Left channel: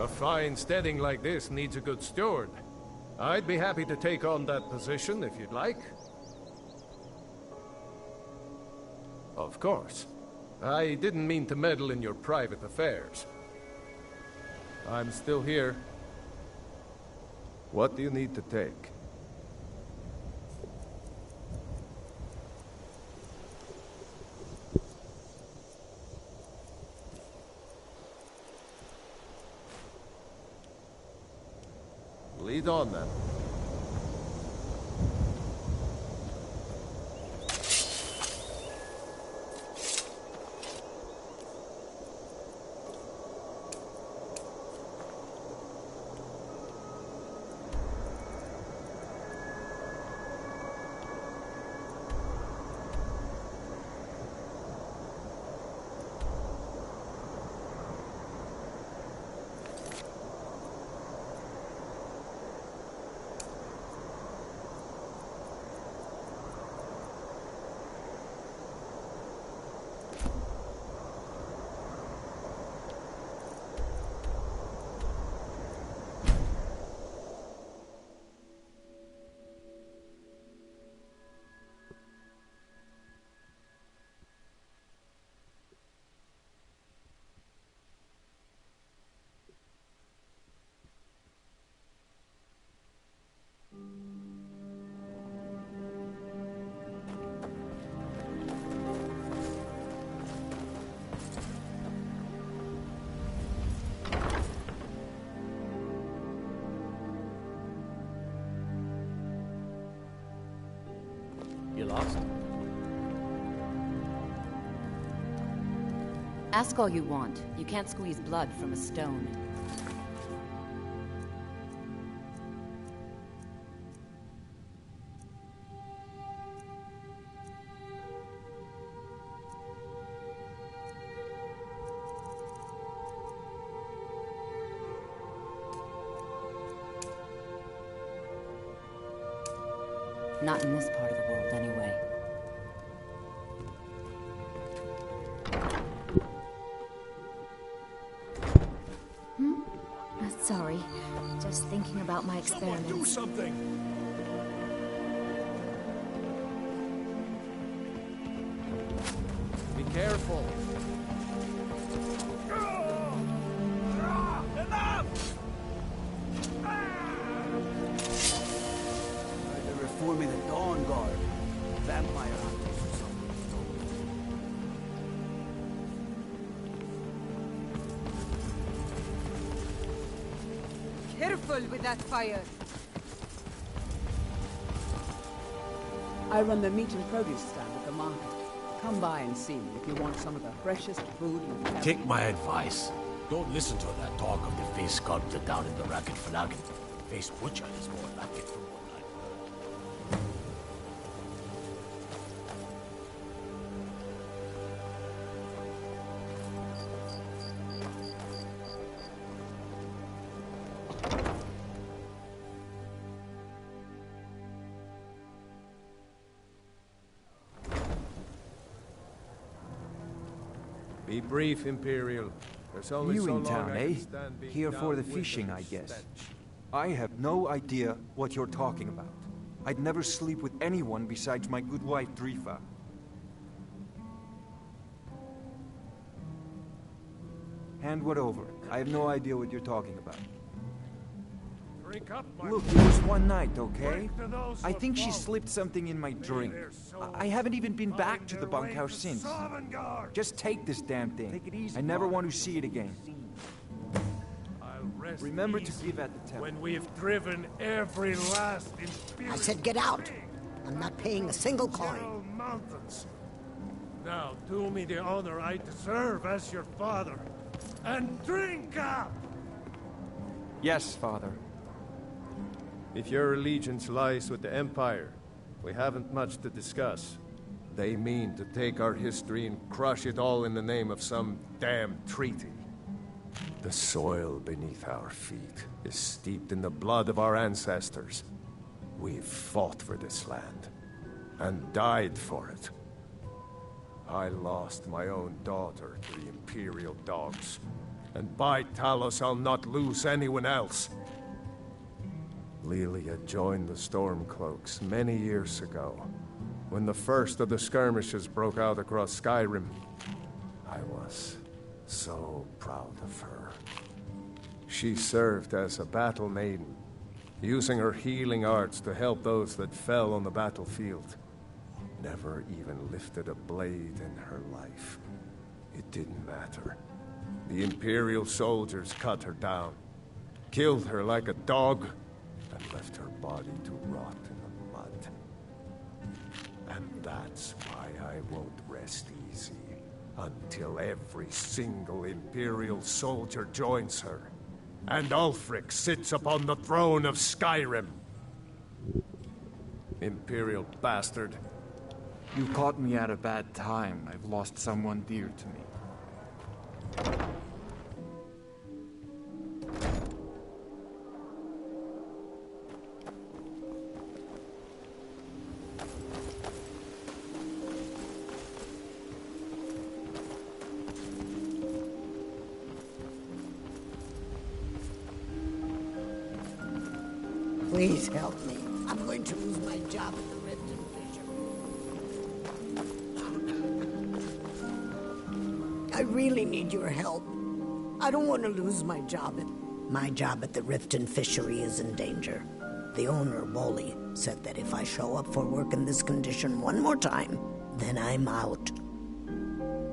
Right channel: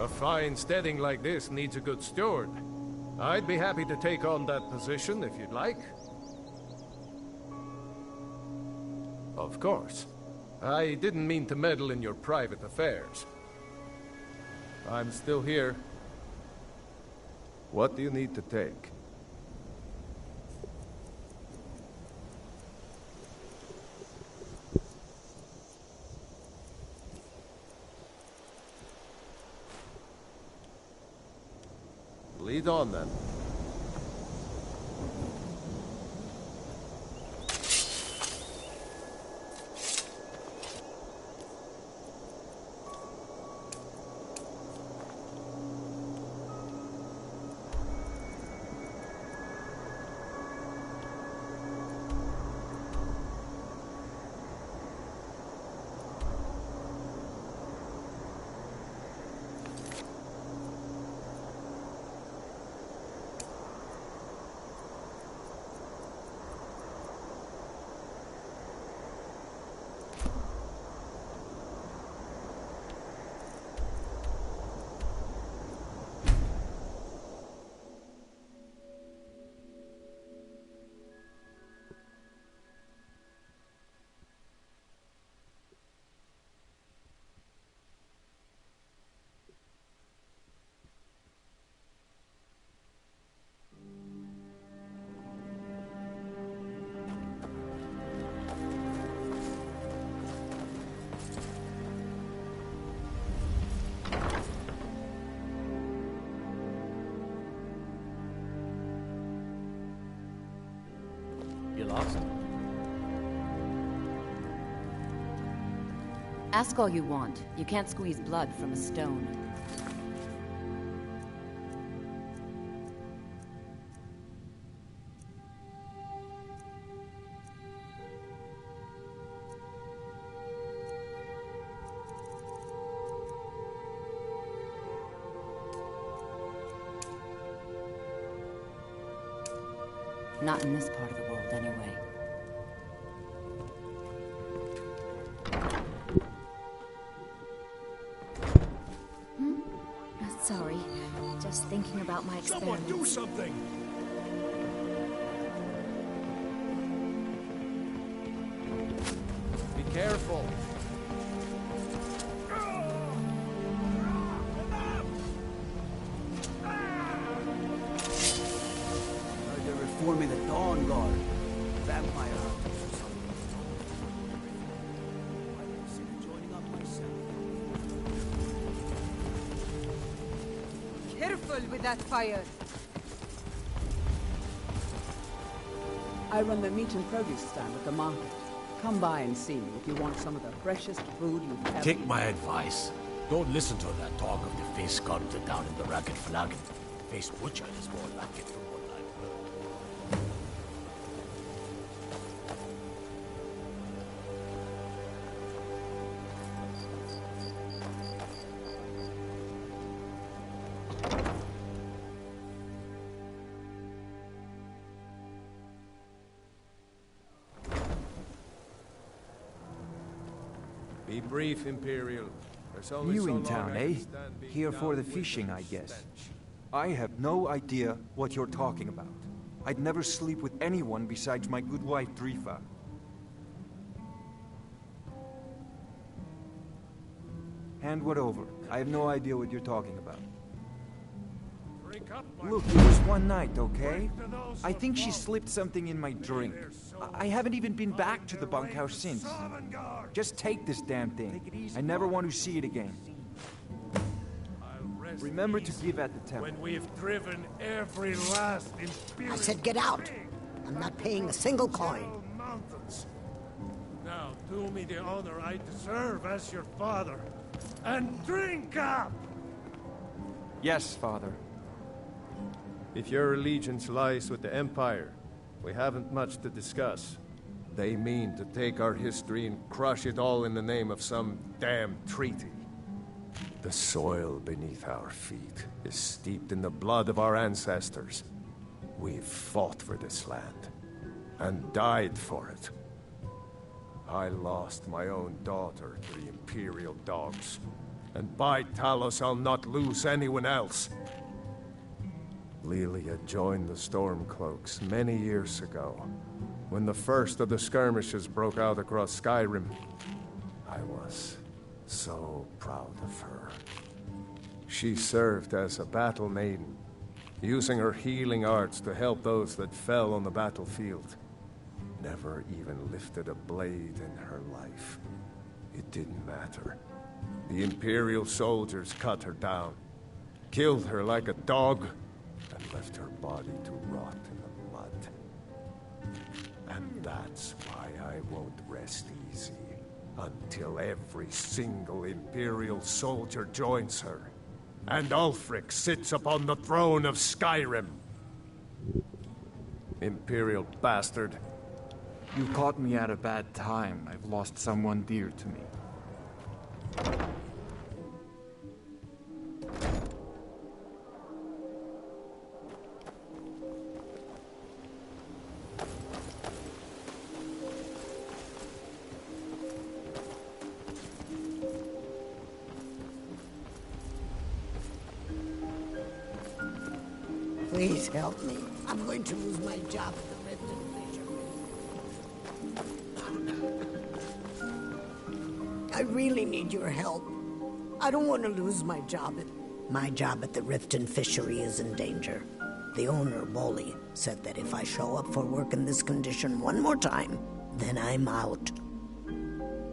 A fine steading like this needs a good steward. I'd be happy to take on that position if you'd like. Of course. I didn't mean to meddle in your private affairs. I'm still here. What do you need to take? Lead on, then. You lost? Ask all you want. You can't squeeze blood from a stone. Not in this part of the world, anyway. Sorry. Just thinking about my experiments. Someone do something! Be careful. They're reforming the Dawn Guard. Vampire hunters or something. Careful with that fire. I run the meat and produce stand at the market. Come by and see me if you want some of the freshest food you've ever Take my advice. Don't listen to that talk of the face sculptor down in the Racket Flagon. Face butcher is more like it from what I Be brief, Imperial. There's only You so in long town, I eh? can stand being Here for the downwind fishing, of I the guess. stench. I have no idea what you're talking about. I'd never sleep with anyone besides my good wife, Drifa. Hand what over. I have no idea what you're talking about. Drink up, my Look, it was one night, okay? to those I who think she fall. slipped something in my drink. their souls I haven't even been back to the their way bunkhouse to since. Sovngarde. Just take this damn thing. Take it easy, I never Father. want to see it again. I'll rest Remember to easy give at the temple. when we've driven every last Imperial I said get out. thing I'm not paying a single from coin. General Mountains. Now do me the honor I deserve as your father, and drink up! Yes, Father. If your allegiance lies with the Empire, we haven't much to discuss. They mean to take our history and crush it all in the name of some damn treaty. The soil beneath our feet is steeped in the blood of our ancestors. We've fought for this land, and died for it. I lost my own daughter to the Imperial dogs, and by Talos I'll not lose anyone else. Lilia joined the Stormcloaks many years ago, when the first of the skirmishes broke out across Skyrim. I was so proud of her. She served as a battle maiden, using her healing arts to help those that fell on the battlefield. Never even lifted a blade in her life. It didn't matter. The Imperial soldiers cut her down, killed her like a dog, and left her body to rot in the mud. And that's why I won't rest easy until every single Imperial soldier joins her, and Ulfric sits upon the throne of Skyrim. Imperial bastard. You caught me at a bad time. I've lost someone dear to me. Please help me. I'm going to lose my job at the Riften Fishery. I really need your help. I don't want to lose my job. My job at the Riften Fishery is in danger. The owner, Bolly, said that if I show up for work in this condition one more time, then I'm out.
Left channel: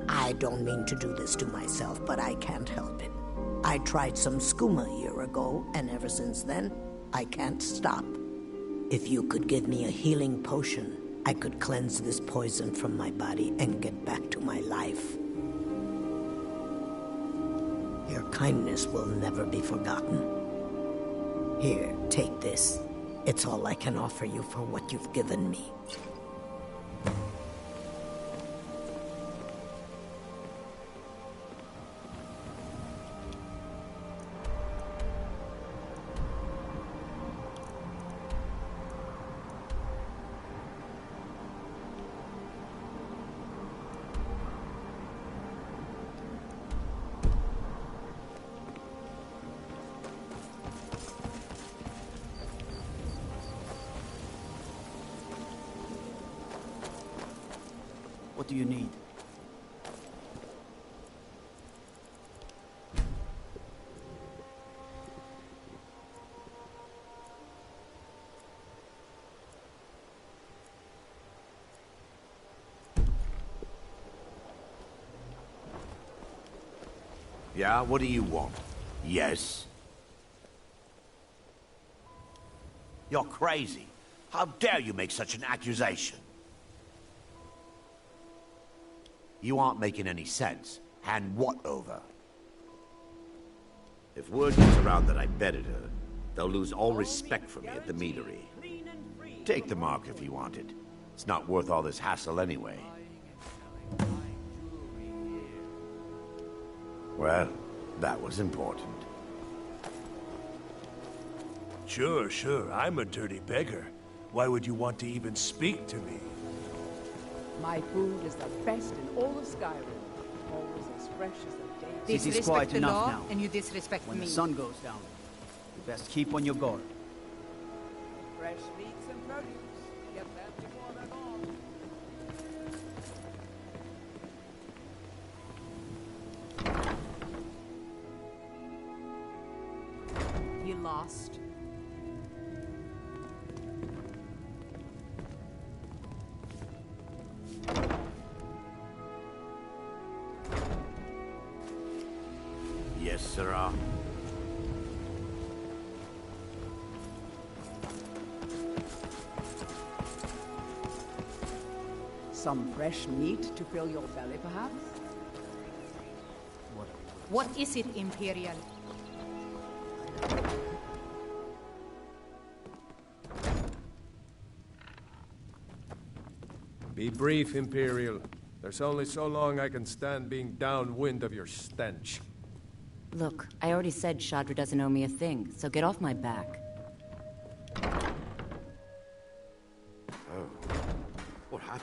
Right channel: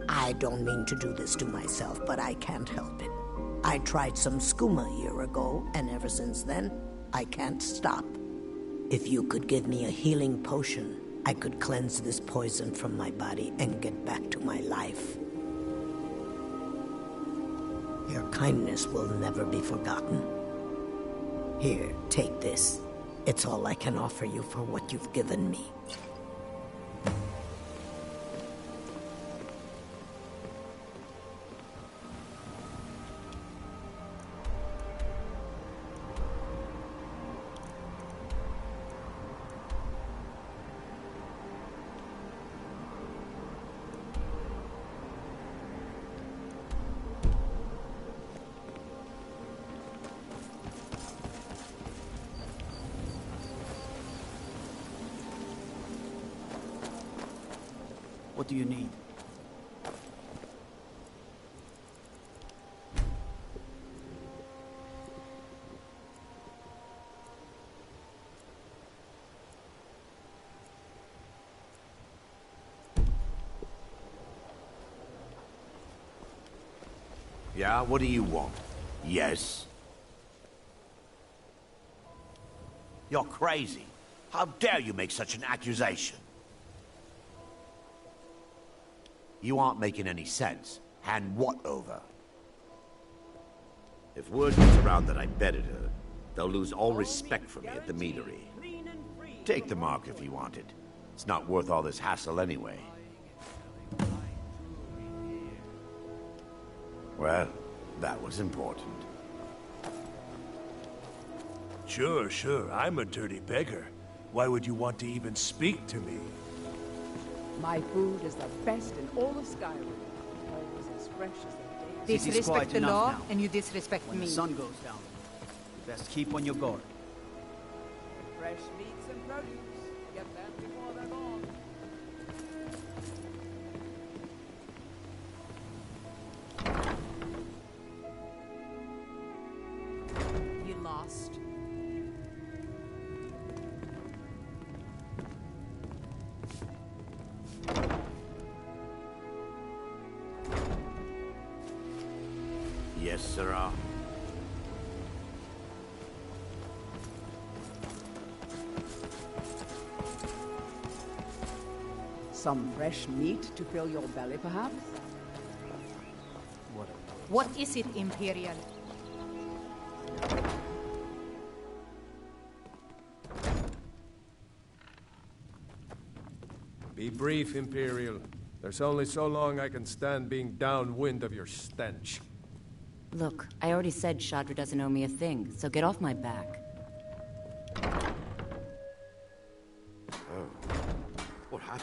I don't mean to do this to myself, but I can't help it. I tried some skooma a year ago, and ever since then, I can't stop. If you could give me a healing potion, I could cleanse this poison from my body and get back to my life. Your kindness will never be forgotten. Here, take this. It's all I can offer you for what you've given me. What do you need? Yeah, what do you want? Yes? You're crazy. How dare you make such an accusation? You aren't making any sense. Hand what over? If word gets around that I betted her, they'll lose all respect for me at the meadery. Take the mark if you want it. It's not worth all this hassle anyway. Well, that was important. Sure, I'm a dirty beggar. Why would you want to even speak to me? My food is the best in all of Skyrim. always as fresh as the day. City's Disrespect quiet the enough law, now. and you disrespect When me. the sun goes down, you best keep on your guard. Fresh meats and produce. Get them before they're gone. You lost. Yes, sirrah. Some fresh meat to fill your belly, perhaps? What is it, Imperial? Be brief, Imperial. There's only so long I can stand being downwind of your stench. Look, I already said Shadra doesn't owe me a thing, so get off my back. Oh. What happened?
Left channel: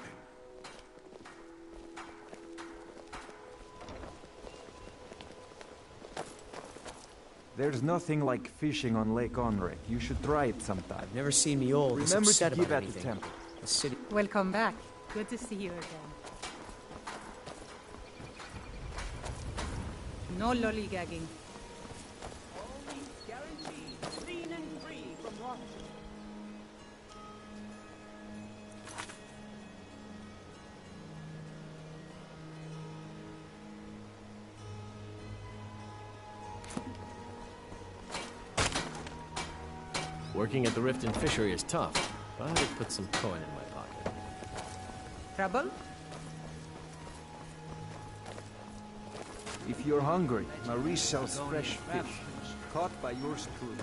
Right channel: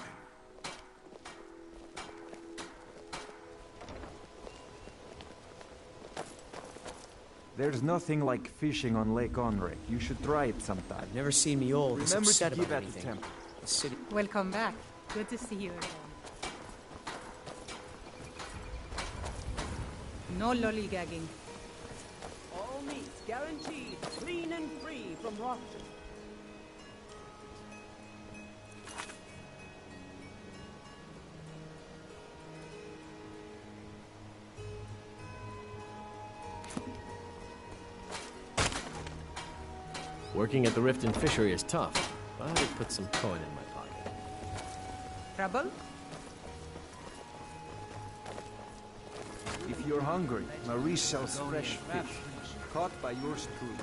There's nothing like fishing on Lake Onrek. You should try it sometime. I've never seen me old this Remember to upset give about at the anything. temple. The city. Welcome back. Good to see you again. No lollygagging. All meats guaranteed, clean and free from rot. Working at the Riften fishery is tough, but I would put some coin in my pocket. Trouble? If you're hungry, Marie sells fresh fish, caught by yours truly.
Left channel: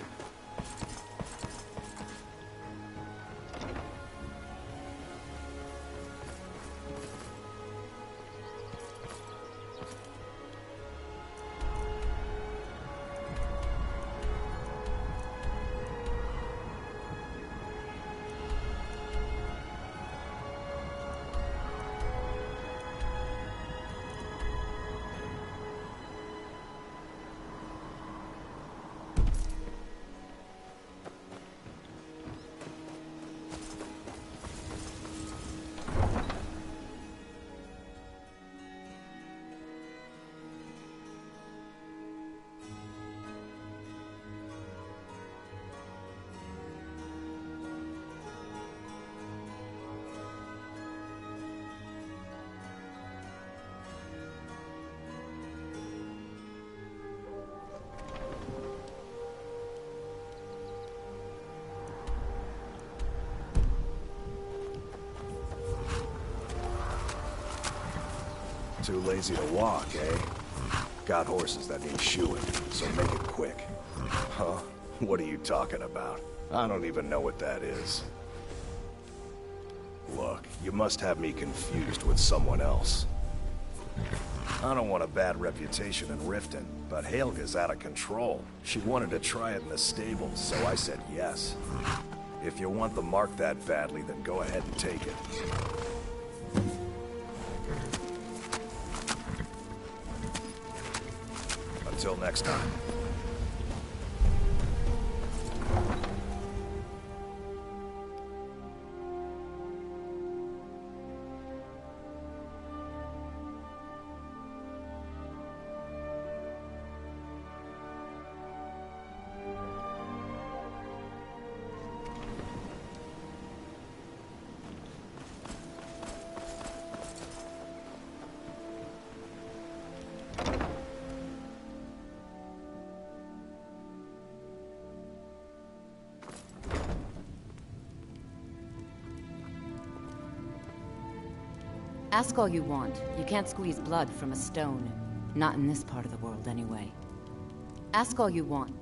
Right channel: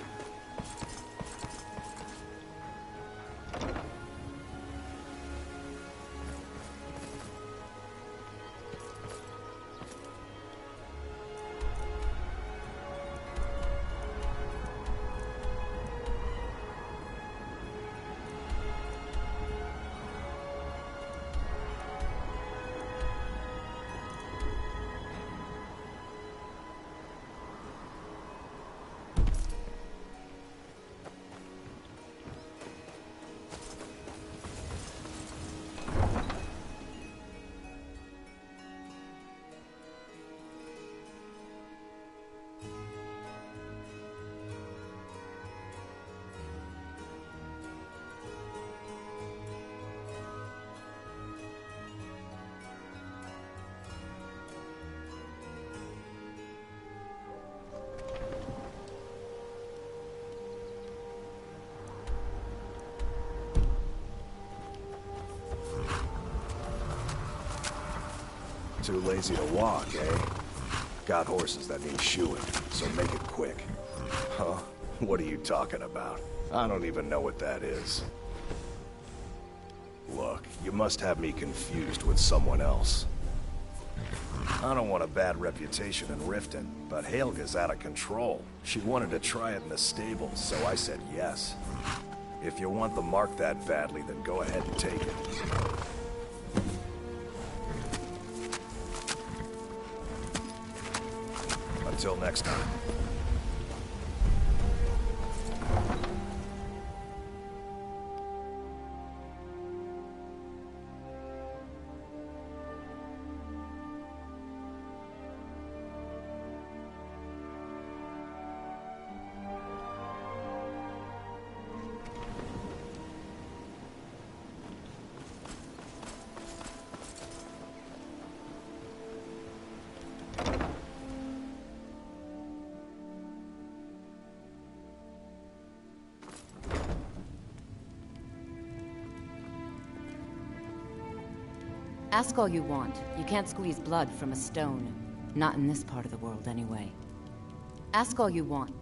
Too lazy to walk, eh? Got horses that need shoeing, so make it quick. Huh? What are you talking about? I don't even know what that is. Look, you must have me confused with someone else. I don't want a bad reputation in Riften, but Helga's out of control. She wanted to try it in the stables, so I said yes. If you want the mark that badly, then go ahead and take it. Until next time. Ask all you want. You can't squeeze blood from a stone. Not in this part of the world, anyway. Ask all you want.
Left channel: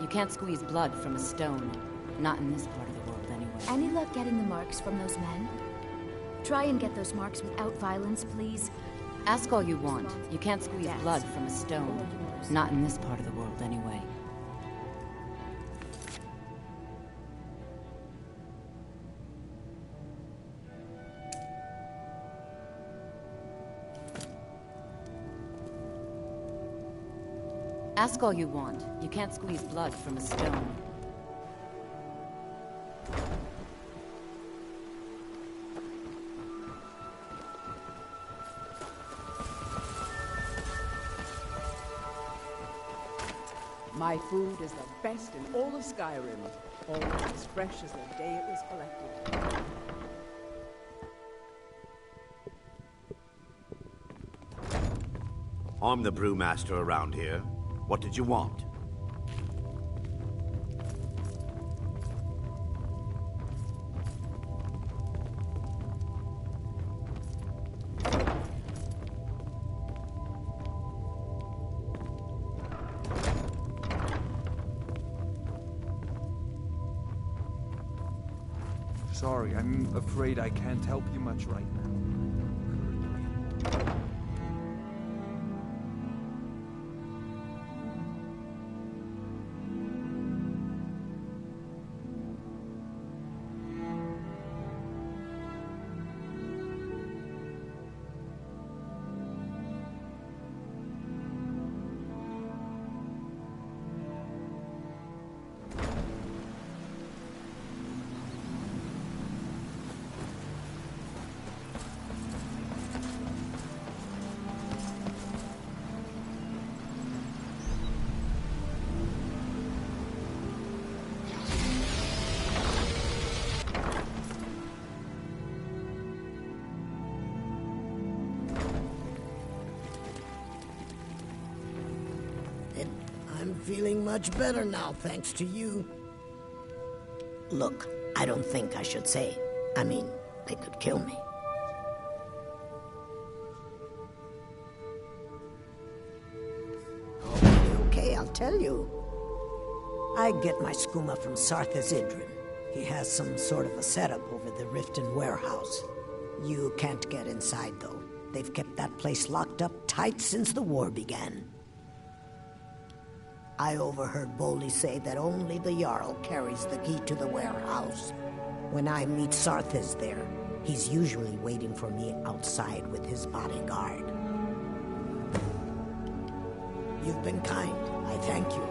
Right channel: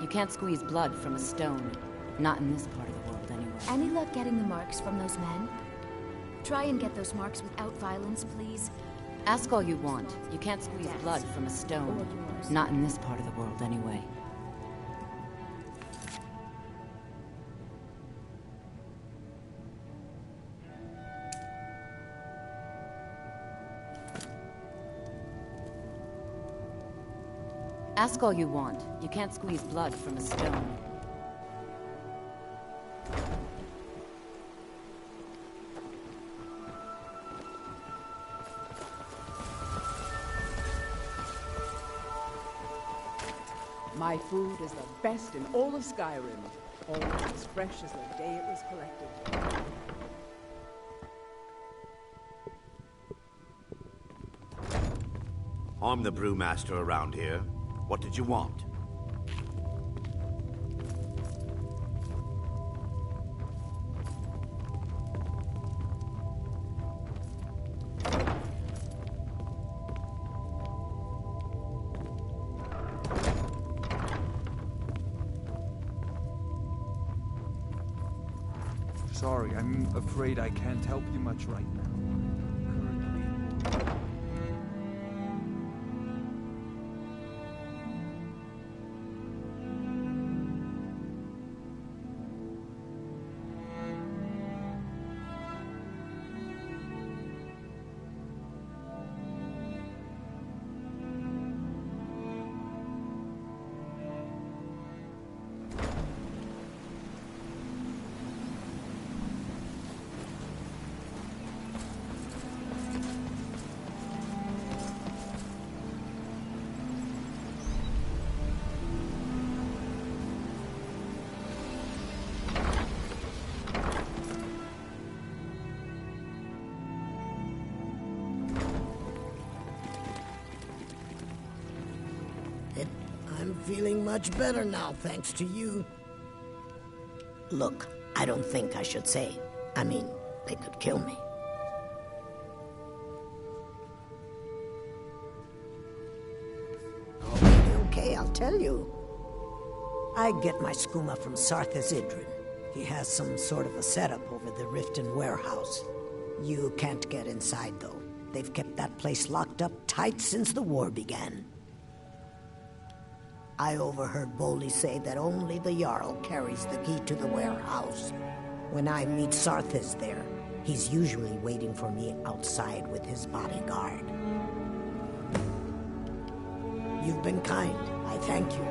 You can't squeeze blood from a stone. Not in this part of the world, anyway. Any luck getting the marks from those men? Try and get those marks without violence, please. Ask all you want. You can't squeeze blood from a stone. Not in this part of the world, anyway. Ask all you want. You can't squeeze blood from a stone. My food is the best in all of Skyrim. Always as fresh as the day it was collected. I'm the brewmaster around here. What did you want? Sorry, I'm afraid I can't help you much right now. I'm feeling much better now, thanks to you. Look, I don't think I should say. I mean, they could kill me. Okay, I'll tell you. I get my skooma from Sarthis Idrin. He has some sort of a setup over the Riften warehouse. You can't get inside, though. They've kept that place locked up tight since the war began. I overheard Bolli say that only the Jarl carries the key to the warehouse. When I meet Sarthis there, he's usually waiting for me outside with his bodyguard. You've been kind. I thank you.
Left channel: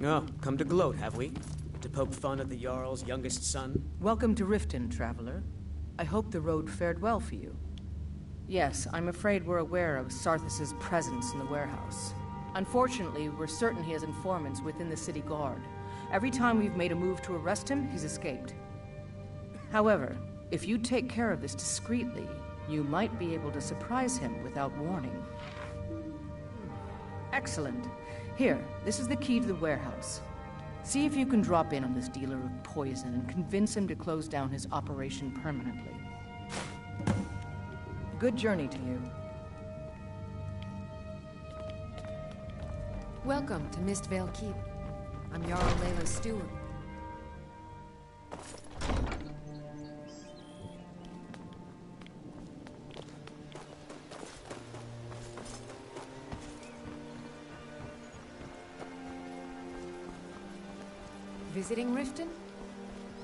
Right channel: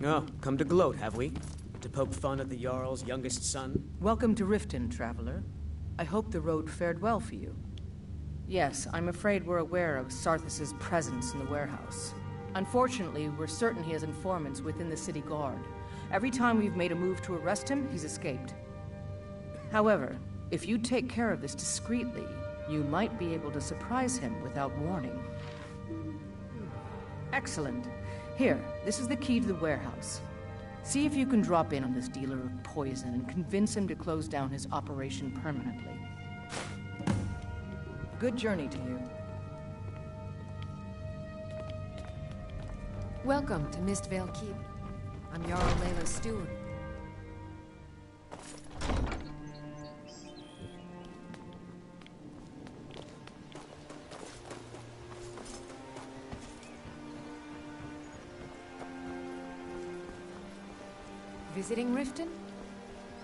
Oh, come to gloat, have we? To poke fun at the Jarl's youngest son? Welcome to Riften, traveler. I hope the road fared well for you. Yes, I'm afraid we're aware of Sarthis' presence in the warehouse. Unfortunately, we're certain he has informants within the city guard. Every time we've made a move to arrest him, he's escaped. However, if you take care of this discreetly, you might be able to surprise him without warning. Excellent. Here, this is the key to the warehouse. See if you can drop in on this dealer of poison and convince him to close down his operation permanently. Good journey to you. Welcome to Mistvale Keep. I'm Jarl Layla's steward. Visiting Riften?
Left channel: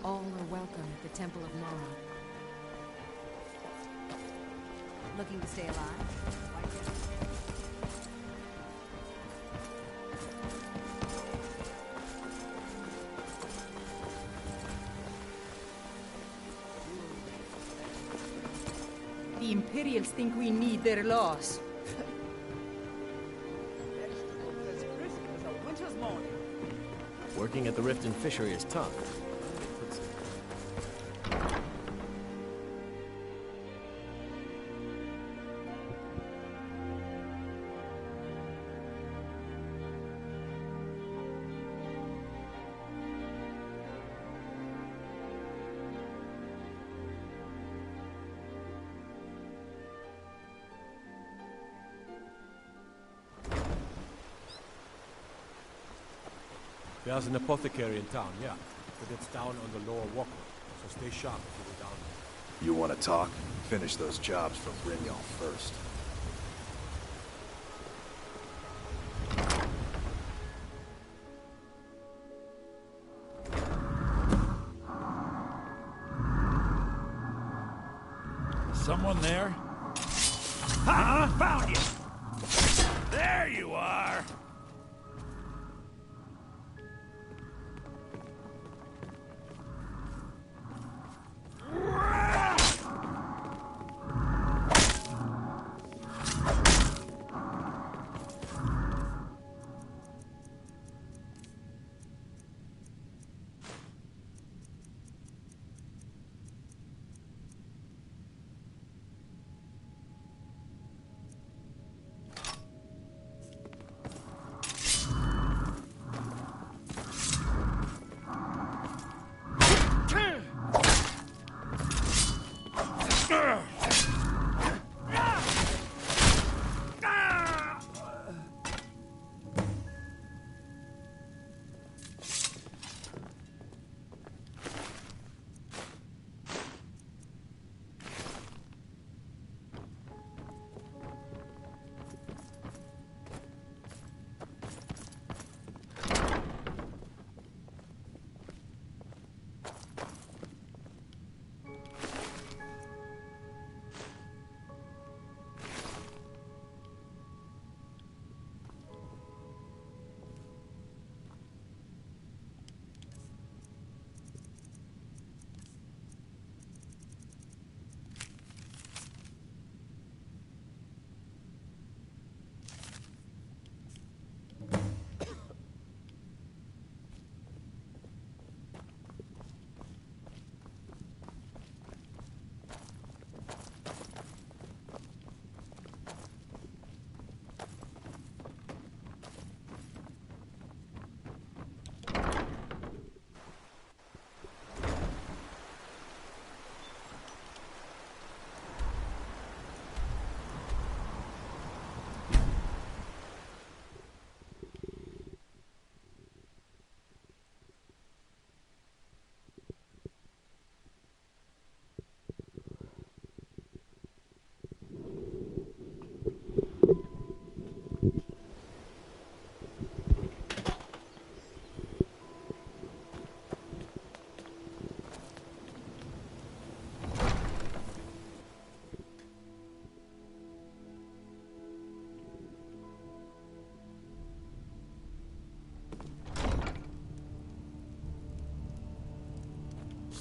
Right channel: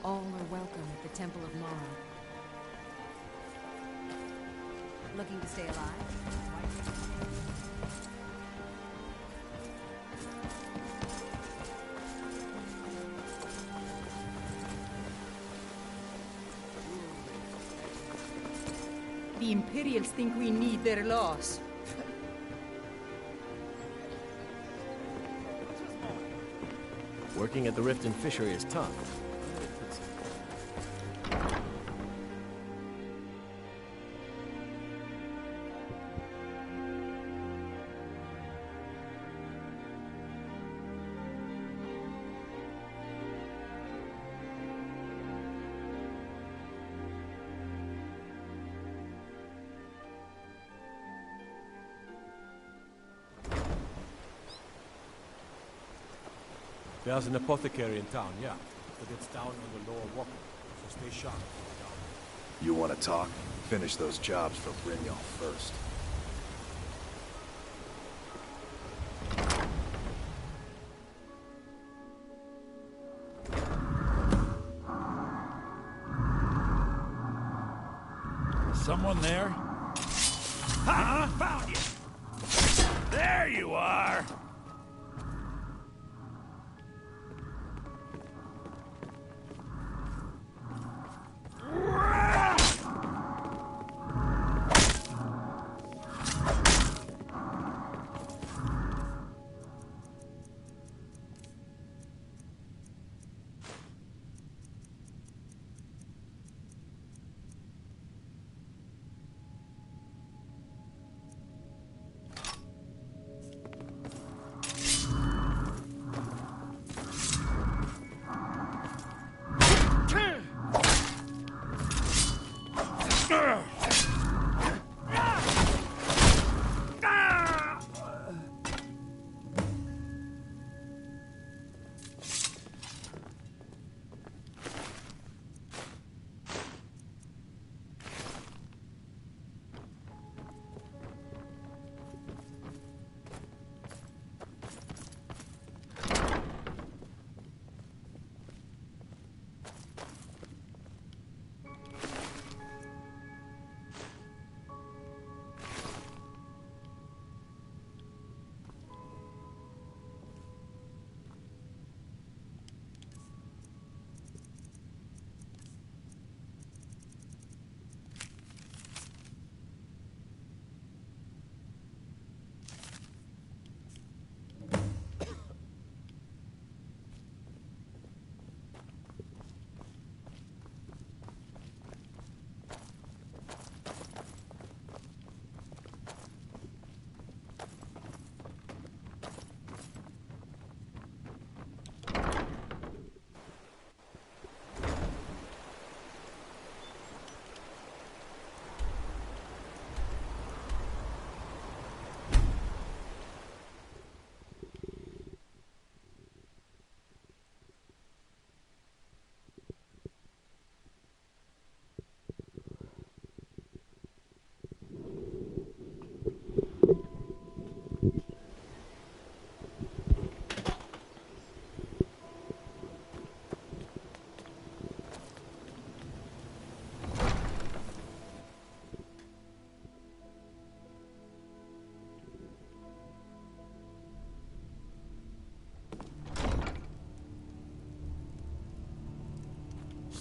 All are welcome at the Temple of Mara. Looking to stay alive? The Imperials think we need their laws. Working at the Riften Fishery is tough. There's an apothecary in town, yeah. But it's down on the lower walkway, so stay sharp if you're down there. You want to talk? Finish those jobs for Brynjolf first. Someone there? Ha! Found you! There you are!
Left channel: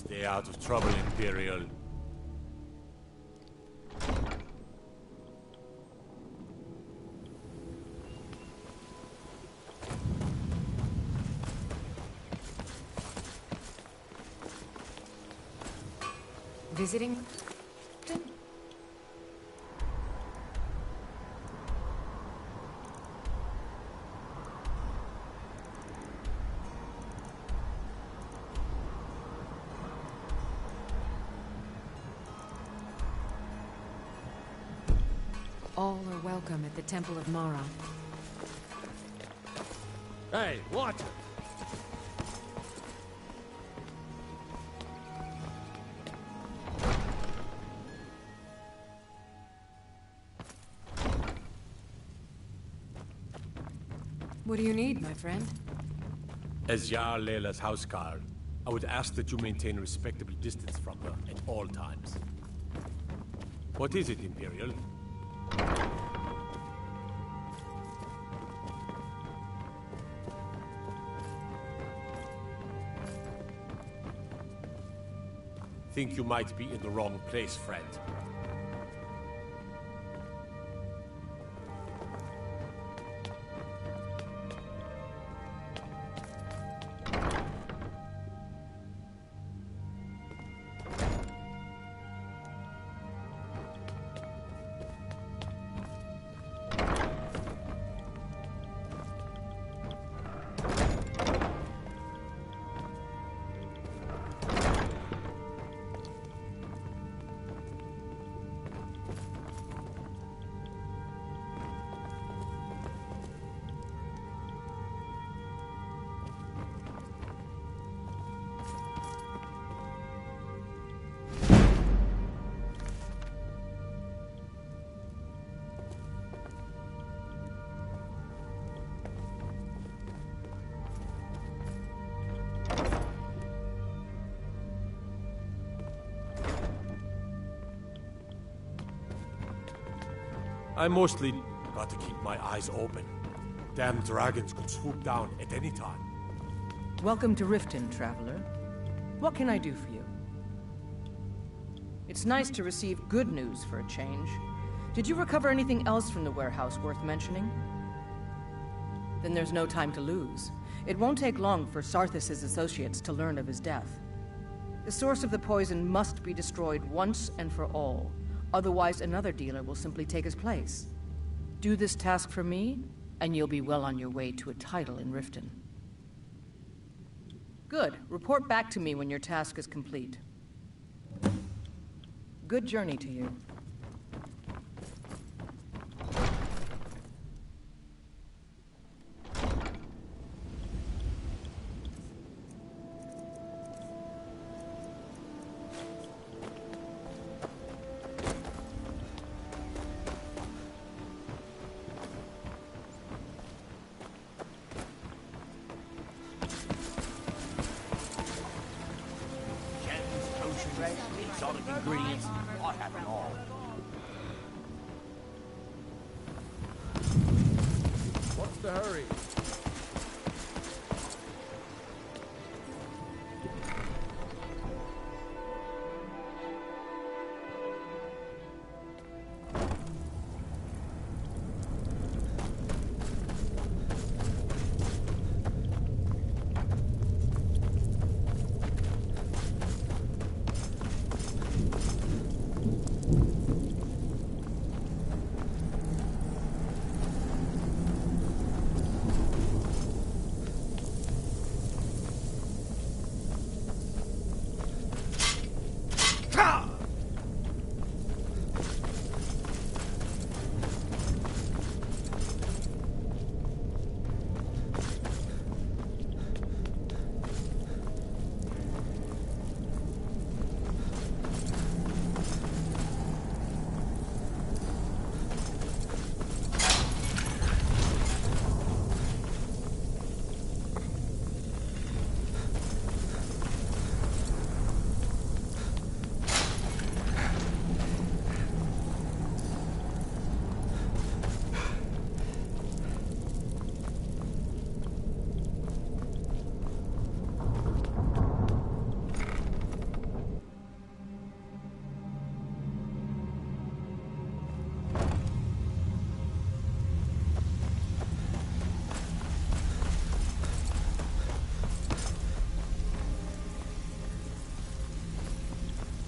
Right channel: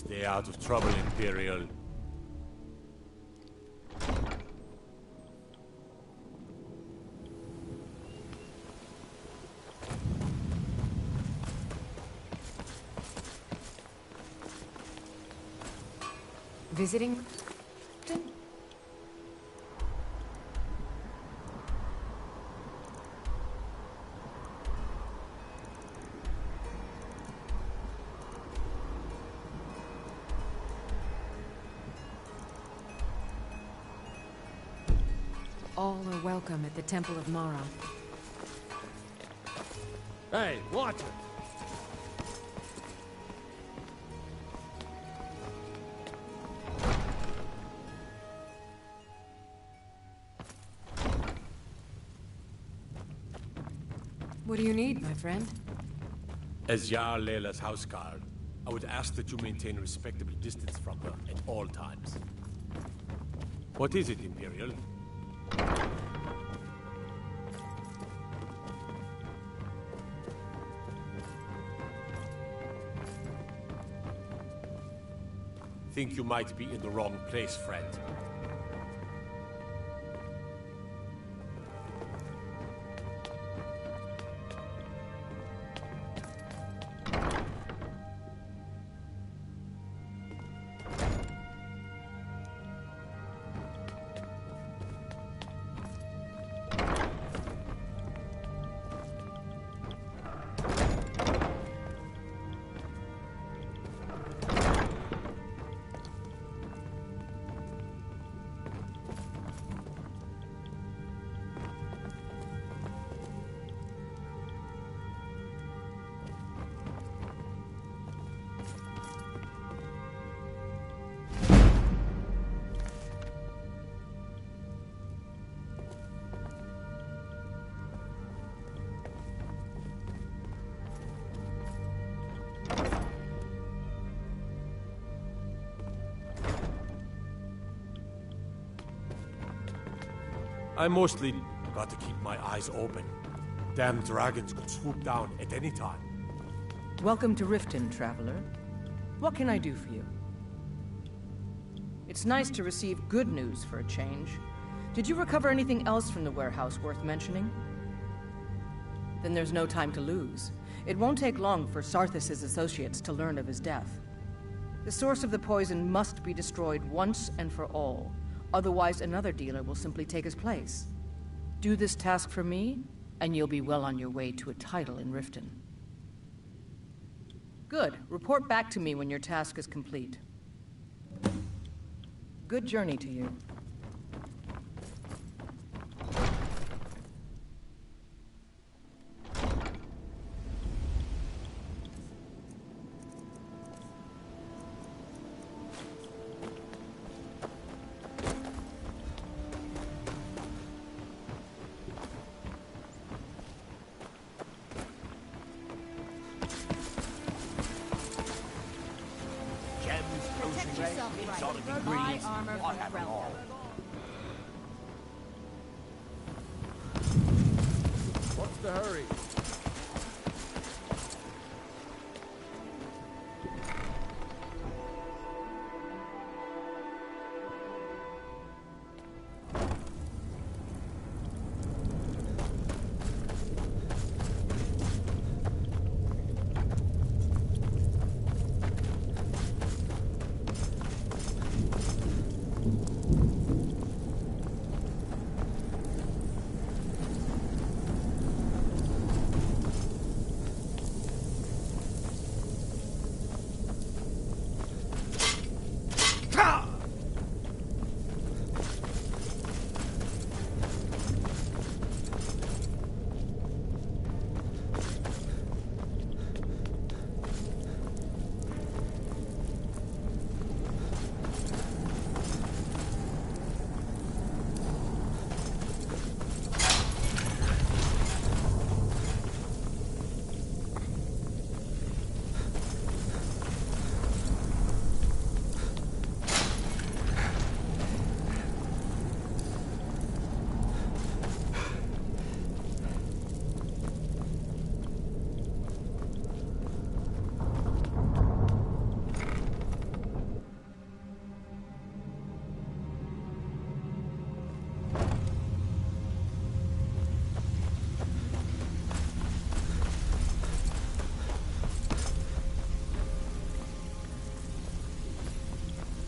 Stay out of trouble, Imperial. Visiting? All are welcome at the Temple of Mara. Hey, watch it! What do you need, my friend? As Jarl Leila's housecarl. I would ask that you maintain a respectable distance from her at all times. What is it, Imperial? Think you might be in the wrong place, friend. I mostly got to keep my eyes open. Damn dragons could swoop down at any time. Welcome to Riften, traveler. What can I do for you? It's nice to receive good news for a change. Did you recover anything else from the warehouse worth mentioning? Then there's no time to lose. It won't take long for Sarthis' associates to learn of his death. The source of the poison must be destroyed once and for all. Otherwise, another dealer will simply take his place. Do this task for me, and you'll be well on your way to a title in Riften. Good. Report back to me when your task is complete. Good journey to you. Exotic ingredients, I have them all. What's the hurry?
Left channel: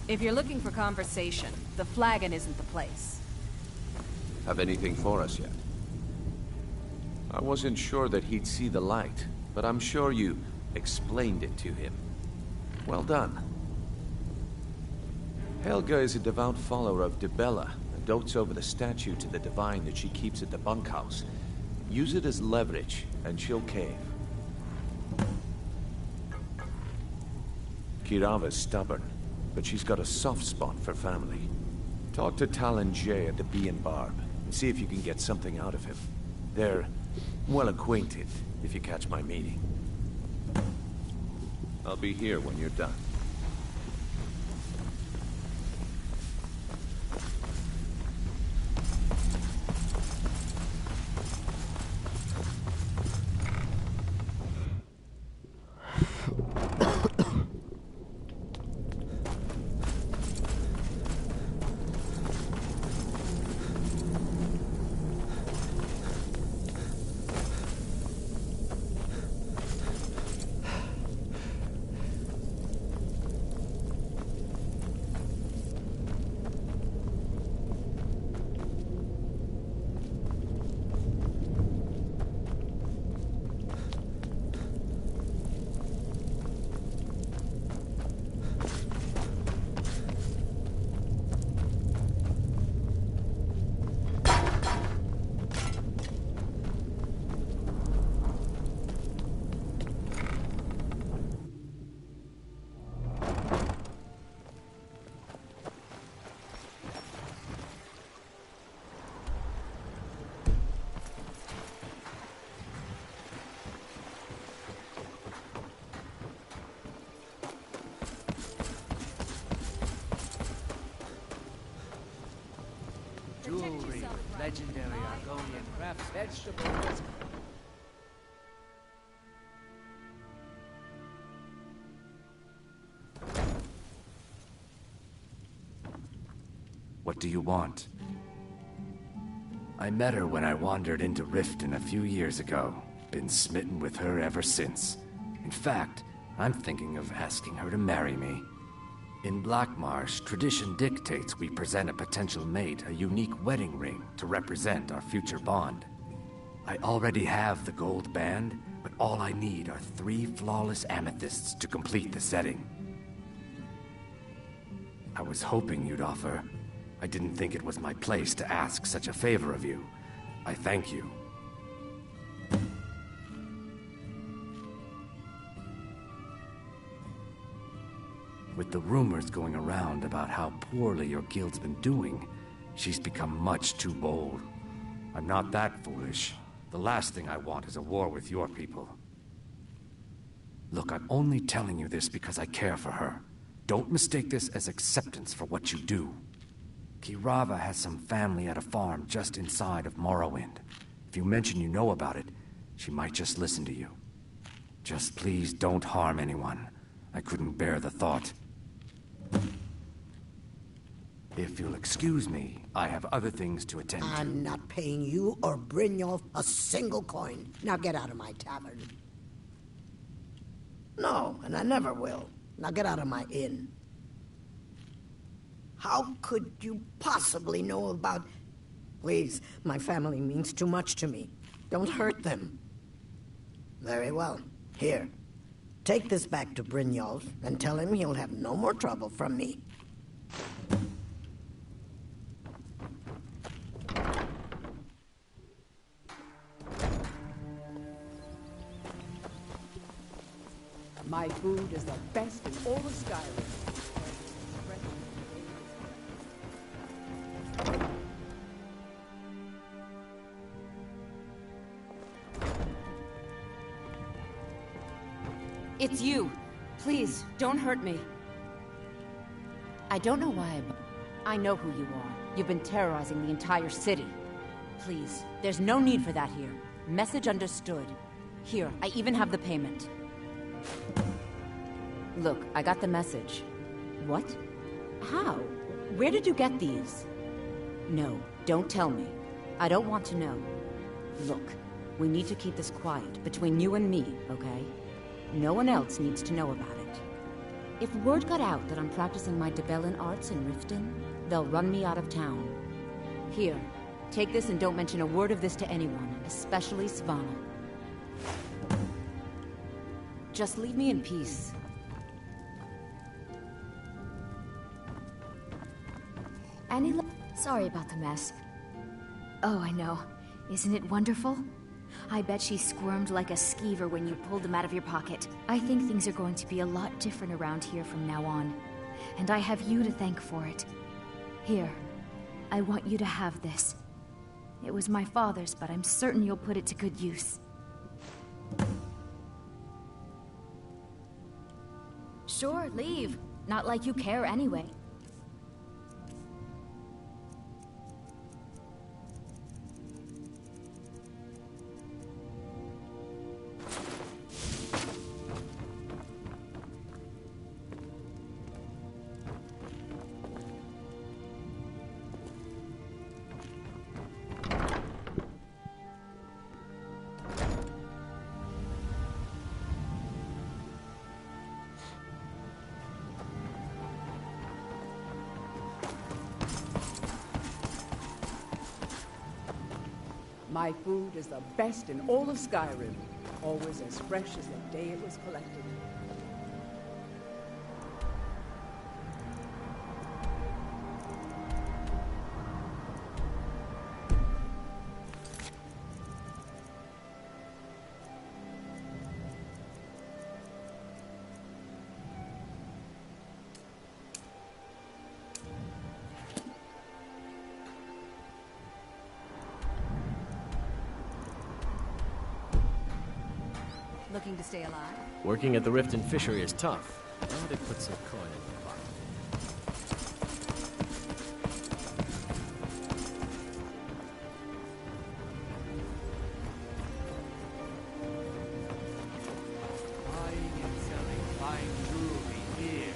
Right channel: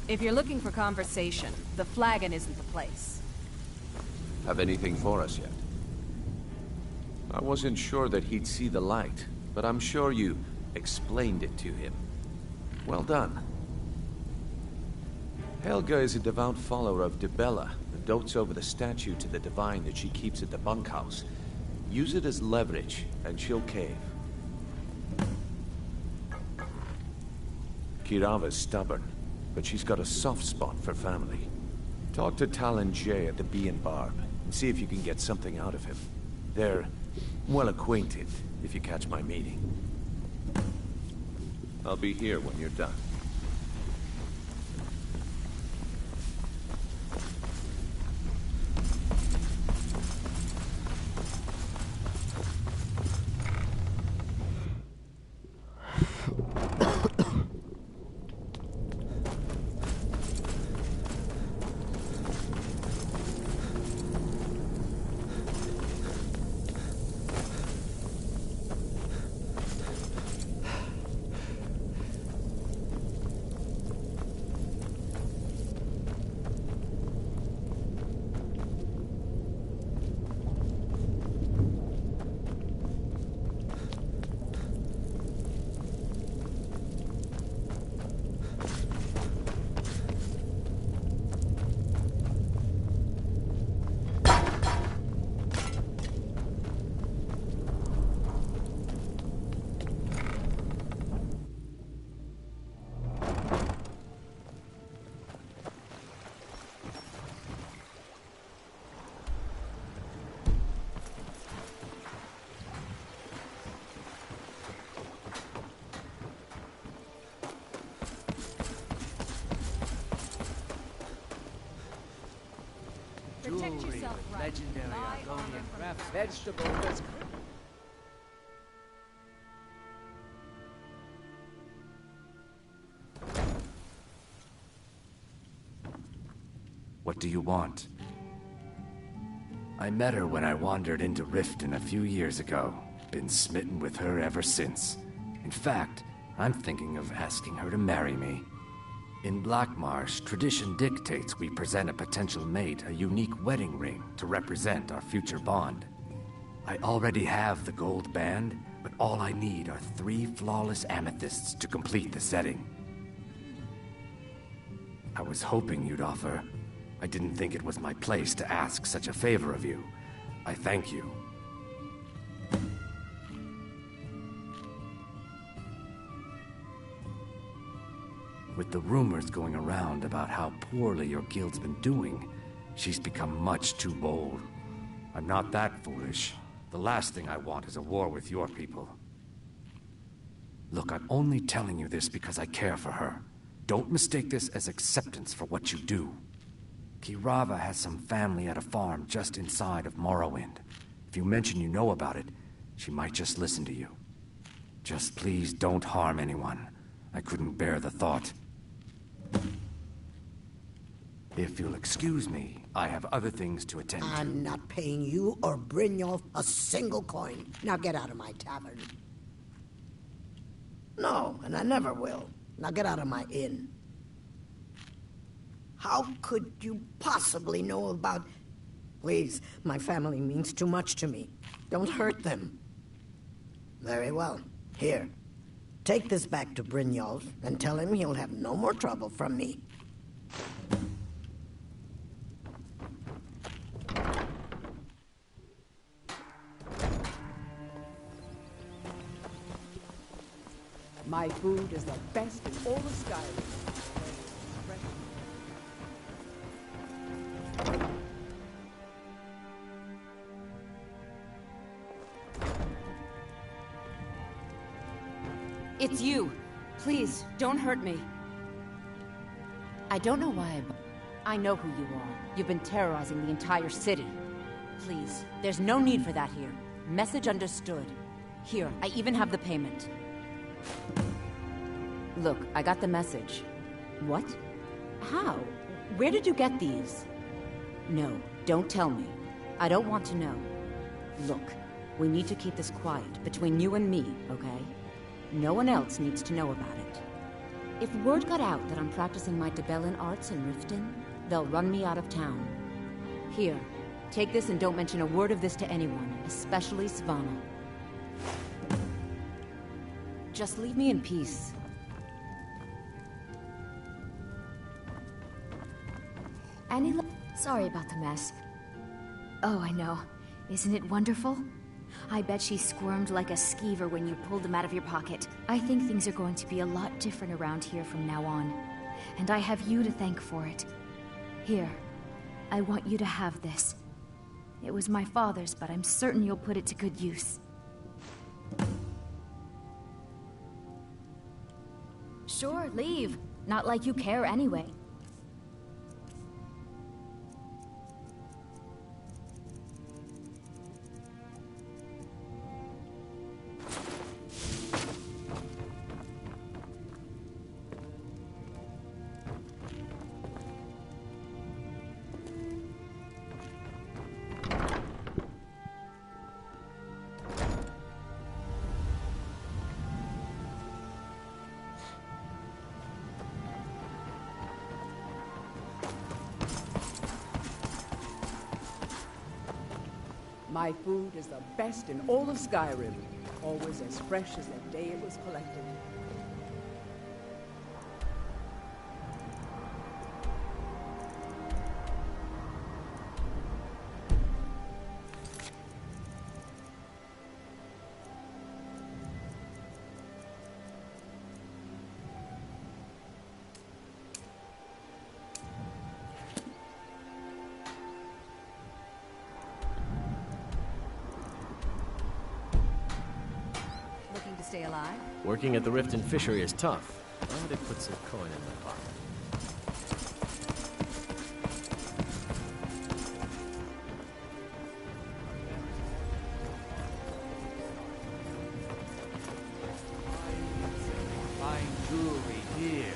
If you're looking for conversation, the flagon isn't the place. Have anything for us yet? I wasn't sure that he'd see the light, but I'm sure you explained it to him. Well done. Helga is a devout follower of Dibella and dotes over the statue to the divine that she keeps at the bunkhouse. Use it as leverage, and she'll cave. Kirava's stubborn, but she's got a soft spot for family. Talk to Talon Jay at the Bee and Barb, and see if you can get something out of him. They're well acquainted, if you catch my meaning. I'll be here when you're done. Jewelry with legendary Argonian crafts, vegetables. What do you want? I met her when I wandered into Riften a few years ago. Been smitten with her ever since. In fact, I'm thinking of asking her to marry me. In Blackmarsh, tradition dictates we present a potential mate a unique wedding ring to represent our future bond. I already have the gold band, but all I need are 3 flawless amethysts to complete the setting. I was hoping you'd offer. I didn't think it was my place to ask such a favor of you. I thank you. With the rumors going around about how poorly your guild's been doing, she's become much too bold. I'm not that foolish. The last thing I want is a war with your people. Look, I'm only telling you this because I care for her. Don't mistake this as acceptance for what you do. Kirava has some family at a farm just inside of Morrowind. If you mention you know about it, she might just listen to you. Just please don't harm anyone. I couldn't bear the thought. If you'll excuse me, I have other things to attend to. I'm not paying you or Brynjolf a single coin. Now get out of my tavern. No, and I never will. Now get out of my inn. How could you possibly know about... Please, my family means too much to me. Don't hurt them. Very well. Here. Take this back to Brynjolf and tell him he'll have no more trouble from me. My food is the best in all of Skyrim. It's you. Please, don't hurt me. I don't know why I know who you are. You've been terrorizing the entire city. Please, there's no need for that here. Message understood. Here, I even have the payment. Look, I got the message. What? How? Where did you get these? No, don't tell me. I don't want to know. Look, we need to keep this quiet, between you and me, okay? No one else needs to know about it. If word got out that I'm practicing my Debellan arts in Riften, they'll run me out of town. Here, take this and don't mention a word of this to anyone, especially Svanna. Just leave me in peace. Sorry about the mess. Oh, I know. Isn't it wonderful? I bet she squirmed like a skeever when you pulled them out of your pocket. I think things are going to be a lot different around here from now on. And I have you to thank for it. Here, I want you to have this. It was my father's, but I'm certain you'll put it to good use. Sure, leave. Not like you care anyway. My food is the best in all of Skyrim. Always as fresh as the day it was collected. Looking to stay alive? Working at the Riften Fishery is tough, but it puts some coin in my pocket. Buying and selling fine jewelry here.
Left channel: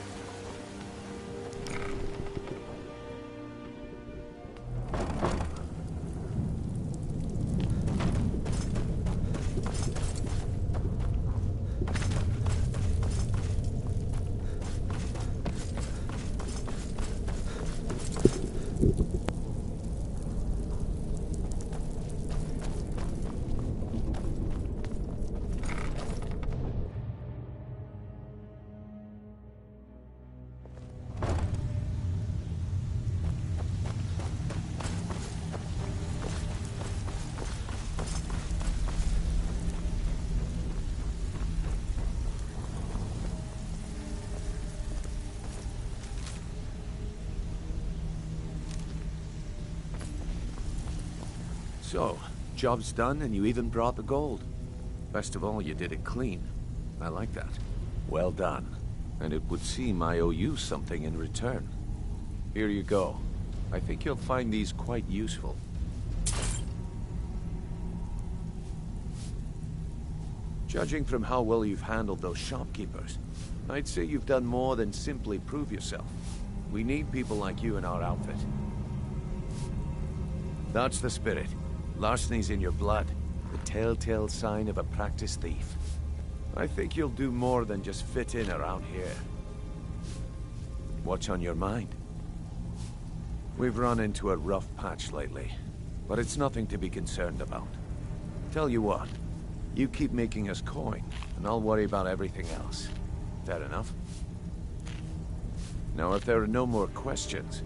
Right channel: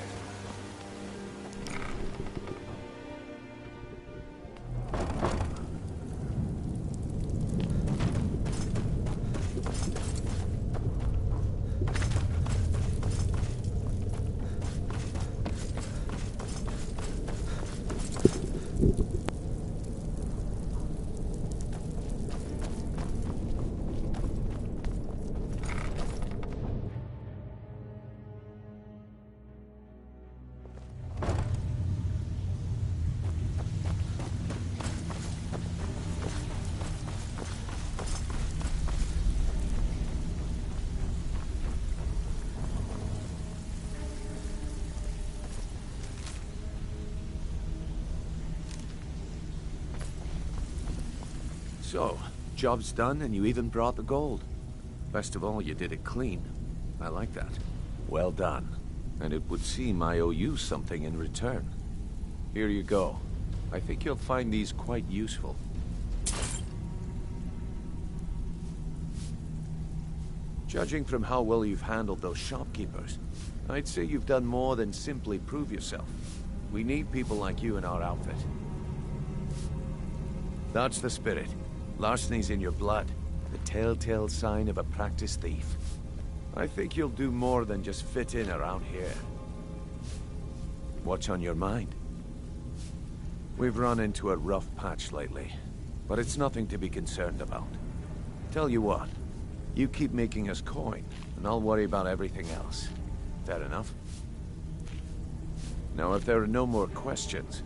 So, job's done and you even brought the gold. Best of all, you did it clean. I like that. Well done. And it would seem I owe you something in return. Here you go. I think you'll find these quite useful. Judging from how well you've handled those shopkeepers, I'd say you've done more than simply prove yourself. We need people like you in our outfit. That's the spirit. Larceny's in your blood. The telltale sign of a practiced thief. I think you'll do more than just fit in around here. What's on your mind? We've run into a rough patch lately, but it's nothing to be concerned about. Tell you what, you keep making us coin, and I'll worry about everything else. Fair enough? Now, if there are no more questions,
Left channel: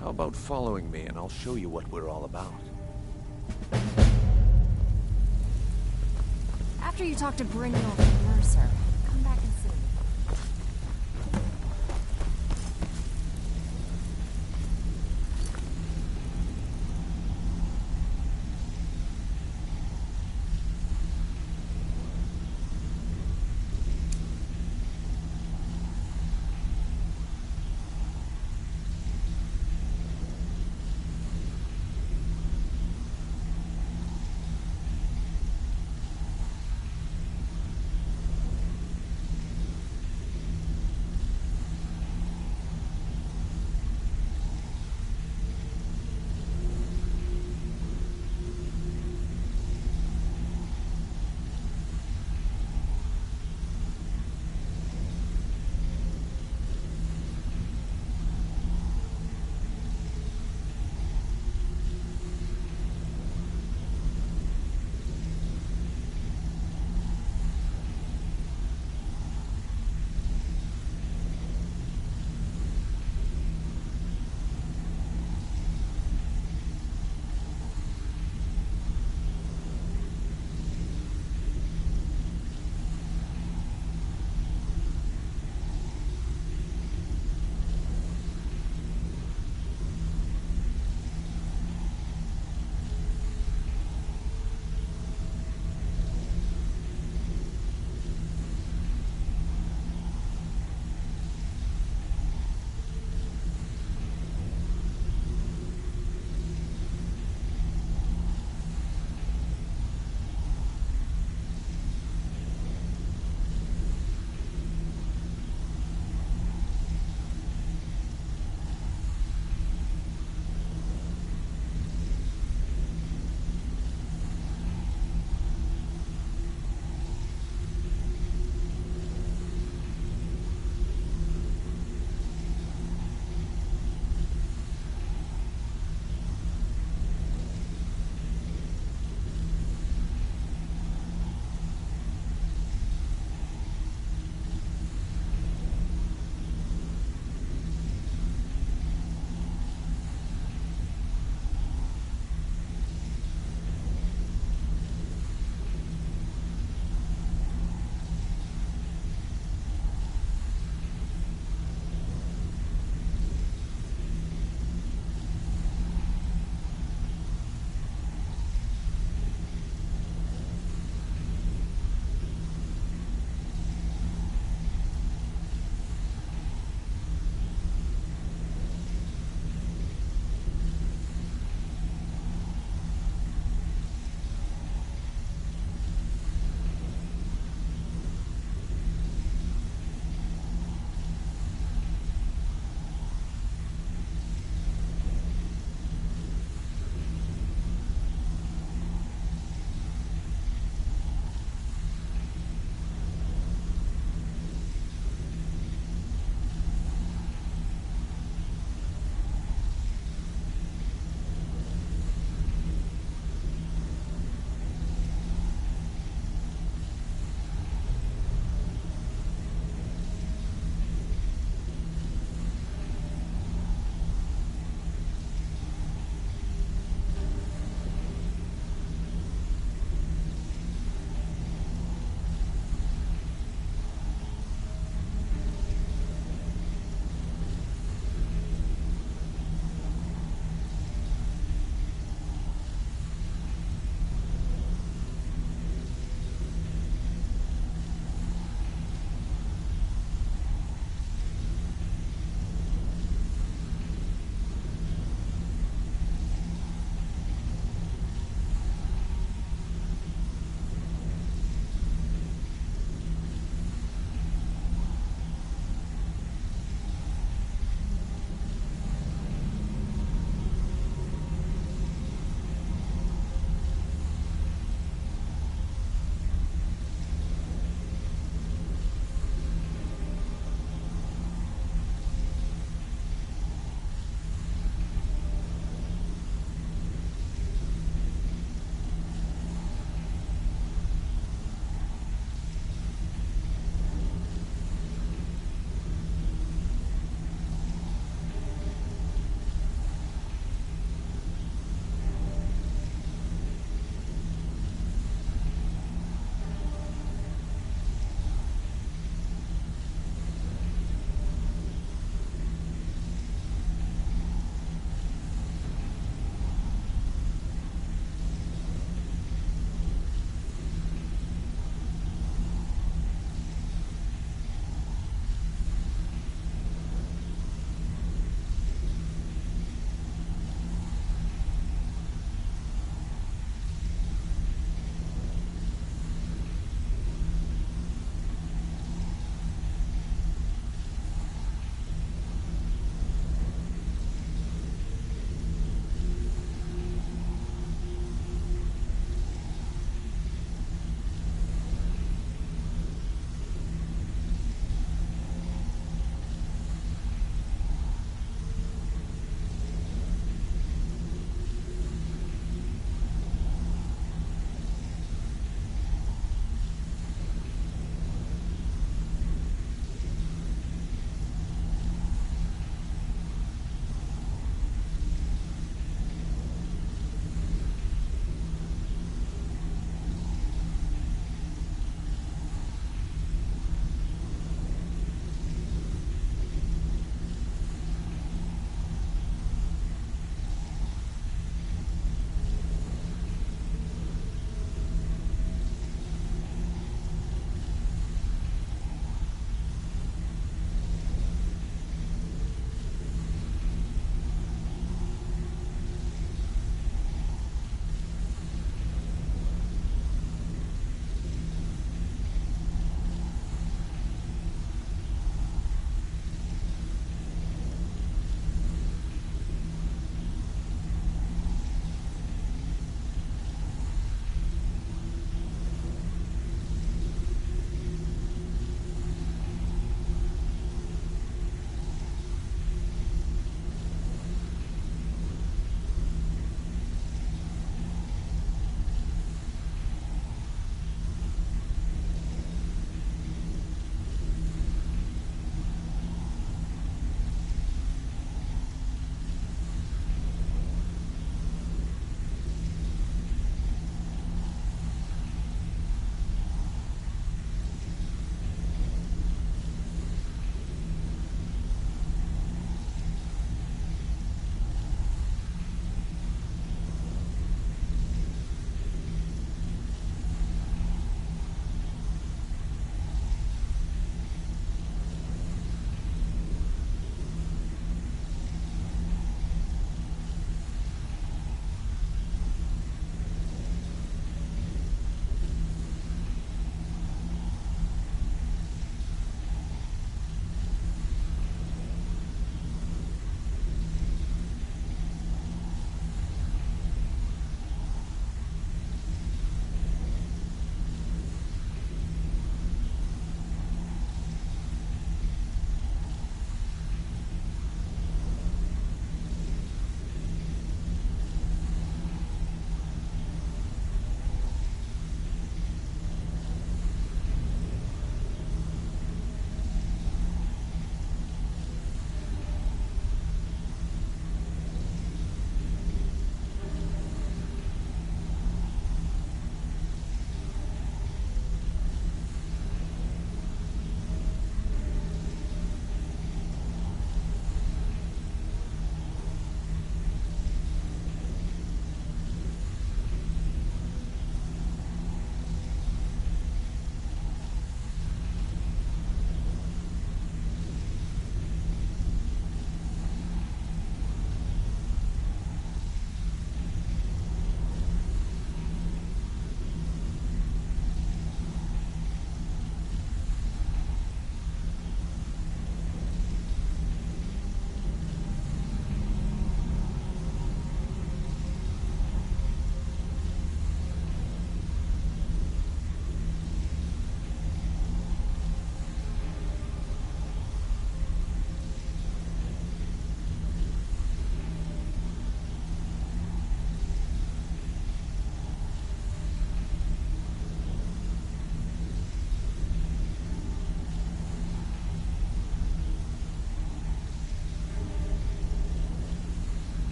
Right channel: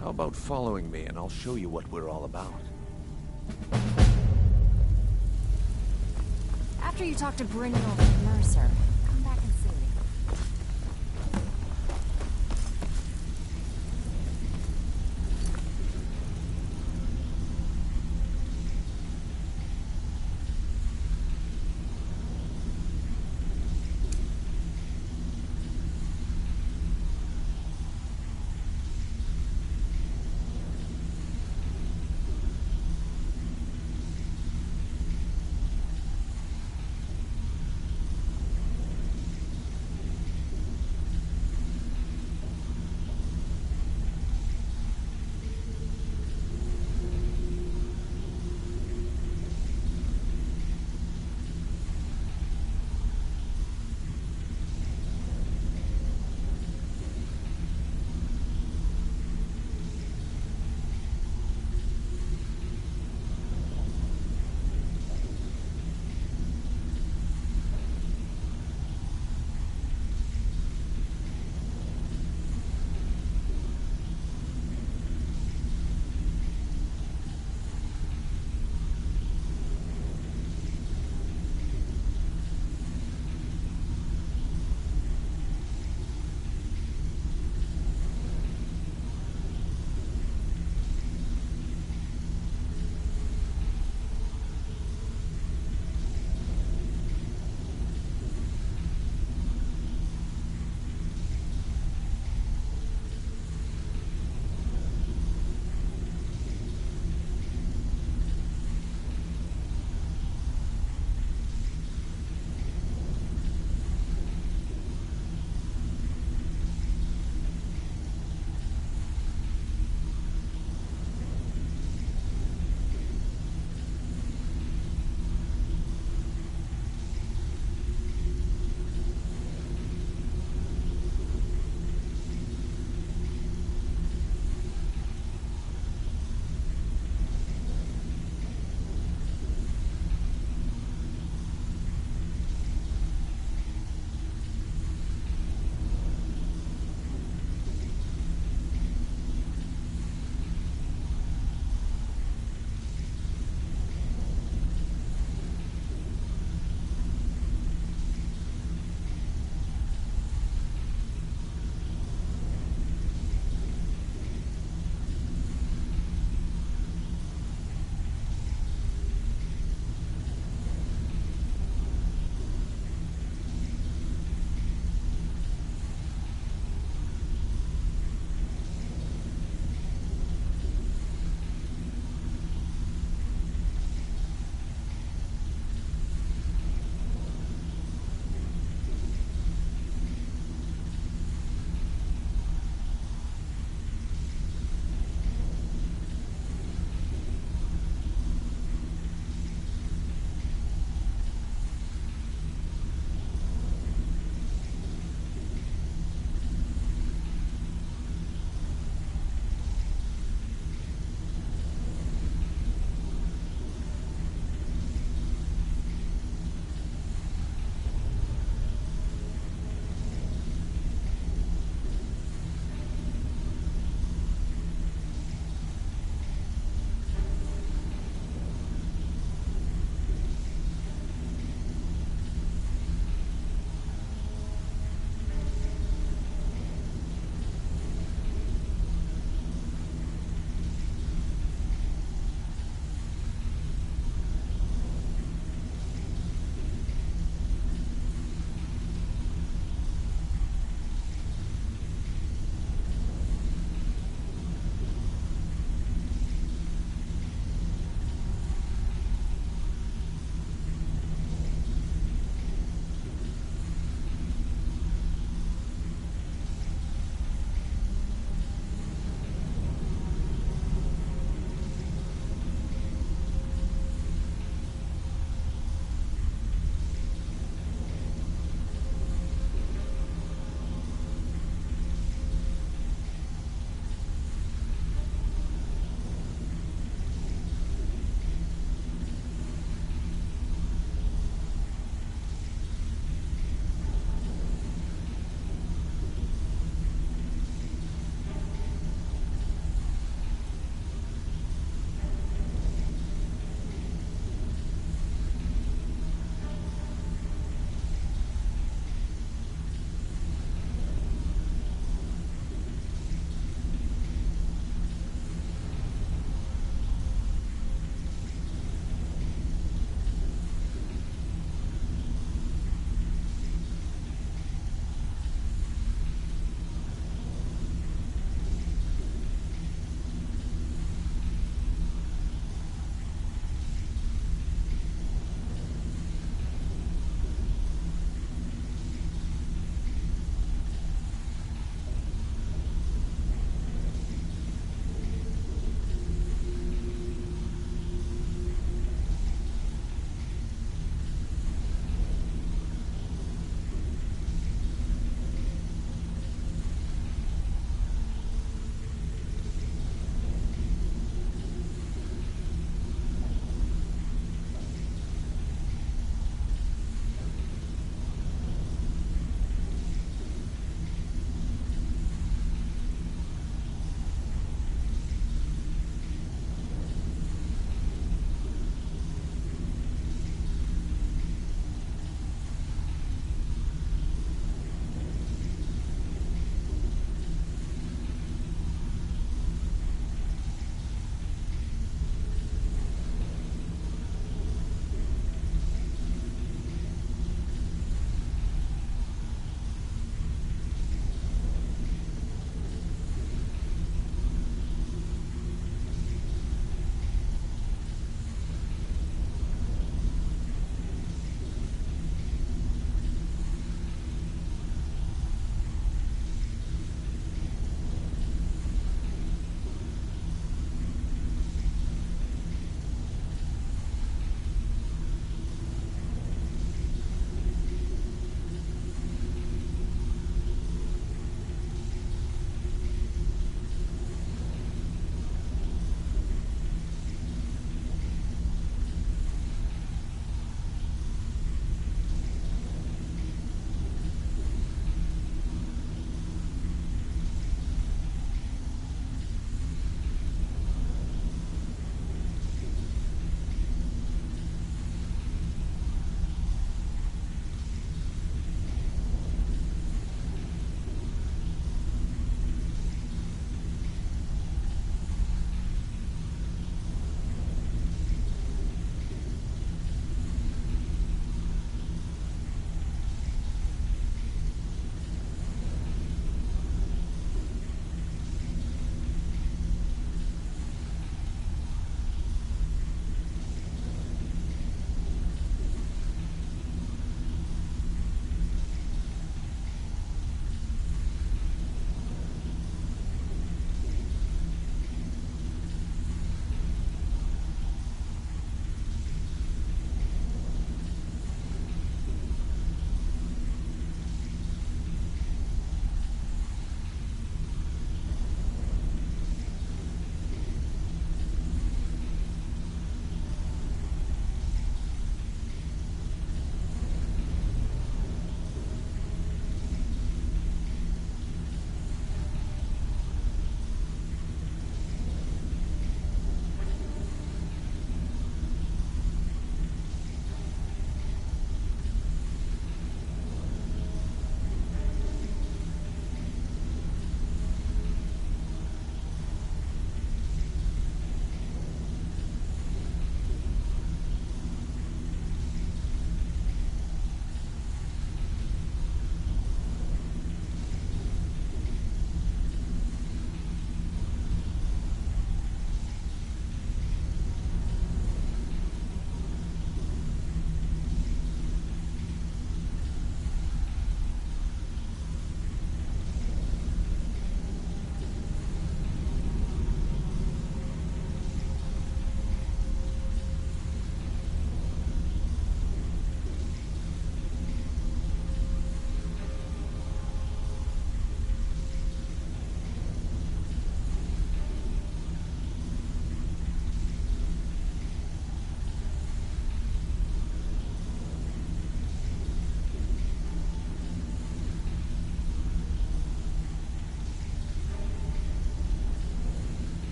how about following me and I'll show you what we're all about? After you talk to Brynjolf and Mercer, come back and see me.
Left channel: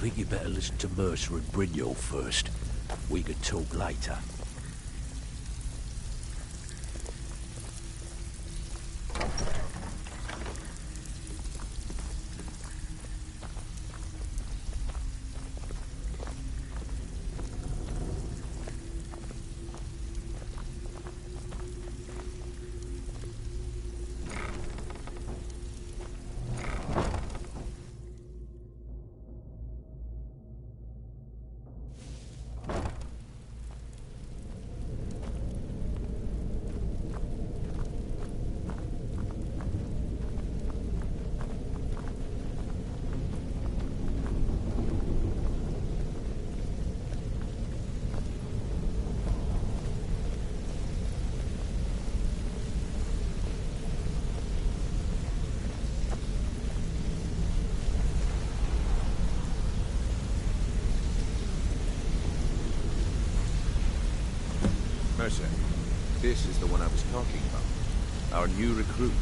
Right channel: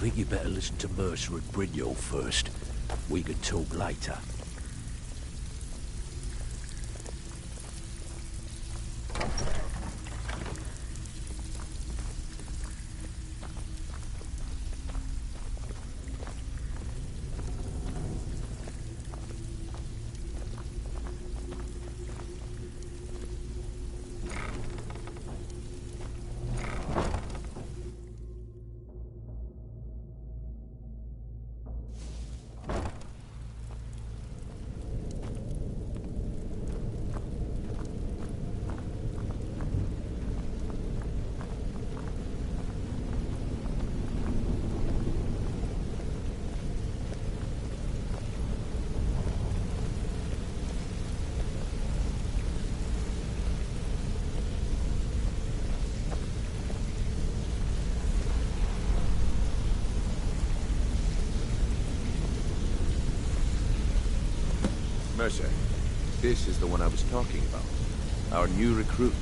think you better listen to Mercer and Brignold first. We can talk later. Mercer, this is the one I was talking about. Our new recruit.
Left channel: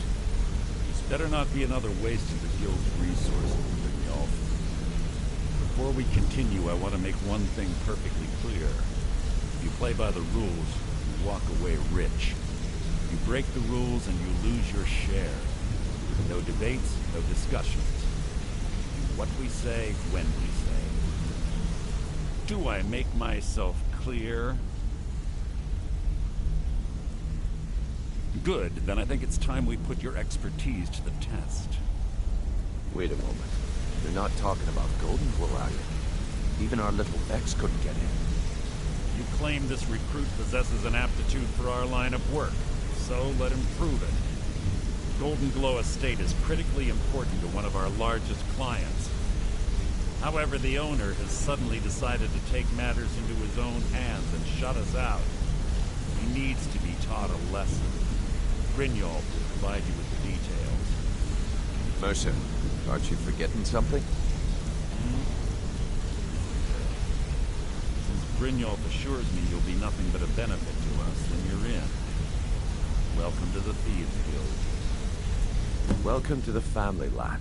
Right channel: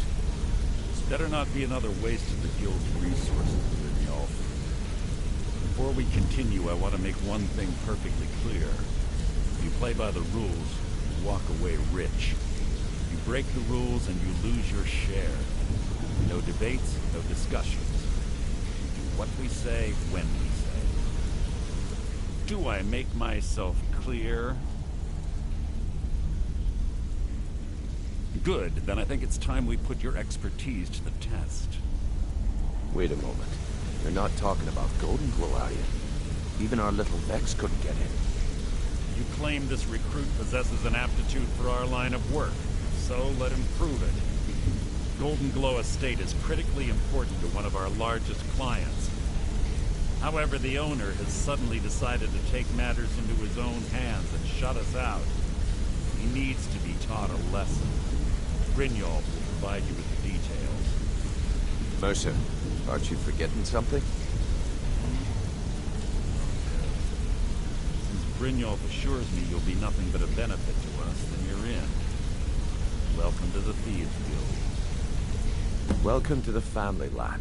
This better not be another waste of the Guild's resources, Brignold. Before we continue, I want to make one thing perfectly clear. If you play by the rules, you walk away rich. You break the rules and you lose your share. No debates, no discussions. We do what we say, when we say. Do I make myself clear? Good, then I think it's time we put your expertise to the test. Wait a moment. You're not talking about Golden Glow, are you? Even our little Vex couldn't get in. You claim this recruit possesses an aptitude for our line of work, so let him prove it. Golden Glow Estate is critically important to one of our largest clients. However, the owner has suddenly decided to take matters into his own hands and shut us out. He needs to be taught a lesson. Brignold will provide you with the details. Mercer, aren't you forgetting something? Since Brignold assures me you'll be nothing but a benefit to us, then you're in. Welcome to the Thieves Guild. Welcome to the family, lad.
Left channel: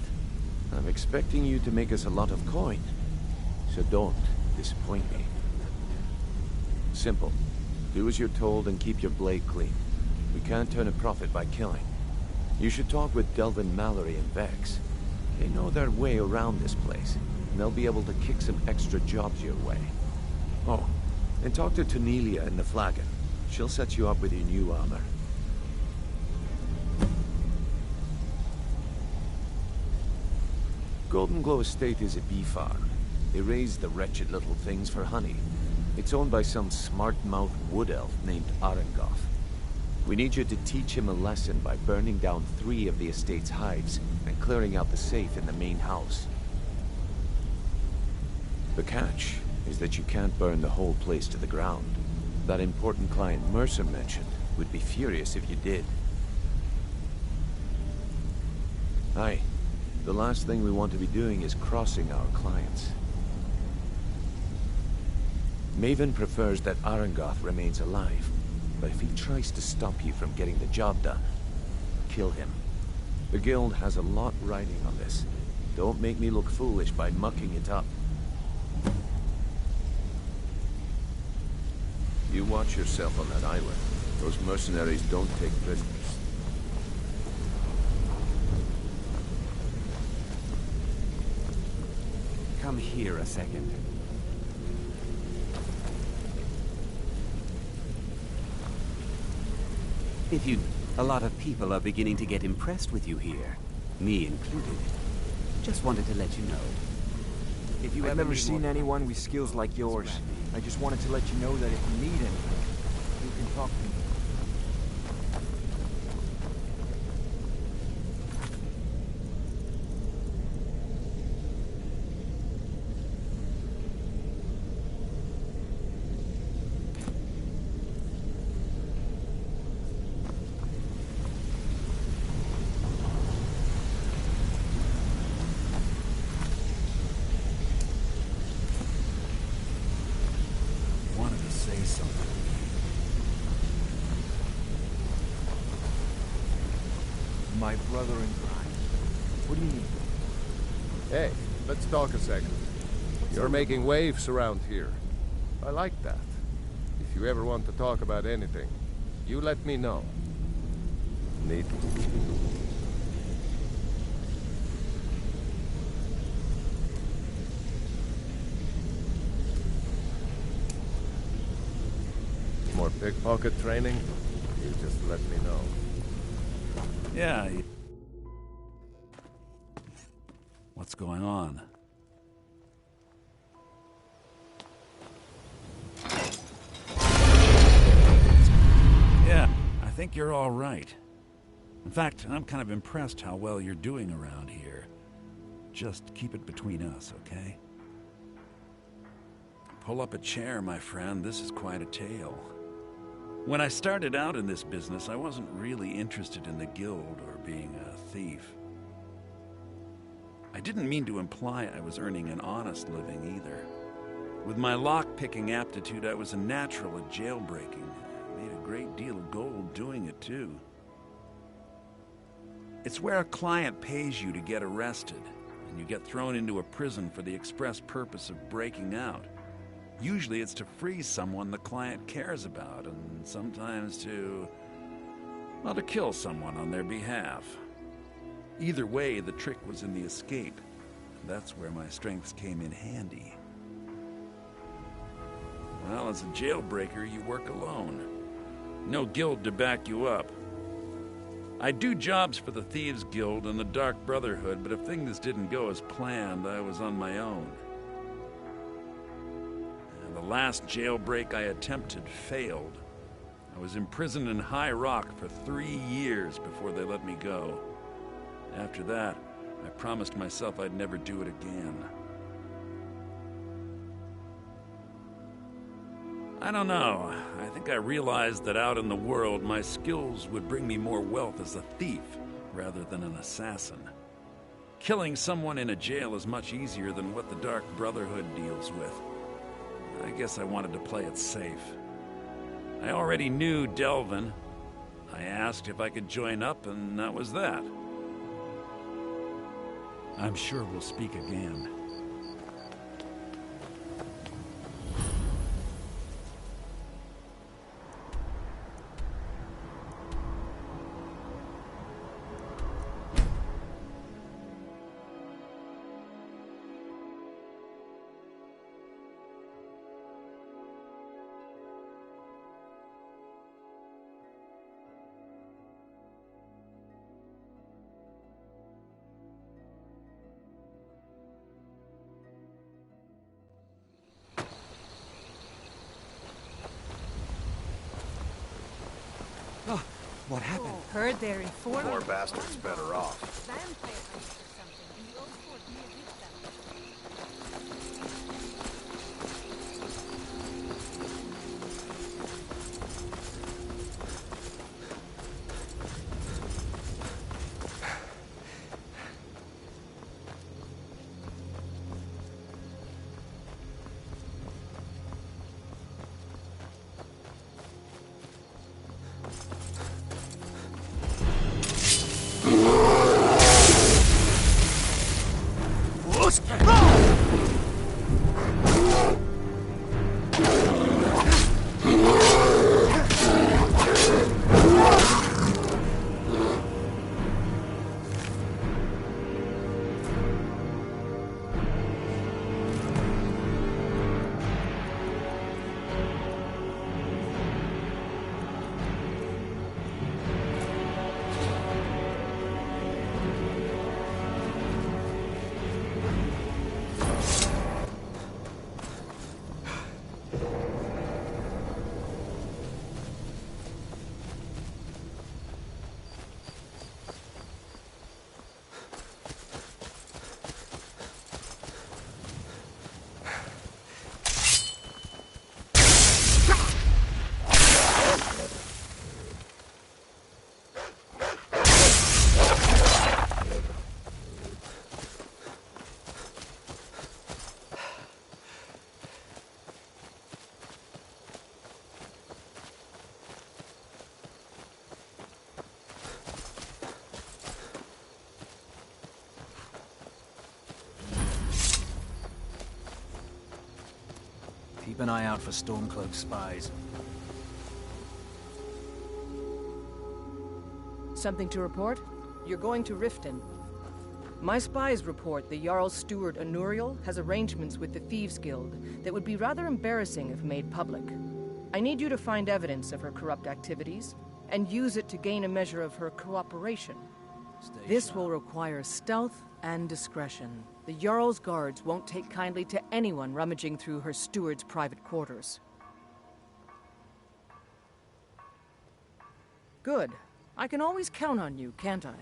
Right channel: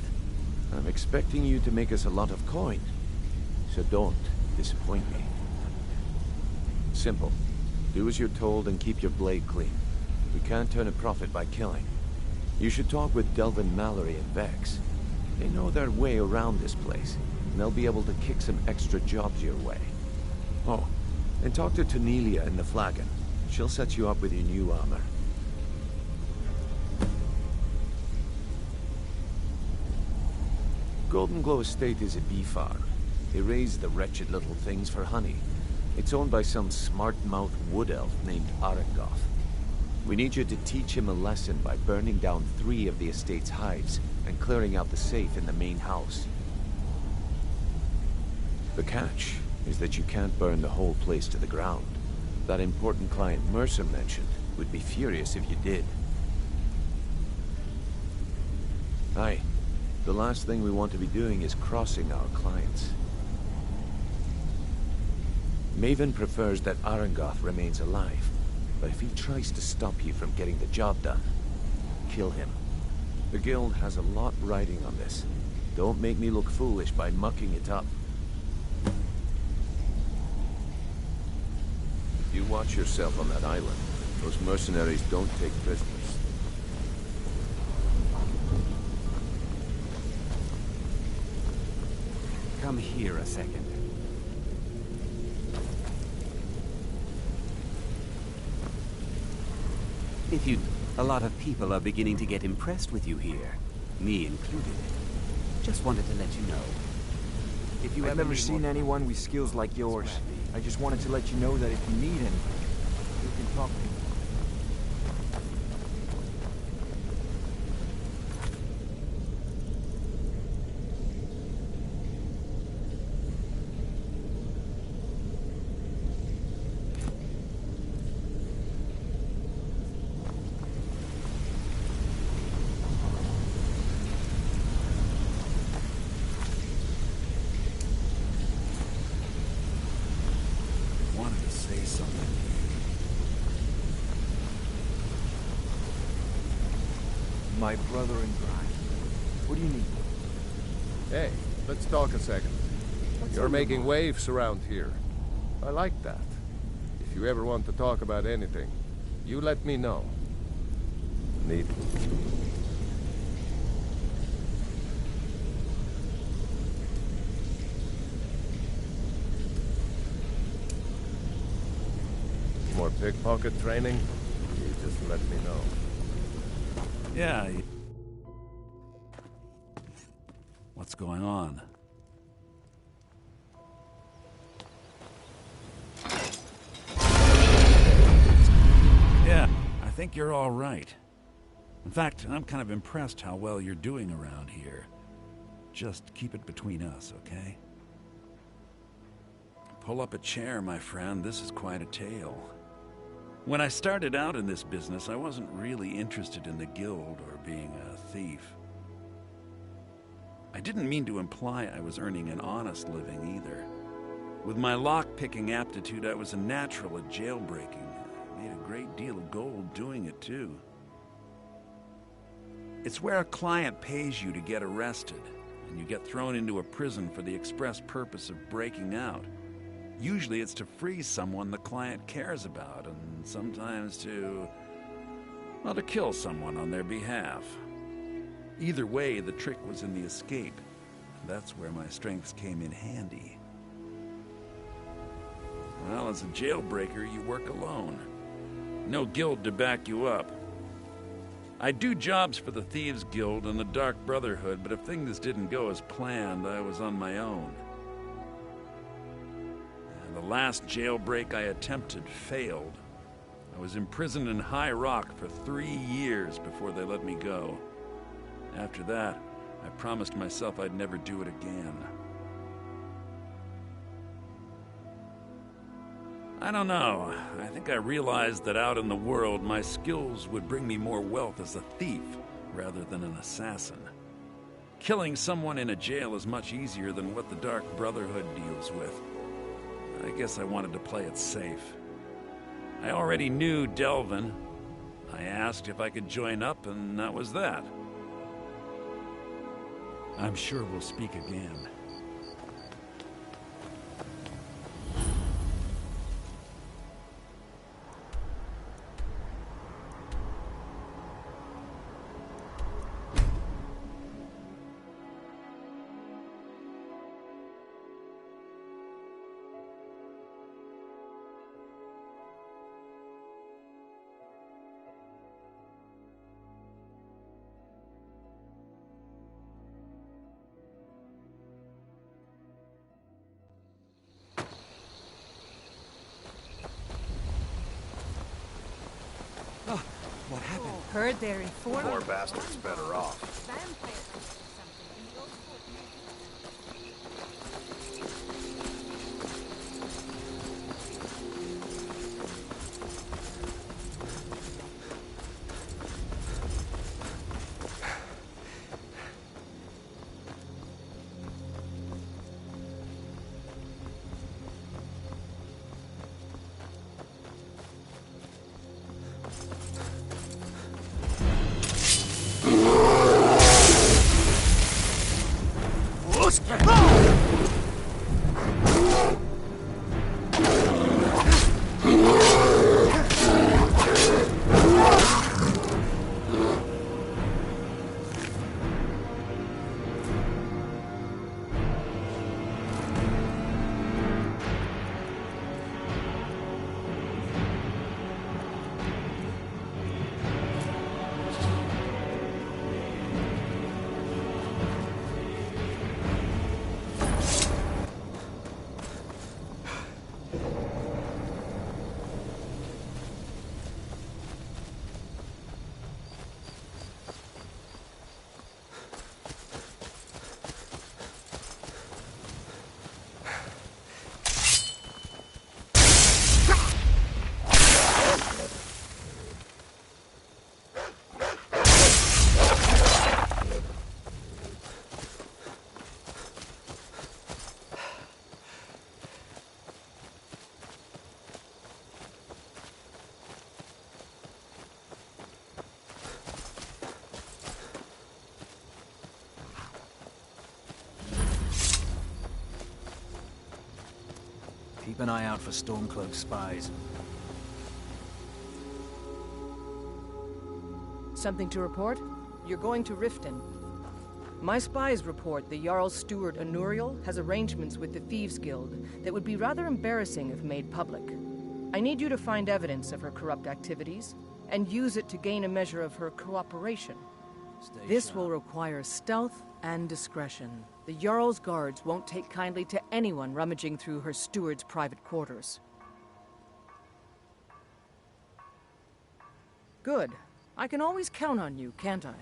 I'm expecting you to make us a lot of coin. So don't disappoint me. Simple. Do as you're told and keep your blade clean. We can't turn a profit by killing. You should talk with Delvin Mallory and Vex. They know their way around this place, and they'll be able to kick some extra jobs your way. Oh, and talk to Tanelia in the Flagon. She'll set you up with your new armor. Golden Glow Estate is a bee farm. They raise the wretched little things for honey. It's owned by some smart-mouthed wood elf named Arangoth. We need you to teach him a lesson by burning down 3 of the estate's hives and clearing out the safe in the main house. The catch is that you can't burn the whole place to the ground. That important client Mercer mentioned would be furious if you did. Aye. The last thing we want to be doing is crossing our clients. Maven prefers that Arangoth remains alive, but if he tries to stop you from getting the job done, kill him. The Guild has a lot riding on this. Don't make me look foolish by mucking it up. You watch yourself on that island. Those mercenaries don't take prisoners. Come here a second. A lot of people are beginning to get impressed with you here, me included. Just wanted to let you know. I've never seen anyone with skills like yours. I just wanted to let you know that if you need anything, you can talk to me. Say something. My brother in crime. What do you need? Hey, let's talk a second. You're making waves around here. I like that. If you ever want to talk about anything, you let me know. Neat. More pickpocket training? You just let me know. Yeah. What's going on? Yeah, I think you're all right. In fact, I'm kind of impressed how well you're doing around here. Just keep it between us, okay? Pull up a chair, my friend. This is quite a tale. When I started out in this business, I wasn't really interested in the guild or being a thief. I didn't mean to imply I was earning an honest living either. With my lock-picking aptitude, I was a natural at jailbreaking. I made a great deal of gold doing it, too. It's where a client pays you to get arrested, and you get thrown into a prison for the express purpose of breaking out. Usually it's to free someone the client cares about, and sometimes to kill someone on their behalf. Either way, the trick was in the escape, and that's where my strengths came in handy. Well, as a jailbreaker, you work alone. No guild to back you up. I do jobs for the Thieves Guild and the Dark Brotherhood, but if things didn't go as planned, I was on my own. The last jailbreak I attempted failed. I was imprisoned in High Rock for 3 years before they let me go. After that, I promised myself I'd never do it again. I don't know. I think I realized that out in the world, my skills would bring me more wealth as a thief rather than an assassin. Killing someone in a jail is much easier than what the Dark Brotherhood deals with. I guess I wanted to play it safe. I already knew Delvin. I asked if I could join up, and that was that. I'm sure we'll speak again. What happened? Heard they're informing. Poor bastard's better off. Vampire hunters or something in the old fort near Vista. Keep an eye out for Stormcloak spies. Something to report? You're going to Riften. My spies report the Jarl's steward Imperial has arrangements with the Thieves Guild that would be rather embarrassing if made public. I need you to find evidence of her corrupt activities and use it to gain a measure of her cooperation. This will require stealth and discretion. The Jarl's guards won't take kindly to anyone rummaging through her steward's private quarters. Good. I can always count on you, can't I?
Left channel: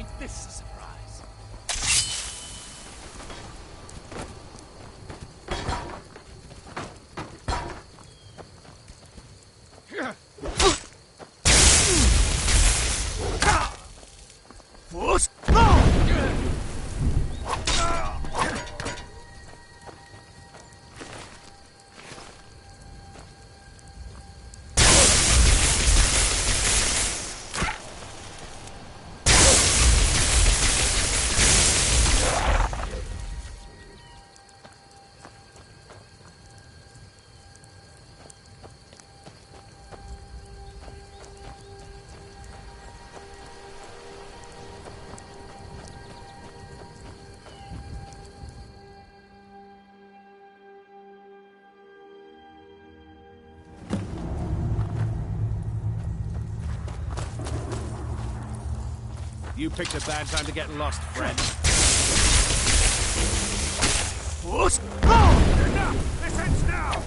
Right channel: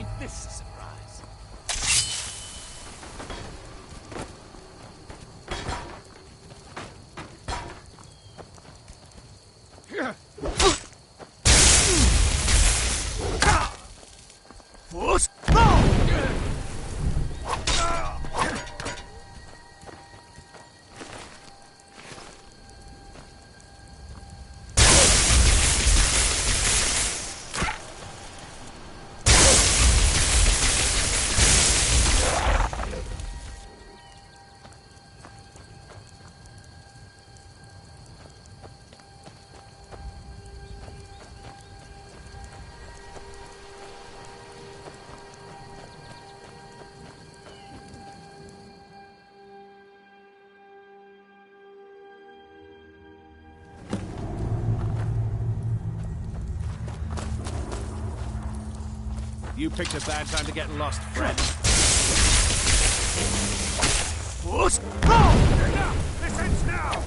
Ain't this a surprise? You picked a bad time to get lost, friend. Enough! This ends now!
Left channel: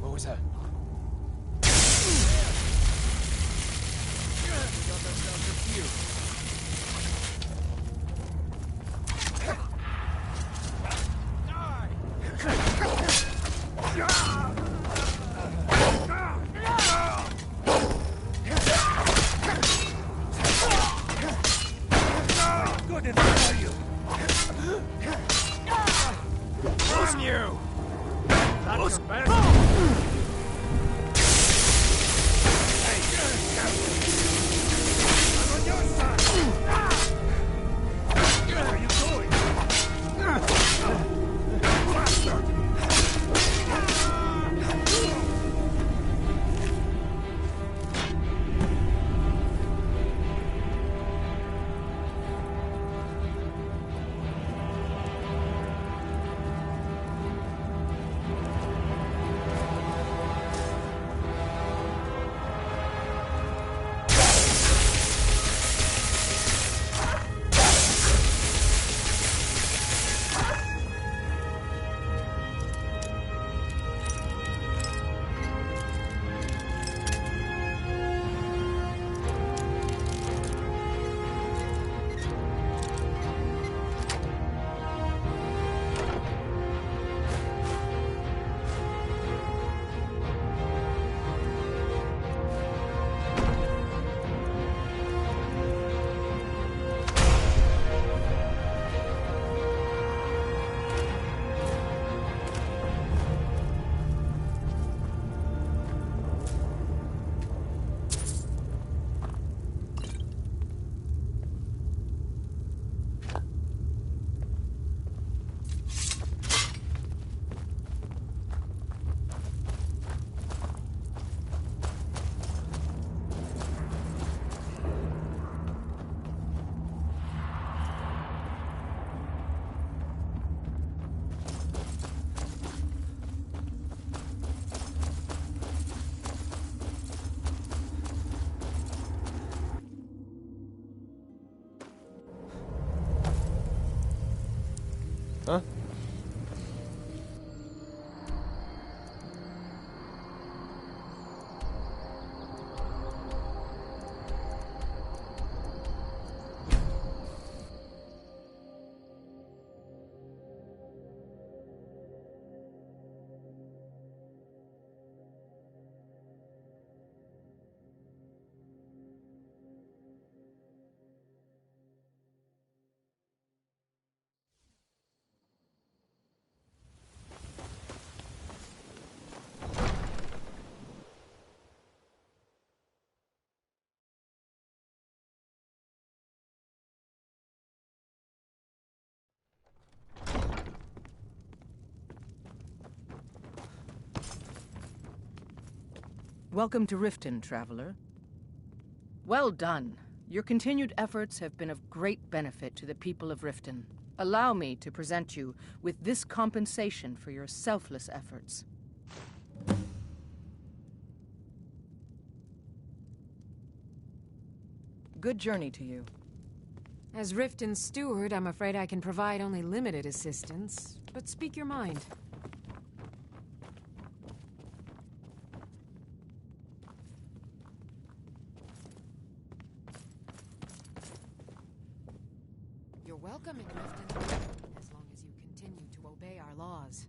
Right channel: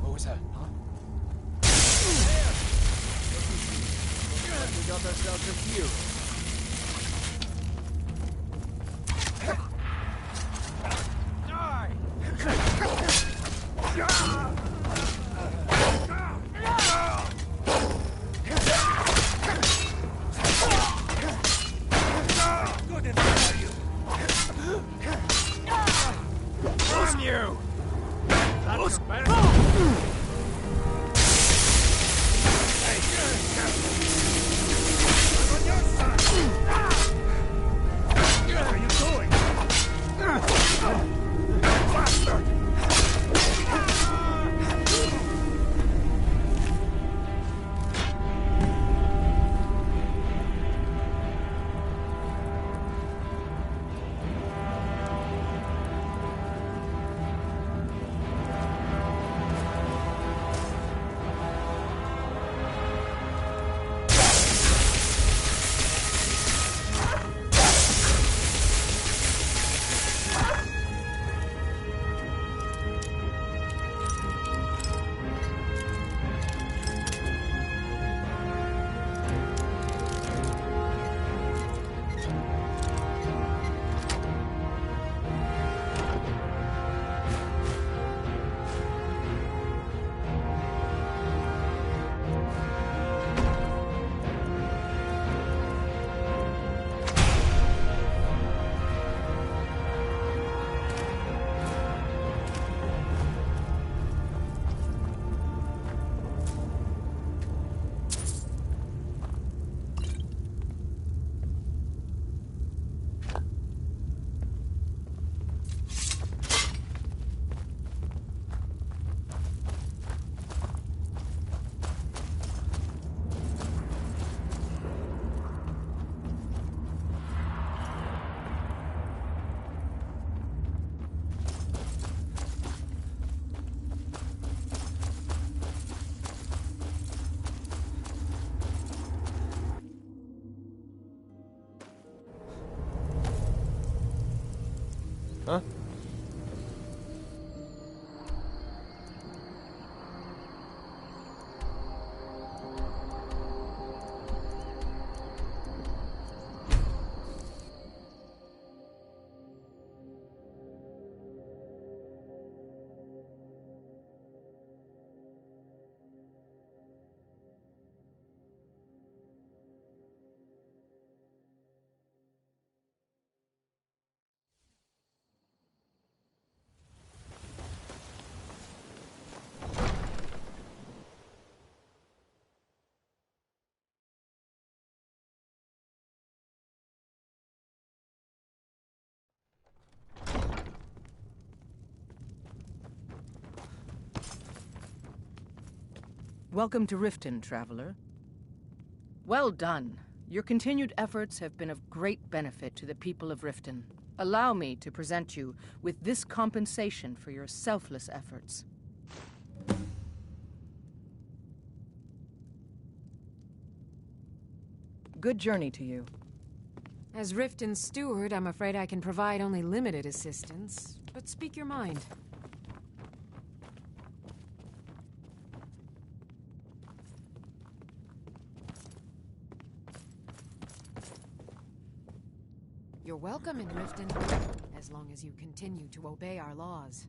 What was that? We got ourselves a few. Good enough for you! Damn you! That's your best. I'm on your side! Where are you going? Bastard! Huh? Welcome to Riften, traveler. Well done. Your continued efforts have been of great benefit to the people of Riften. Allow me to present you with this compensation for your selfless efforts. Good journey to you. As Riften's steward, I'm afraid I can provide only limited assistance, but speak your mind. You're welcome in Riften, as long as you continue to obey our laws.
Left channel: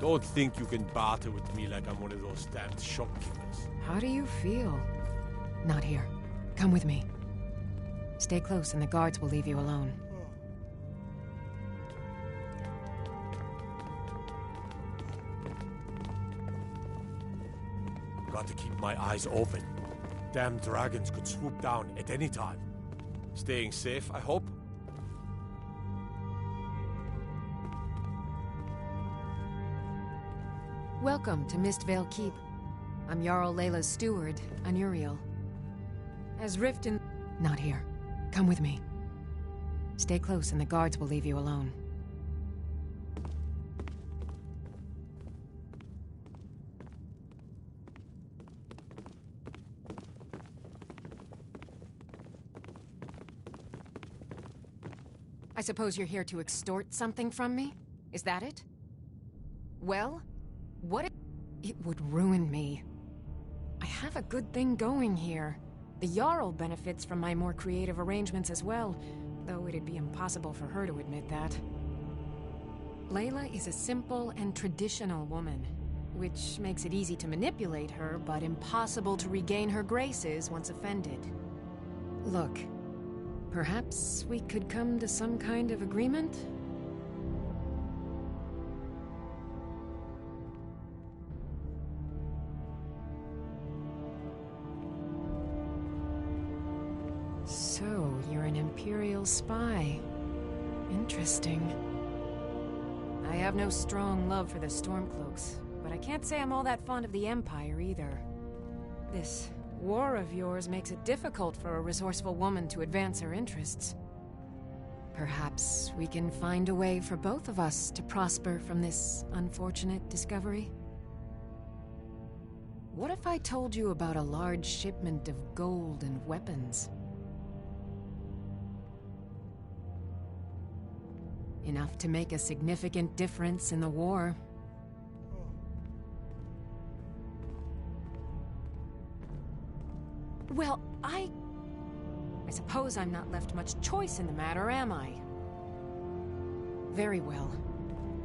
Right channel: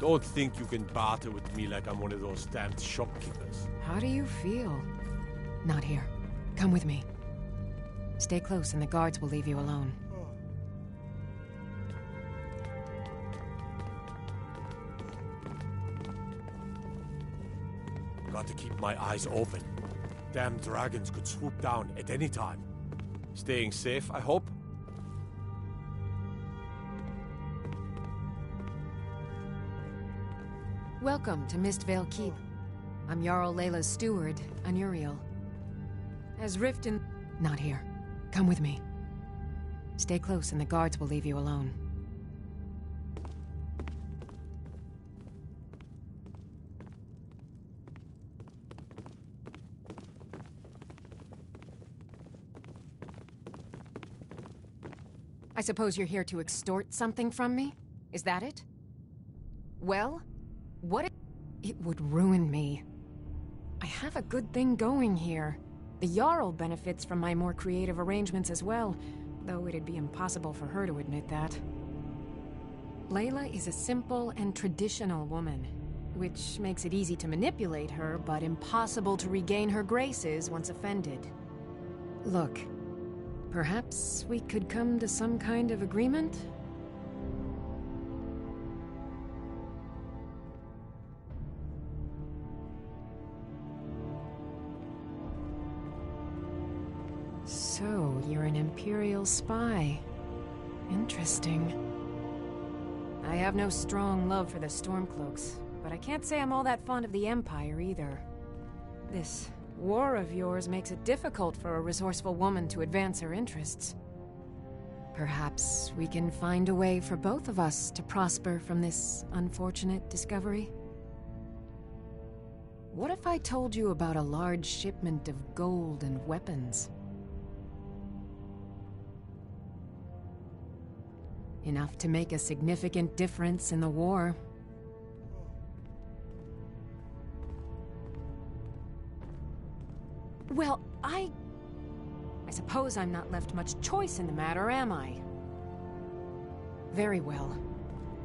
Don't think you can barter with me like I'm one of those damned shopkeepers. How do you feel? Not here. Come with me. Stay close and the guards will leave you alone. Got to keep my eyes open. Damn dragons could swoop down at any time. Staying safe, I hope? Welcome to Mistvale Keep. I'm Jarl Layla's steward, Imperial. As Riften... Not here. Come with me. Stay close and the guards will leave you alone. I suppose you're here to extort something from me? Is that it? Well, what if... It would ruin me. I have a good thing going here. The Jarl benefits from my more creative arrangements as well, though it'd be impossible for her to admit that. Layla is a simple and traditional woman, which makes it easy to manipulate her, but impossible to regain her graces once offended. Look, perhaps we could come to some kind of agreement? So, you're an Imperial spy. Interesting. I have no strong love for the Stormcloaks, but I can't say I'm all that fond of the Empire either. This war of yours makes it difficult for a resourceful woman to advance her interests. Perhaps we can find a way for both of us to prosper from this unfortunate discovery? What if I told you about a large shipment of gold and weapons? Enough to make a significant difference in the war. Well, I suppose I'm not left much choice in the matter, am I? Very well.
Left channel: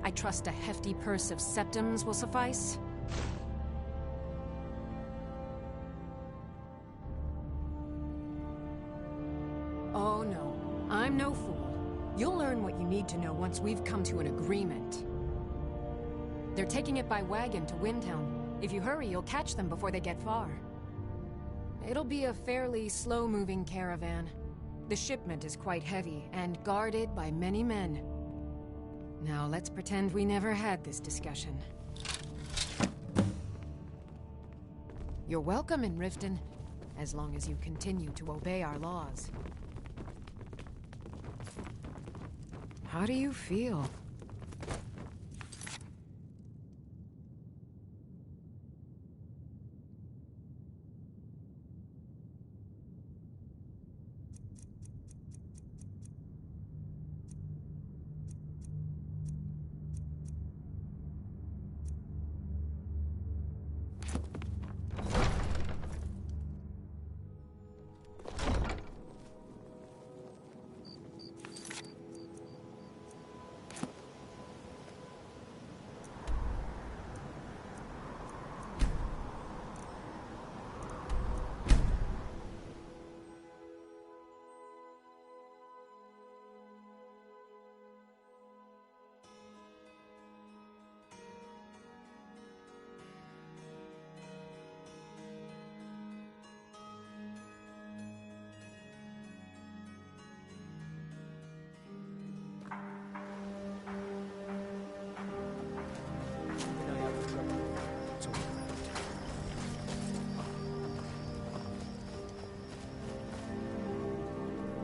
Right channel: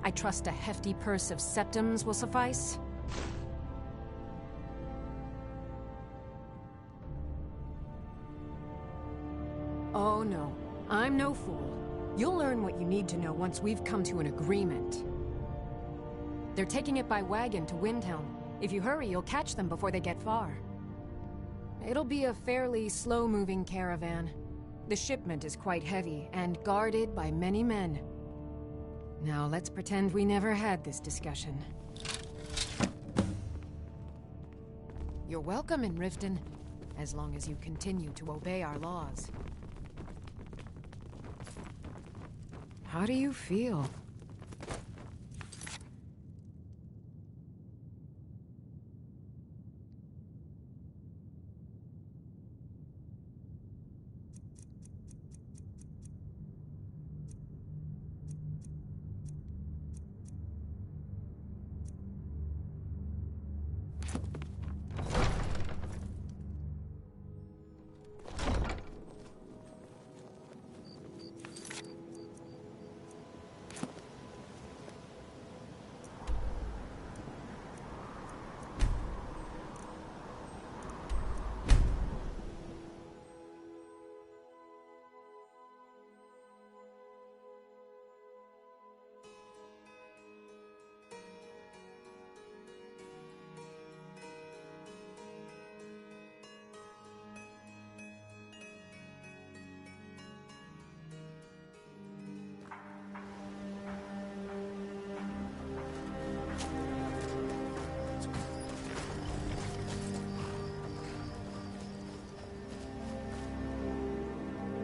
I trust a hefty purse of septims will suffice. Oh no, I'm no fool. You'll learn what you need to know once we've come to an agreement. They're taking it by wagon to Windhelm. If you hurry, you'll catch them before they get far. It'll be a fairly slow-moving caravan. The shipment is quite heavy, and guarded by many men. Now let's pretend we never had this discussion. You're welcome in Riften, as long as you continue to obey our laws. How do you feel?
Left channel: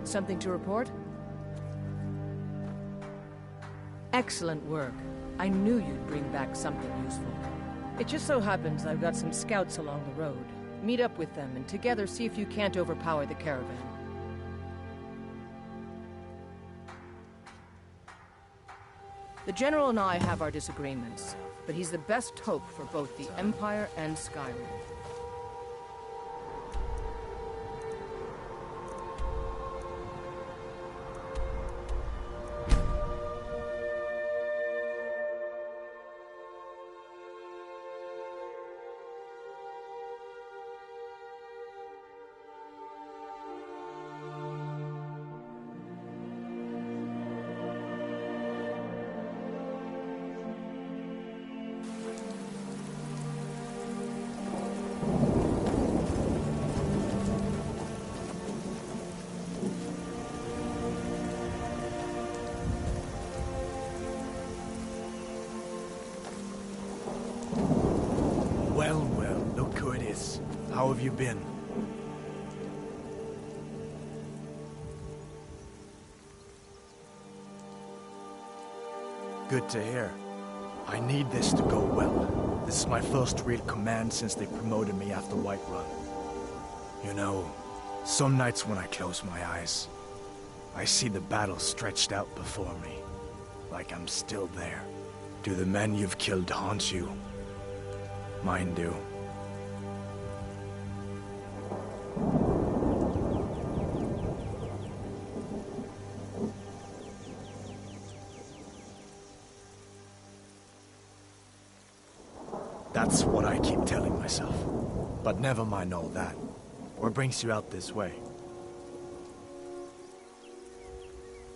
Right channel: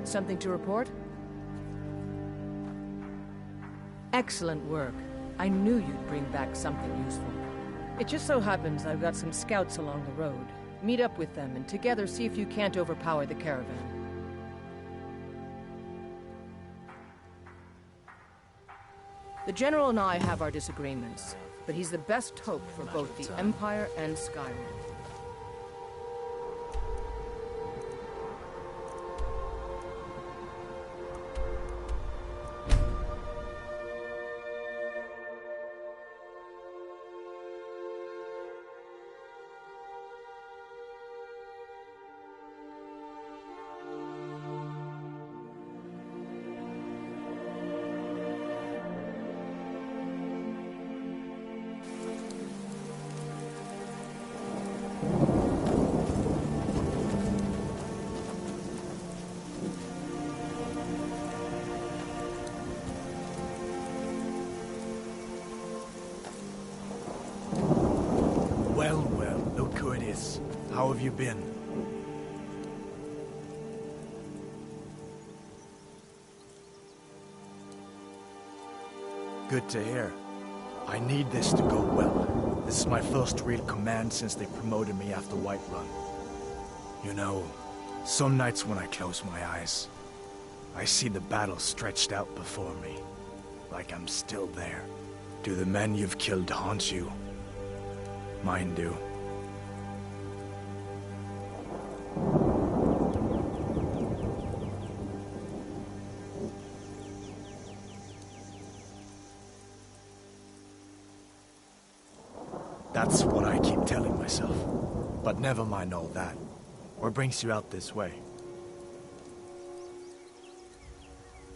Something to report? Excellent work. I knew you'd bring back something useful. It just so happens I've got some scouts along the road. Meet up with them and together see if you can't overpower the caravan. The General and I have our disagreements, but he's the best hope for both the Empire and Skyrim. Well, look who it is. How have you been? Good to hear. I need this to go well. This is my first real command since they promoted me after Whiterun. You know, some nights when I close my eyes, I see the battle stretched out before me, like I'm still there. Do the men you've killed haunt you? Mine do. That's what I keep telling myself. But never mind all that. What brings you out this way?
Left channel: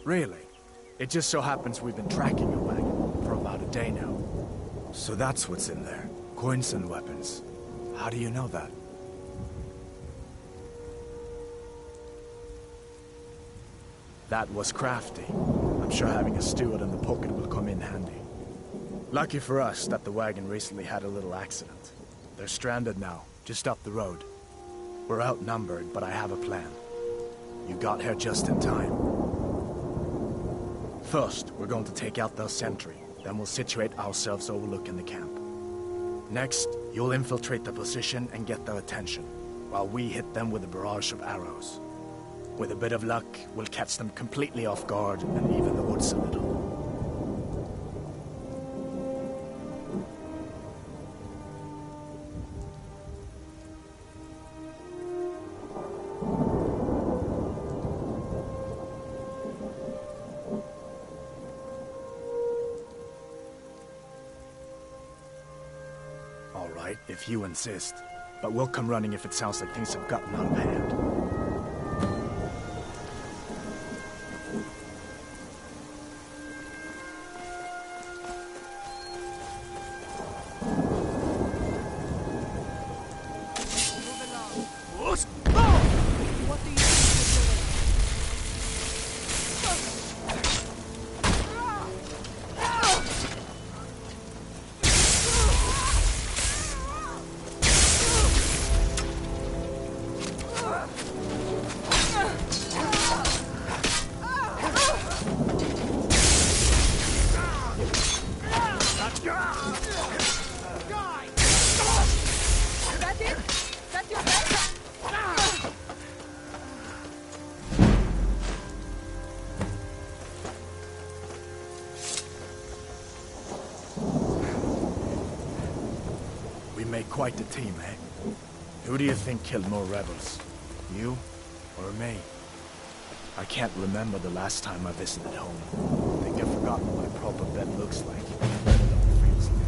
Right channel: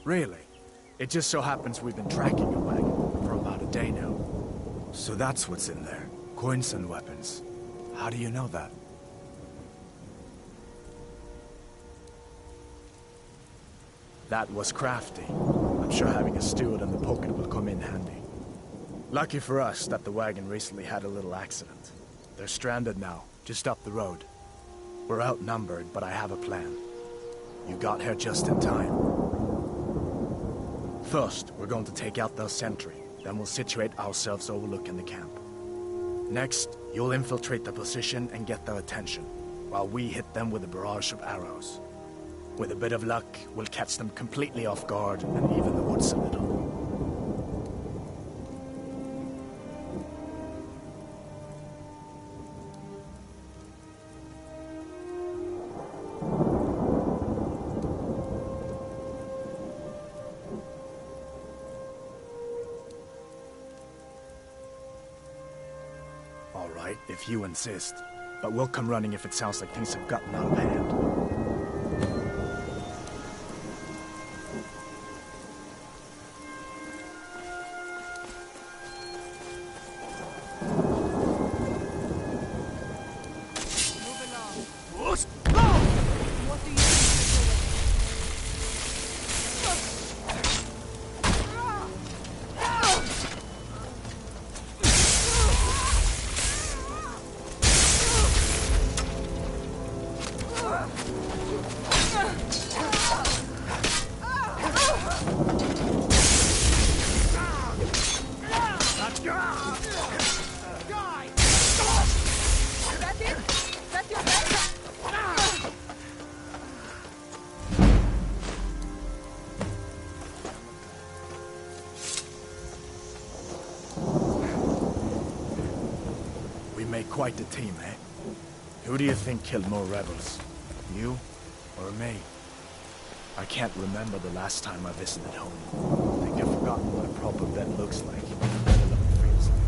Really? It just so happens we've been tracking a wagon for about a day now. So that's what's in there. Coins and weapons. How do you know that? That was crafty. I'm sure having a steward in the pocket will come in handy. Lucky for us that the wagon recently had a little accident. They're stranded now, just up the road. We're outnumbered, but I have a plan. You got here just in time. First, we're going to take out their sentry. Then we'll situate ourselves overlooking the camp. Next, you'll infiltrate the position and get their attention, while we hit them with a barrage of arrows. With a bit of luck, we'll catch them completely off guard and even the odds a little. All right, if you insist. But we'll come running if it sounds like things have gotten out of hand. What do you think you're doing? make quite the team, eh? Who do you think killed more rebels? You or me? I can't remember the last time I visited home. I think I've forgotten what a proper bed looks like, let alone feels like.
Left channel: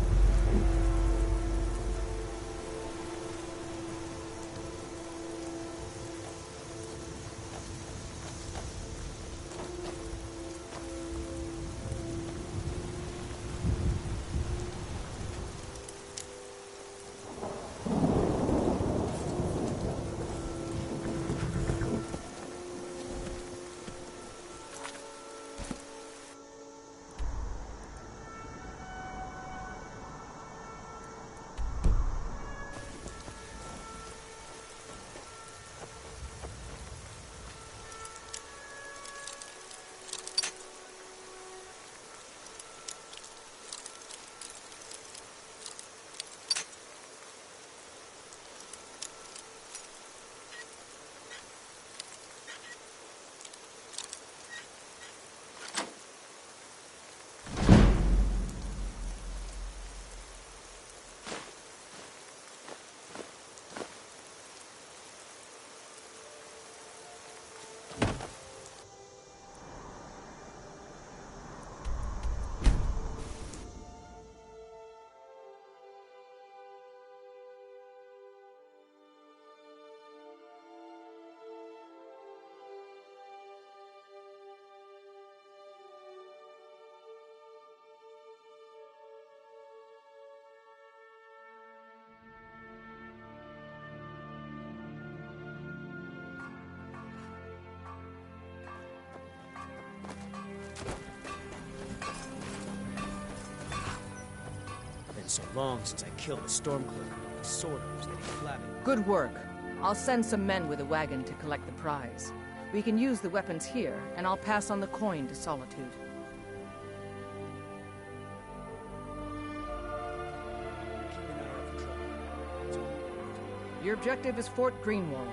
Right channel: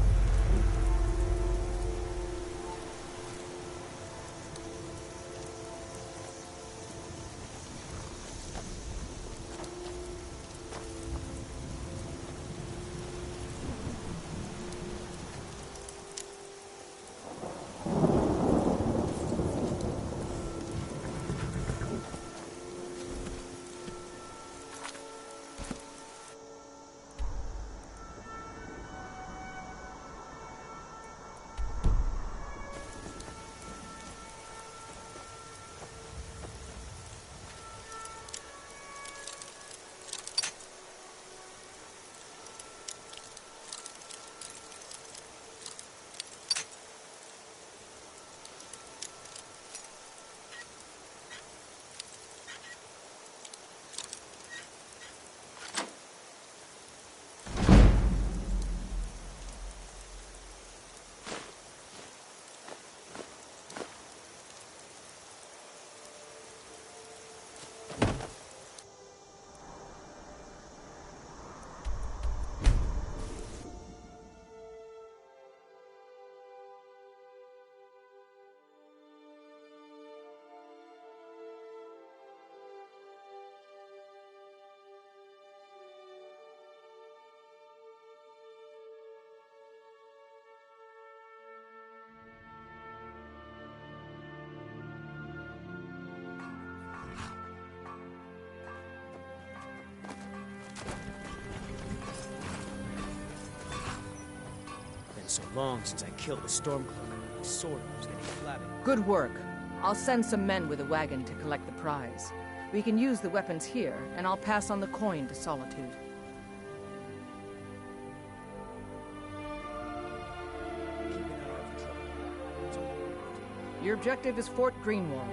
So long since I killed a Stormcloaker, my sword was getting flabby. Good work. I'll send some men with a wagon to collect the prize. We can use the weapons here, and I'll pass on the coin to Solitude. Keep an eye out for trouble. Your objective is Fort Greenwall.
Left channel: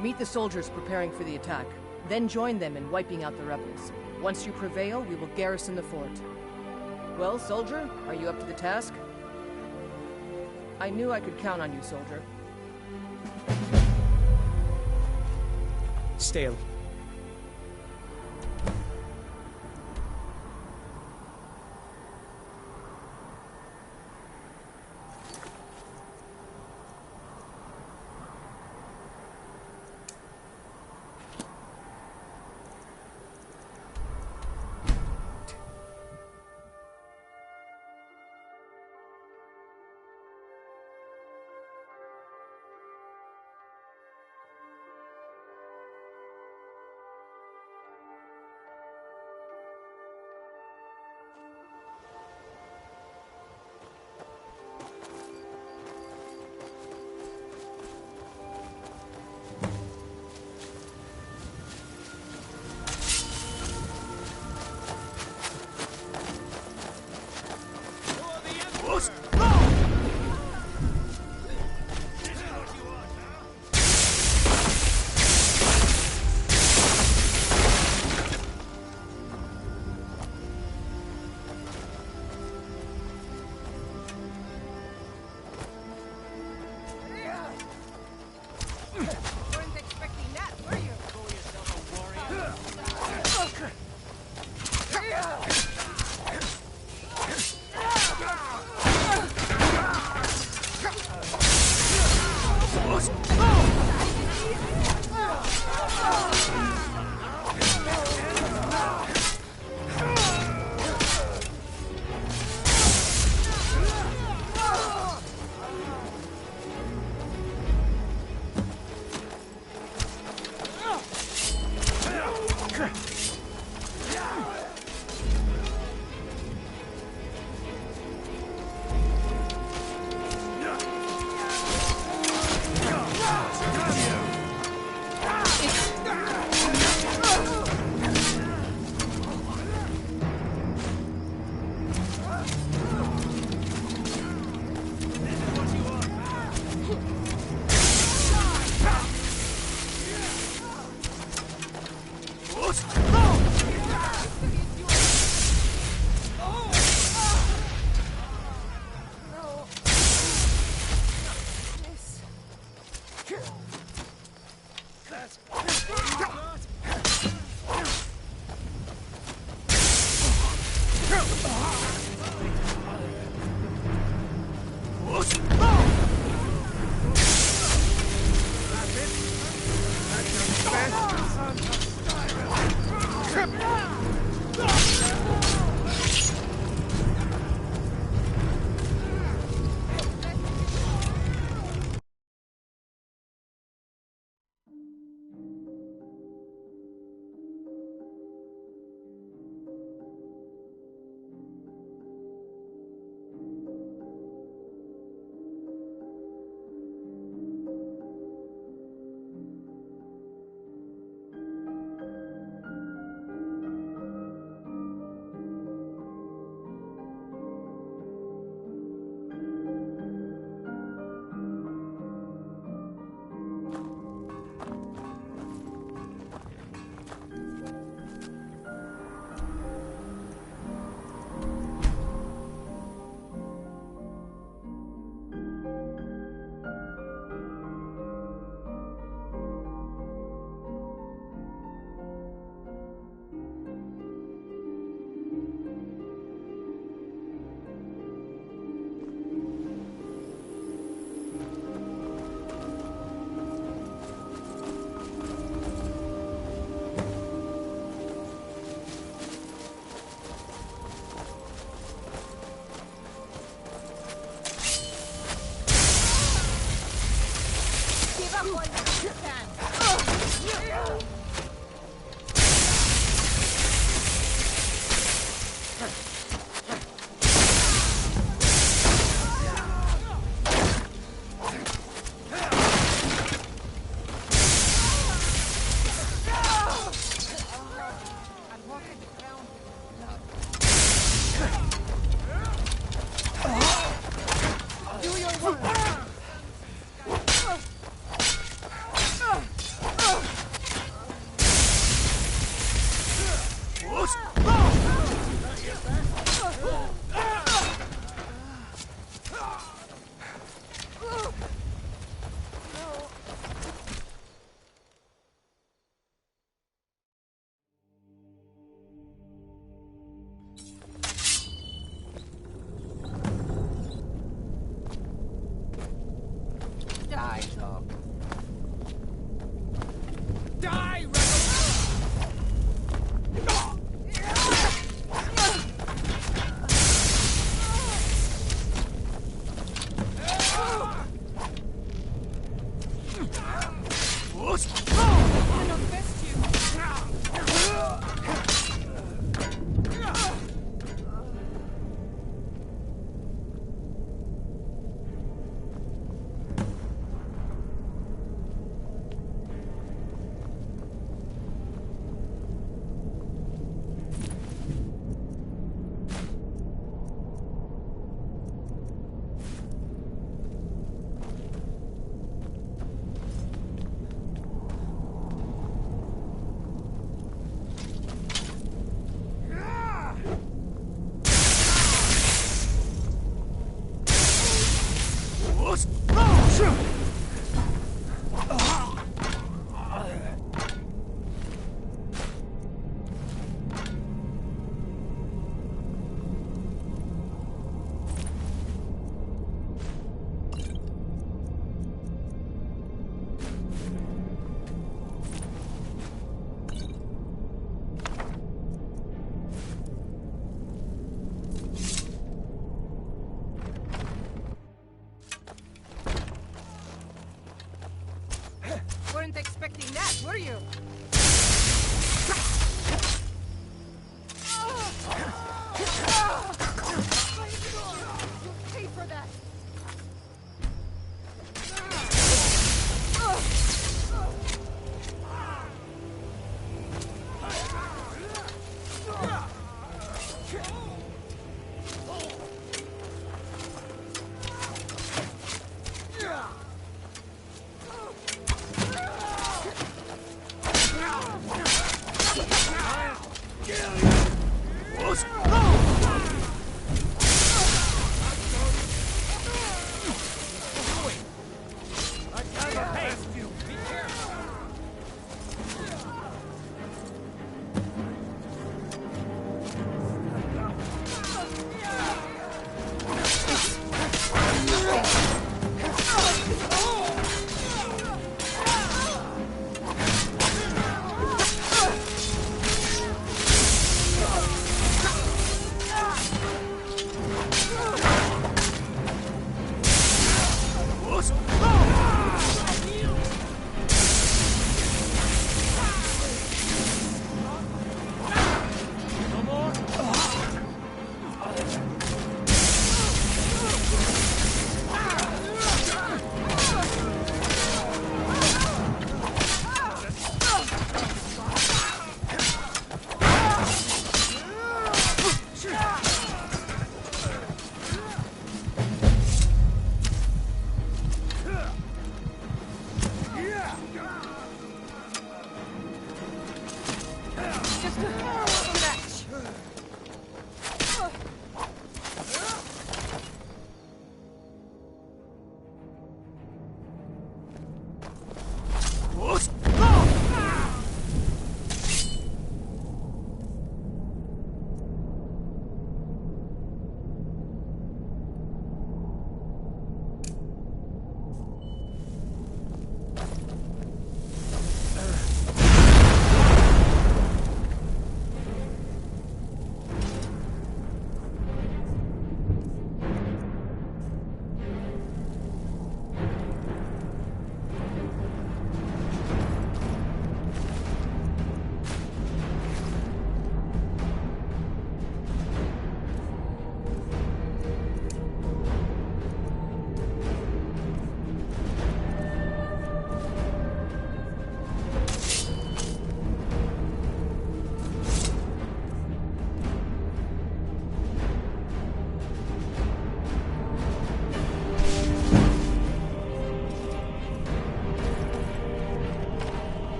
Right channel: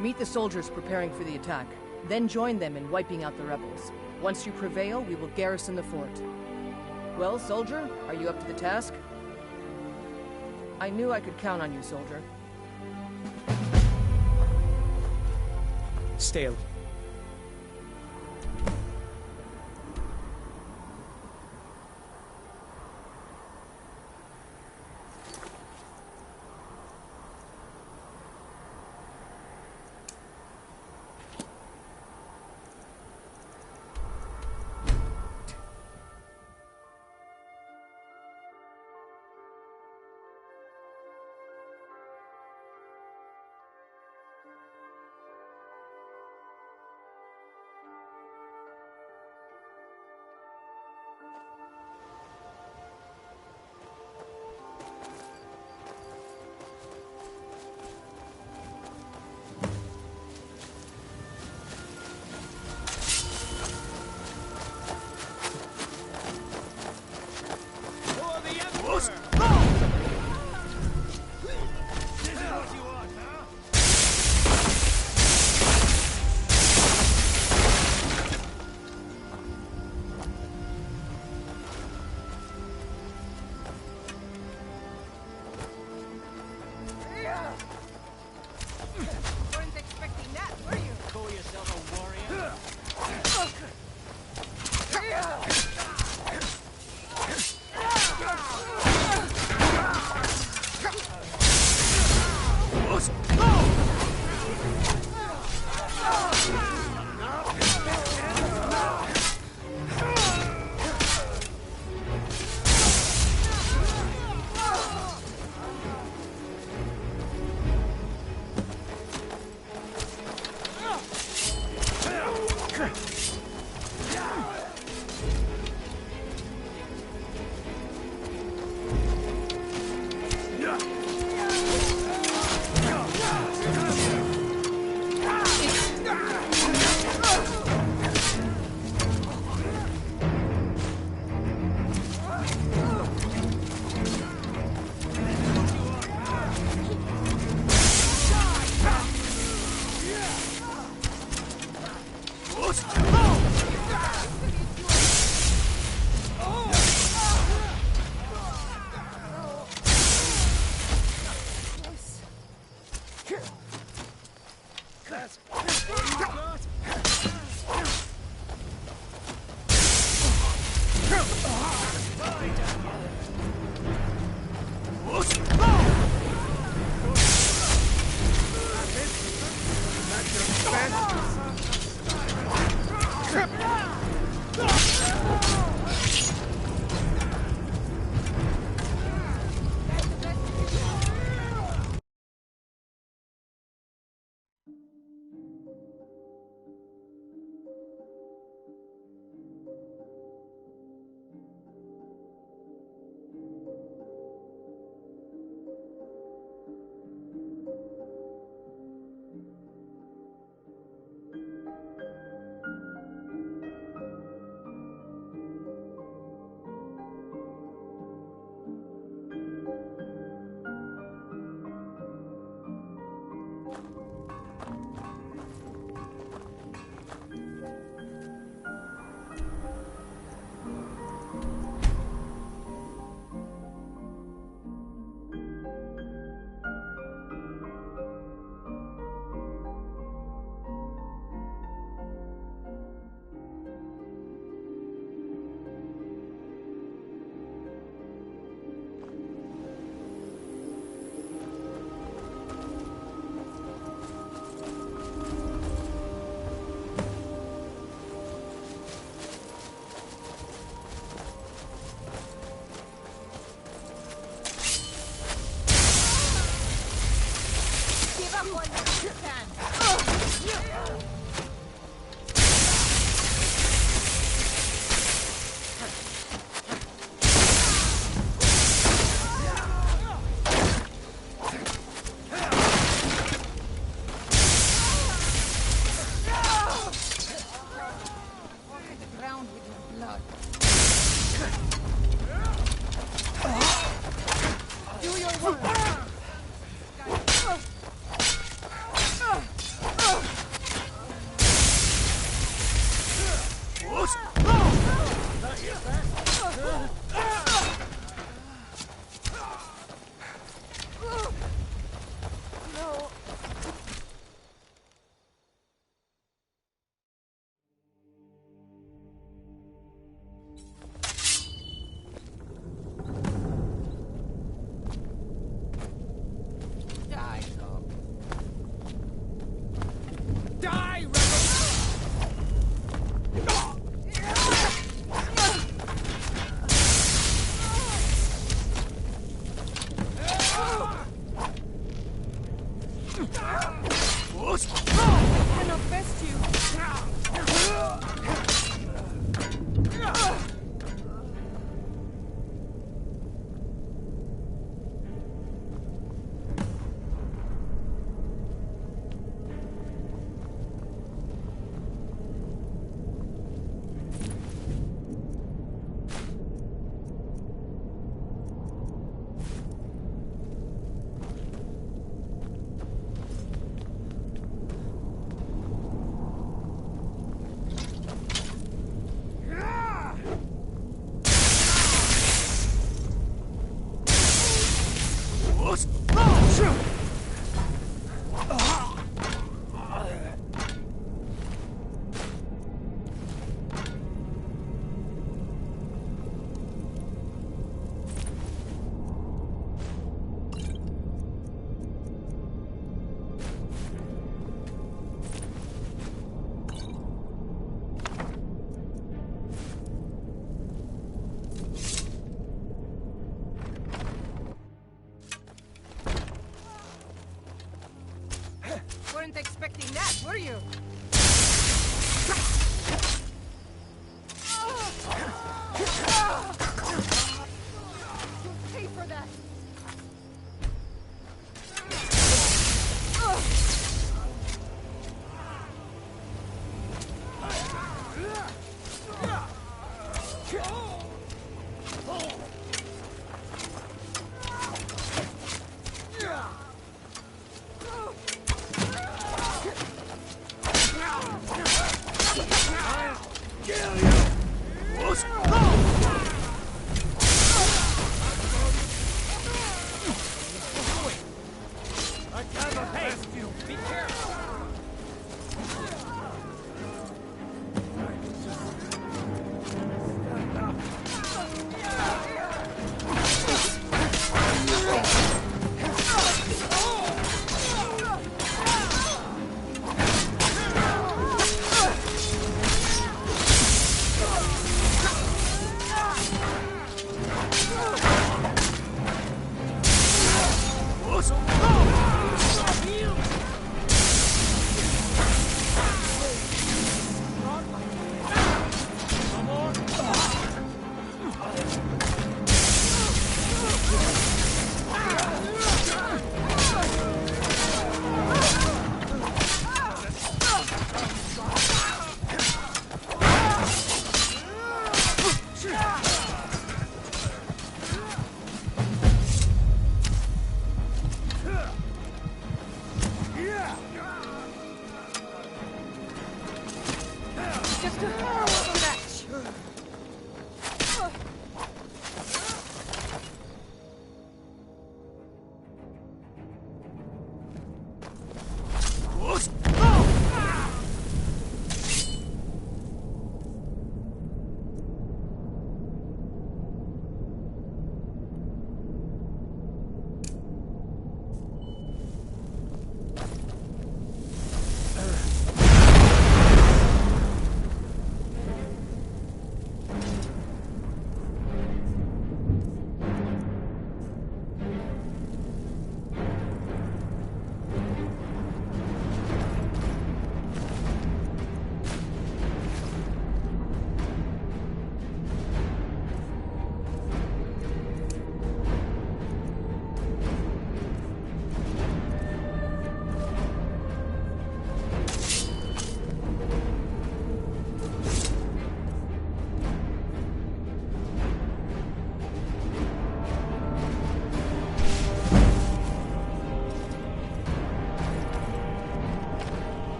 Meet the soldiers preparing for the attack, then join them in wiping out the rebels. Once you prevail, we will garrison the fort. Well, soldier, are you up to the task? I knew I could count on you, soldier. Stay. What?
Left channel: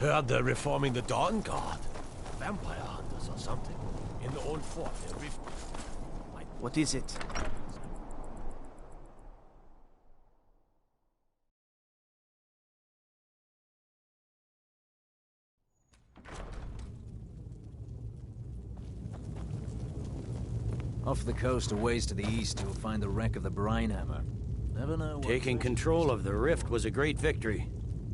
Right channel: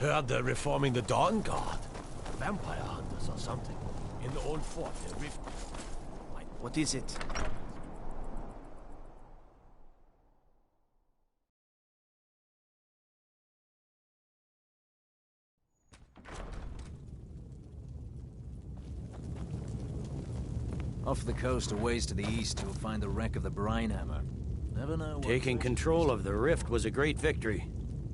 Heard they're reforming the Dawn Guard. Vampire hunters or something. In the old fort near Rift. What is it? Off the coast, a ways to the east, you'll find the wreck of the Brine Hammer. Never know. Taking control of the Rift was a great victory.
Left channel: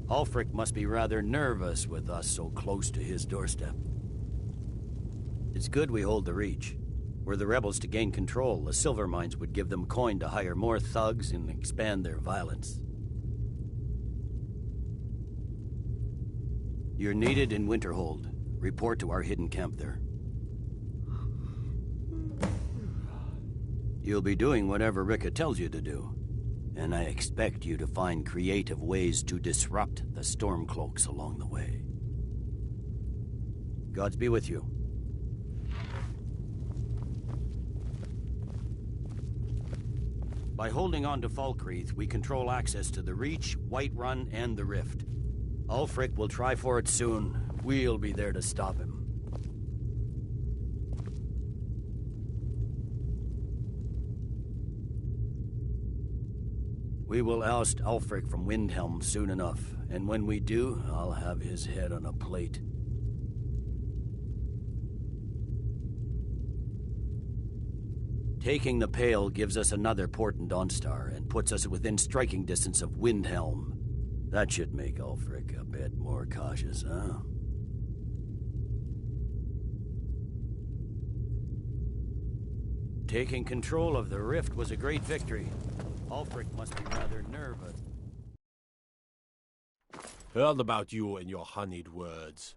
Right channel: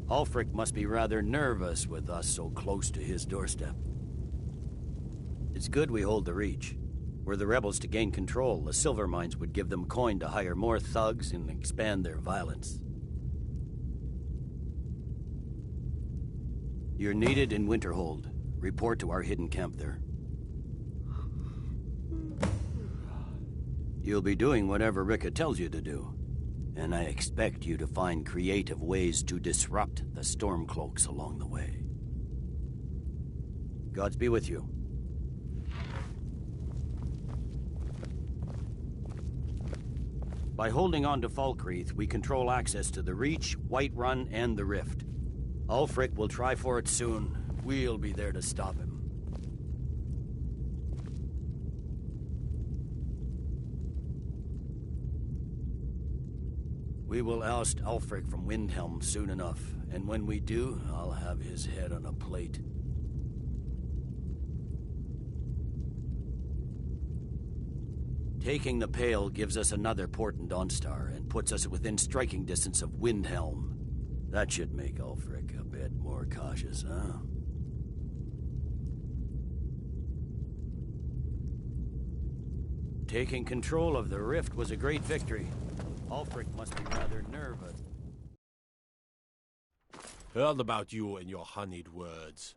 Ulfric must be rather nervous with us so close to his doorstep. It's good we hold the Reach. Were the rebels to gain control, the silver mines would give them coin to hire more thugs and expand their violence. You're needed in Winterhold. Report to our hidden camp there. You'll be doing whatever Rika tells you to do. And I expect you to find creative ways to disrupt the Stormcloaks along the way. Gods be with you. By holding on to Falkreath, we control access to the Reach, Whiterun, and the Rift. Ulfric will try for it soon. We'll be there to stop him. We will oust Ulfric from Windhelm soon enough, and when we do, I'll have his head on a plate. Taking the Pale gives us another port in Dawnstar and puts us within striking distance of Windhelm. That should make Ulfric a bit more cautious, huh? Taking control of the Rift was a great victory. Ulfric must be rather nervous. Heard about you and your honeyed words.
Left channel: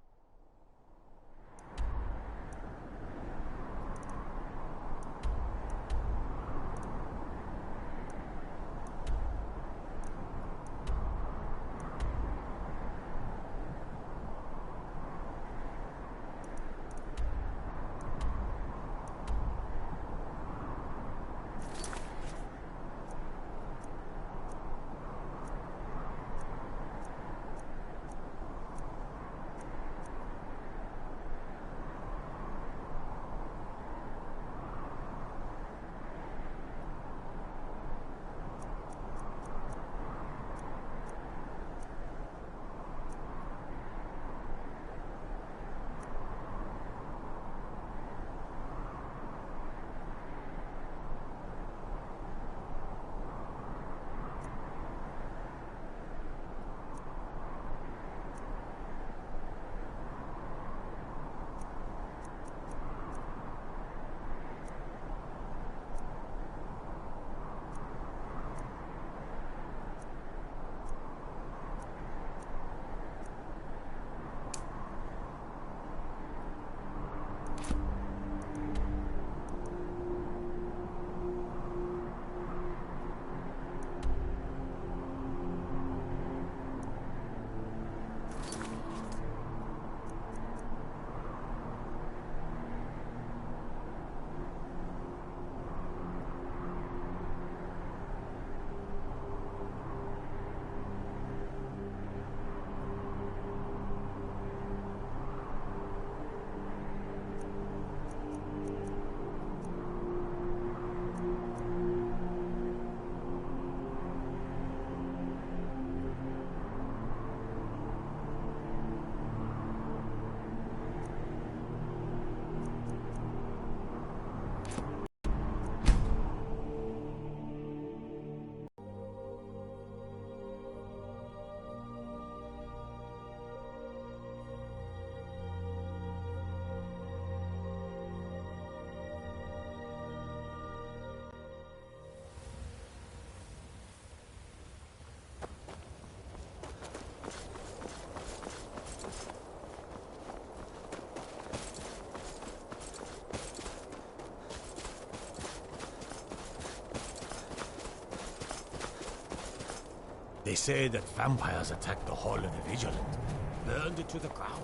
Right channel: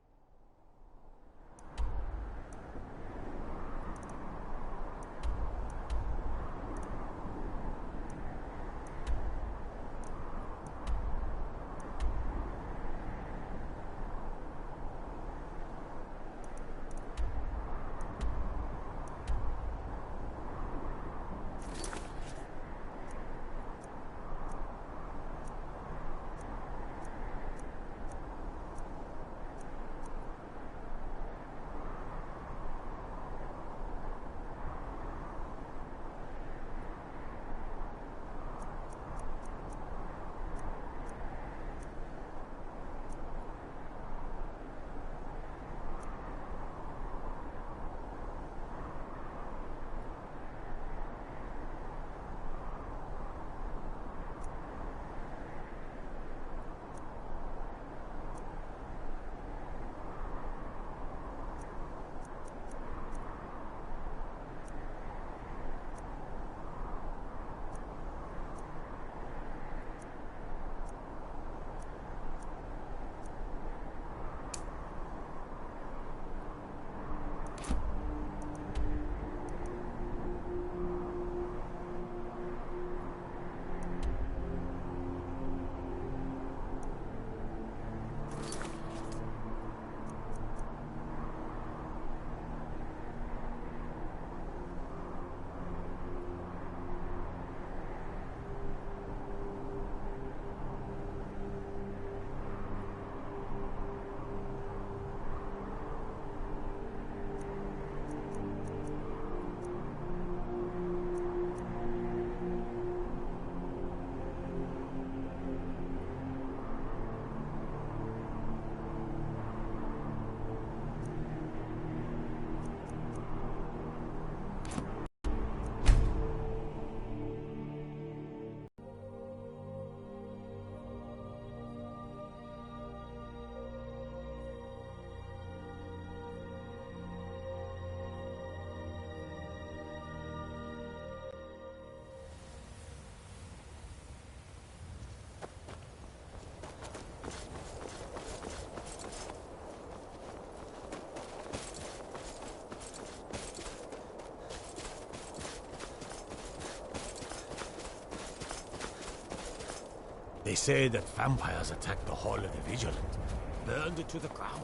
They say that vampires attacked the Hall of the Vigilant, burned it to the ground.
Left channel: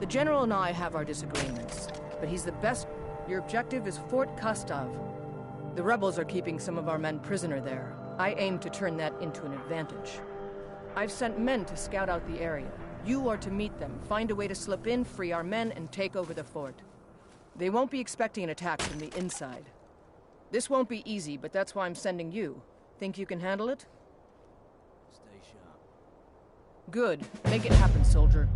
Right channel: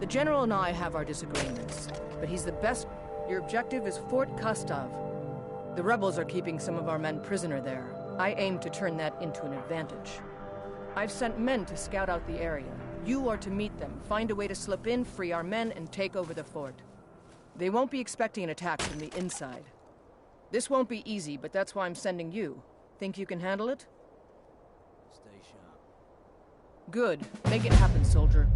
The General and I have our disagreements, but he's the best. Your objective is Fort Kustov. The rebels are keeping some of our men prisoner there. I aim to turn that into an advantage. I've sent men to scout out the area. You are to meet them, find a way to slip in, free our men, and take over the fort. They won't be expecting an attack from the inside. This won't be easy, but that's why I'm sending you. Think you can handle it? Stay sharp. Good. Make it happen, soldier.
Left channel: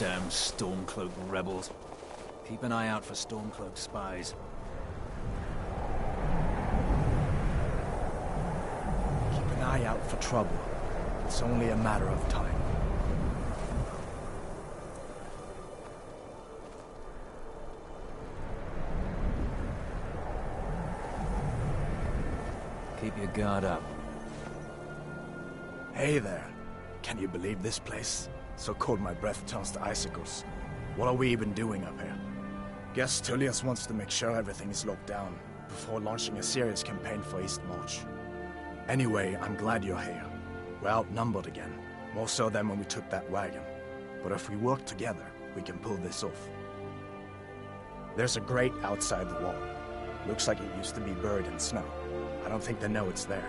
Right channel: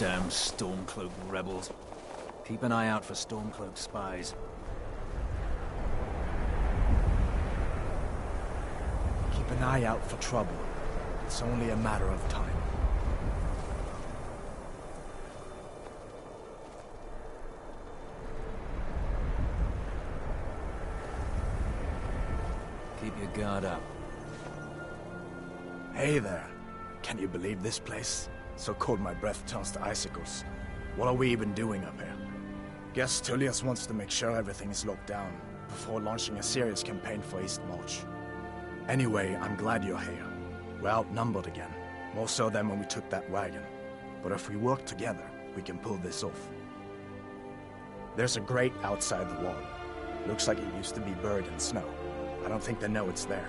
Damn Stormcloak rebels. Keep an eye out for Stormcloak spies. Keep an eye out for trouble. It's only a matter of time. Keep your guard up. Hey there. Can you believe this place? So cold my breath turns to icicles. What are we even doing up here? Guess Tullius wants to make sure everything is locked down before launching a serious campaign for East March. Anyway, I'm glad you're here. We're outnumbered again, more so than when we took that wagon. But if we work together, we can pull this off. There's a grate outside the wall. Looks like it used to be buried in snow. I don't think they know it's there.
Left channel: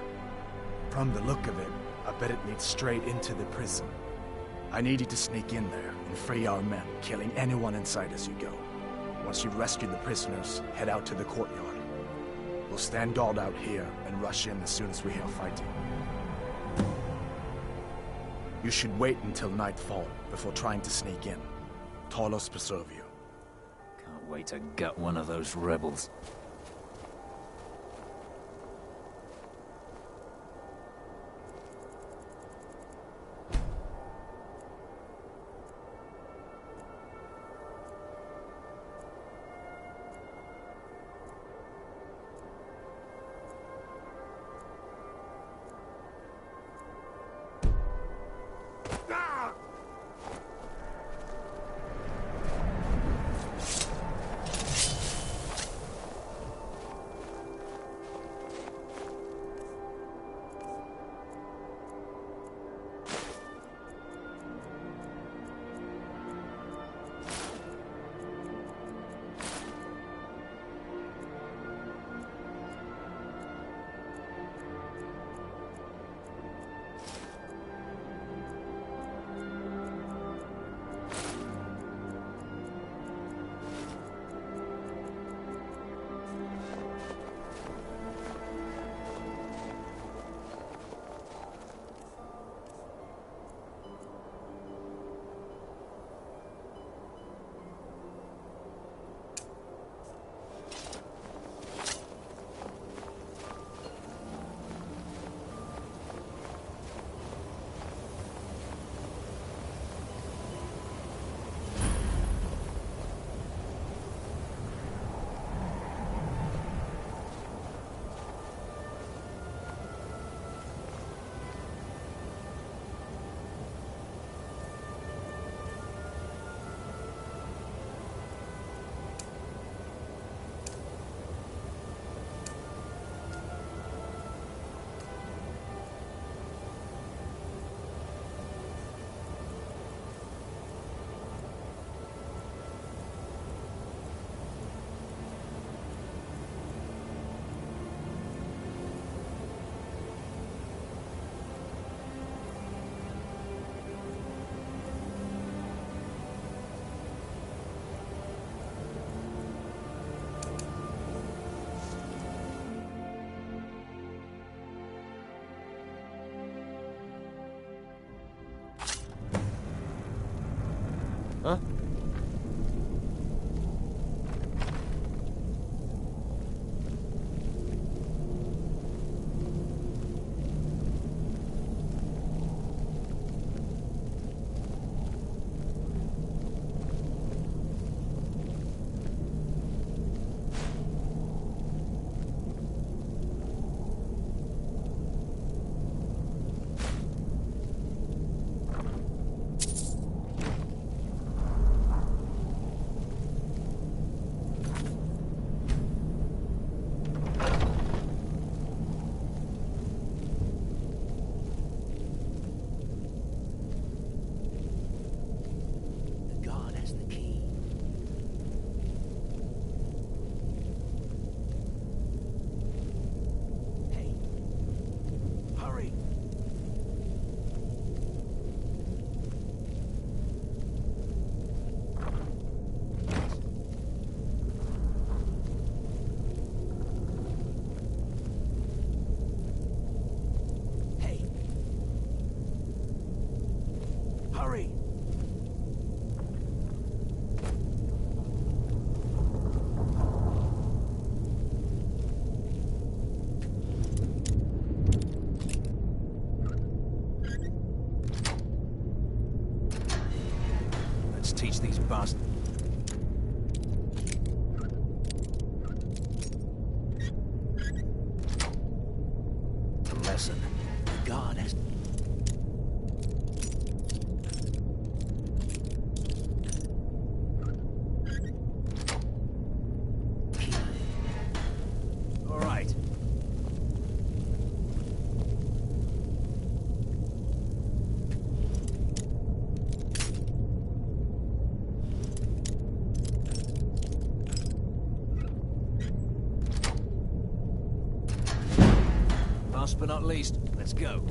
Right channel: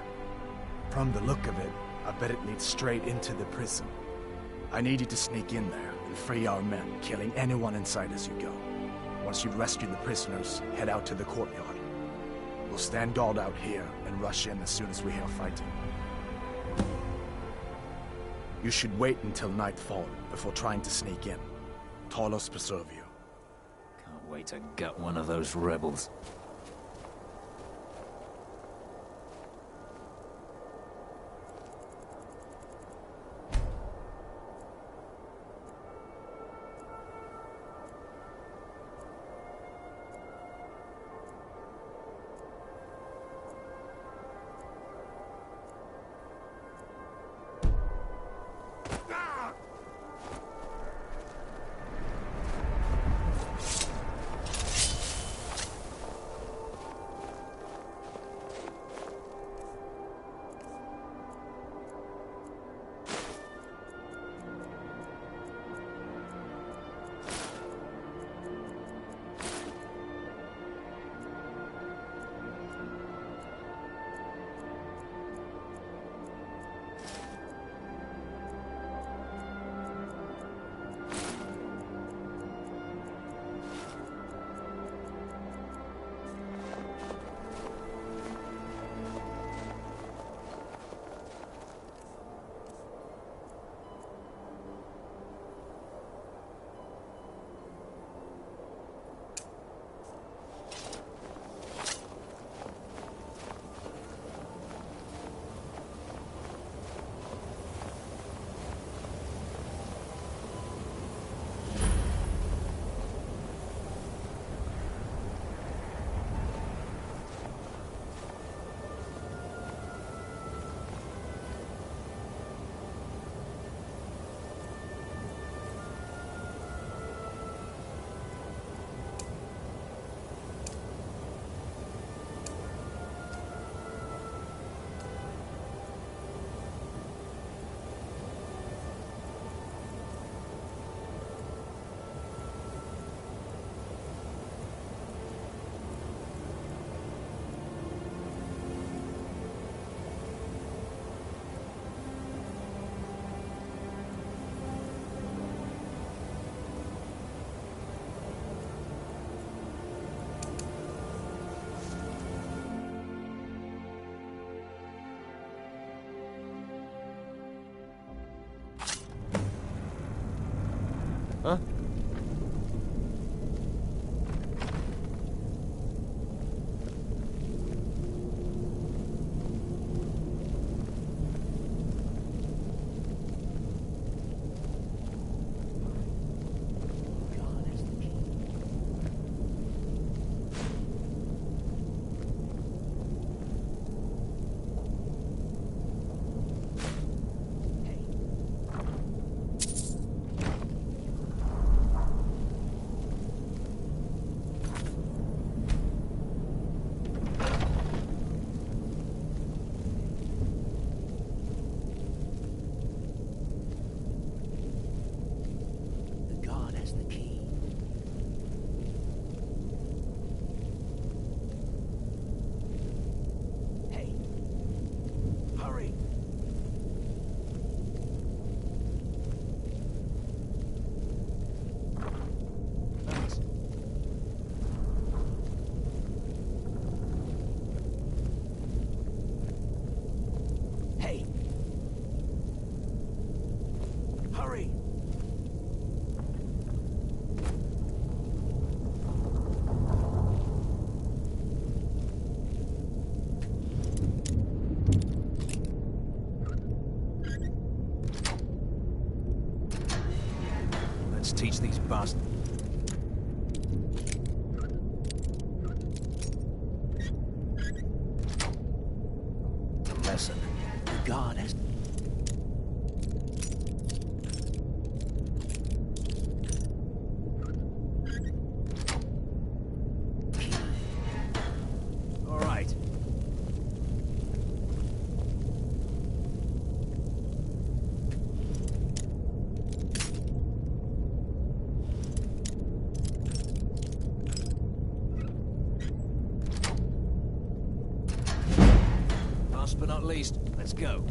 From the look of it, I bet it leads straight into the prison. I need you to sneak in there and free our men, killing anyone inside as you go. Once you've rescued the prisoners, head out to the courtyard. We'll stand guard out here and rush in as soon as we hear fighting. You should wait until nightfall before trying to sneak in. Talos preserve you. Can't wait to gut one of those rebels. Where's the key? Hey! Hurry! Hey! Hurry! Let's teach these bastards. A lesson. The god has... All right. Last but not least, let's go.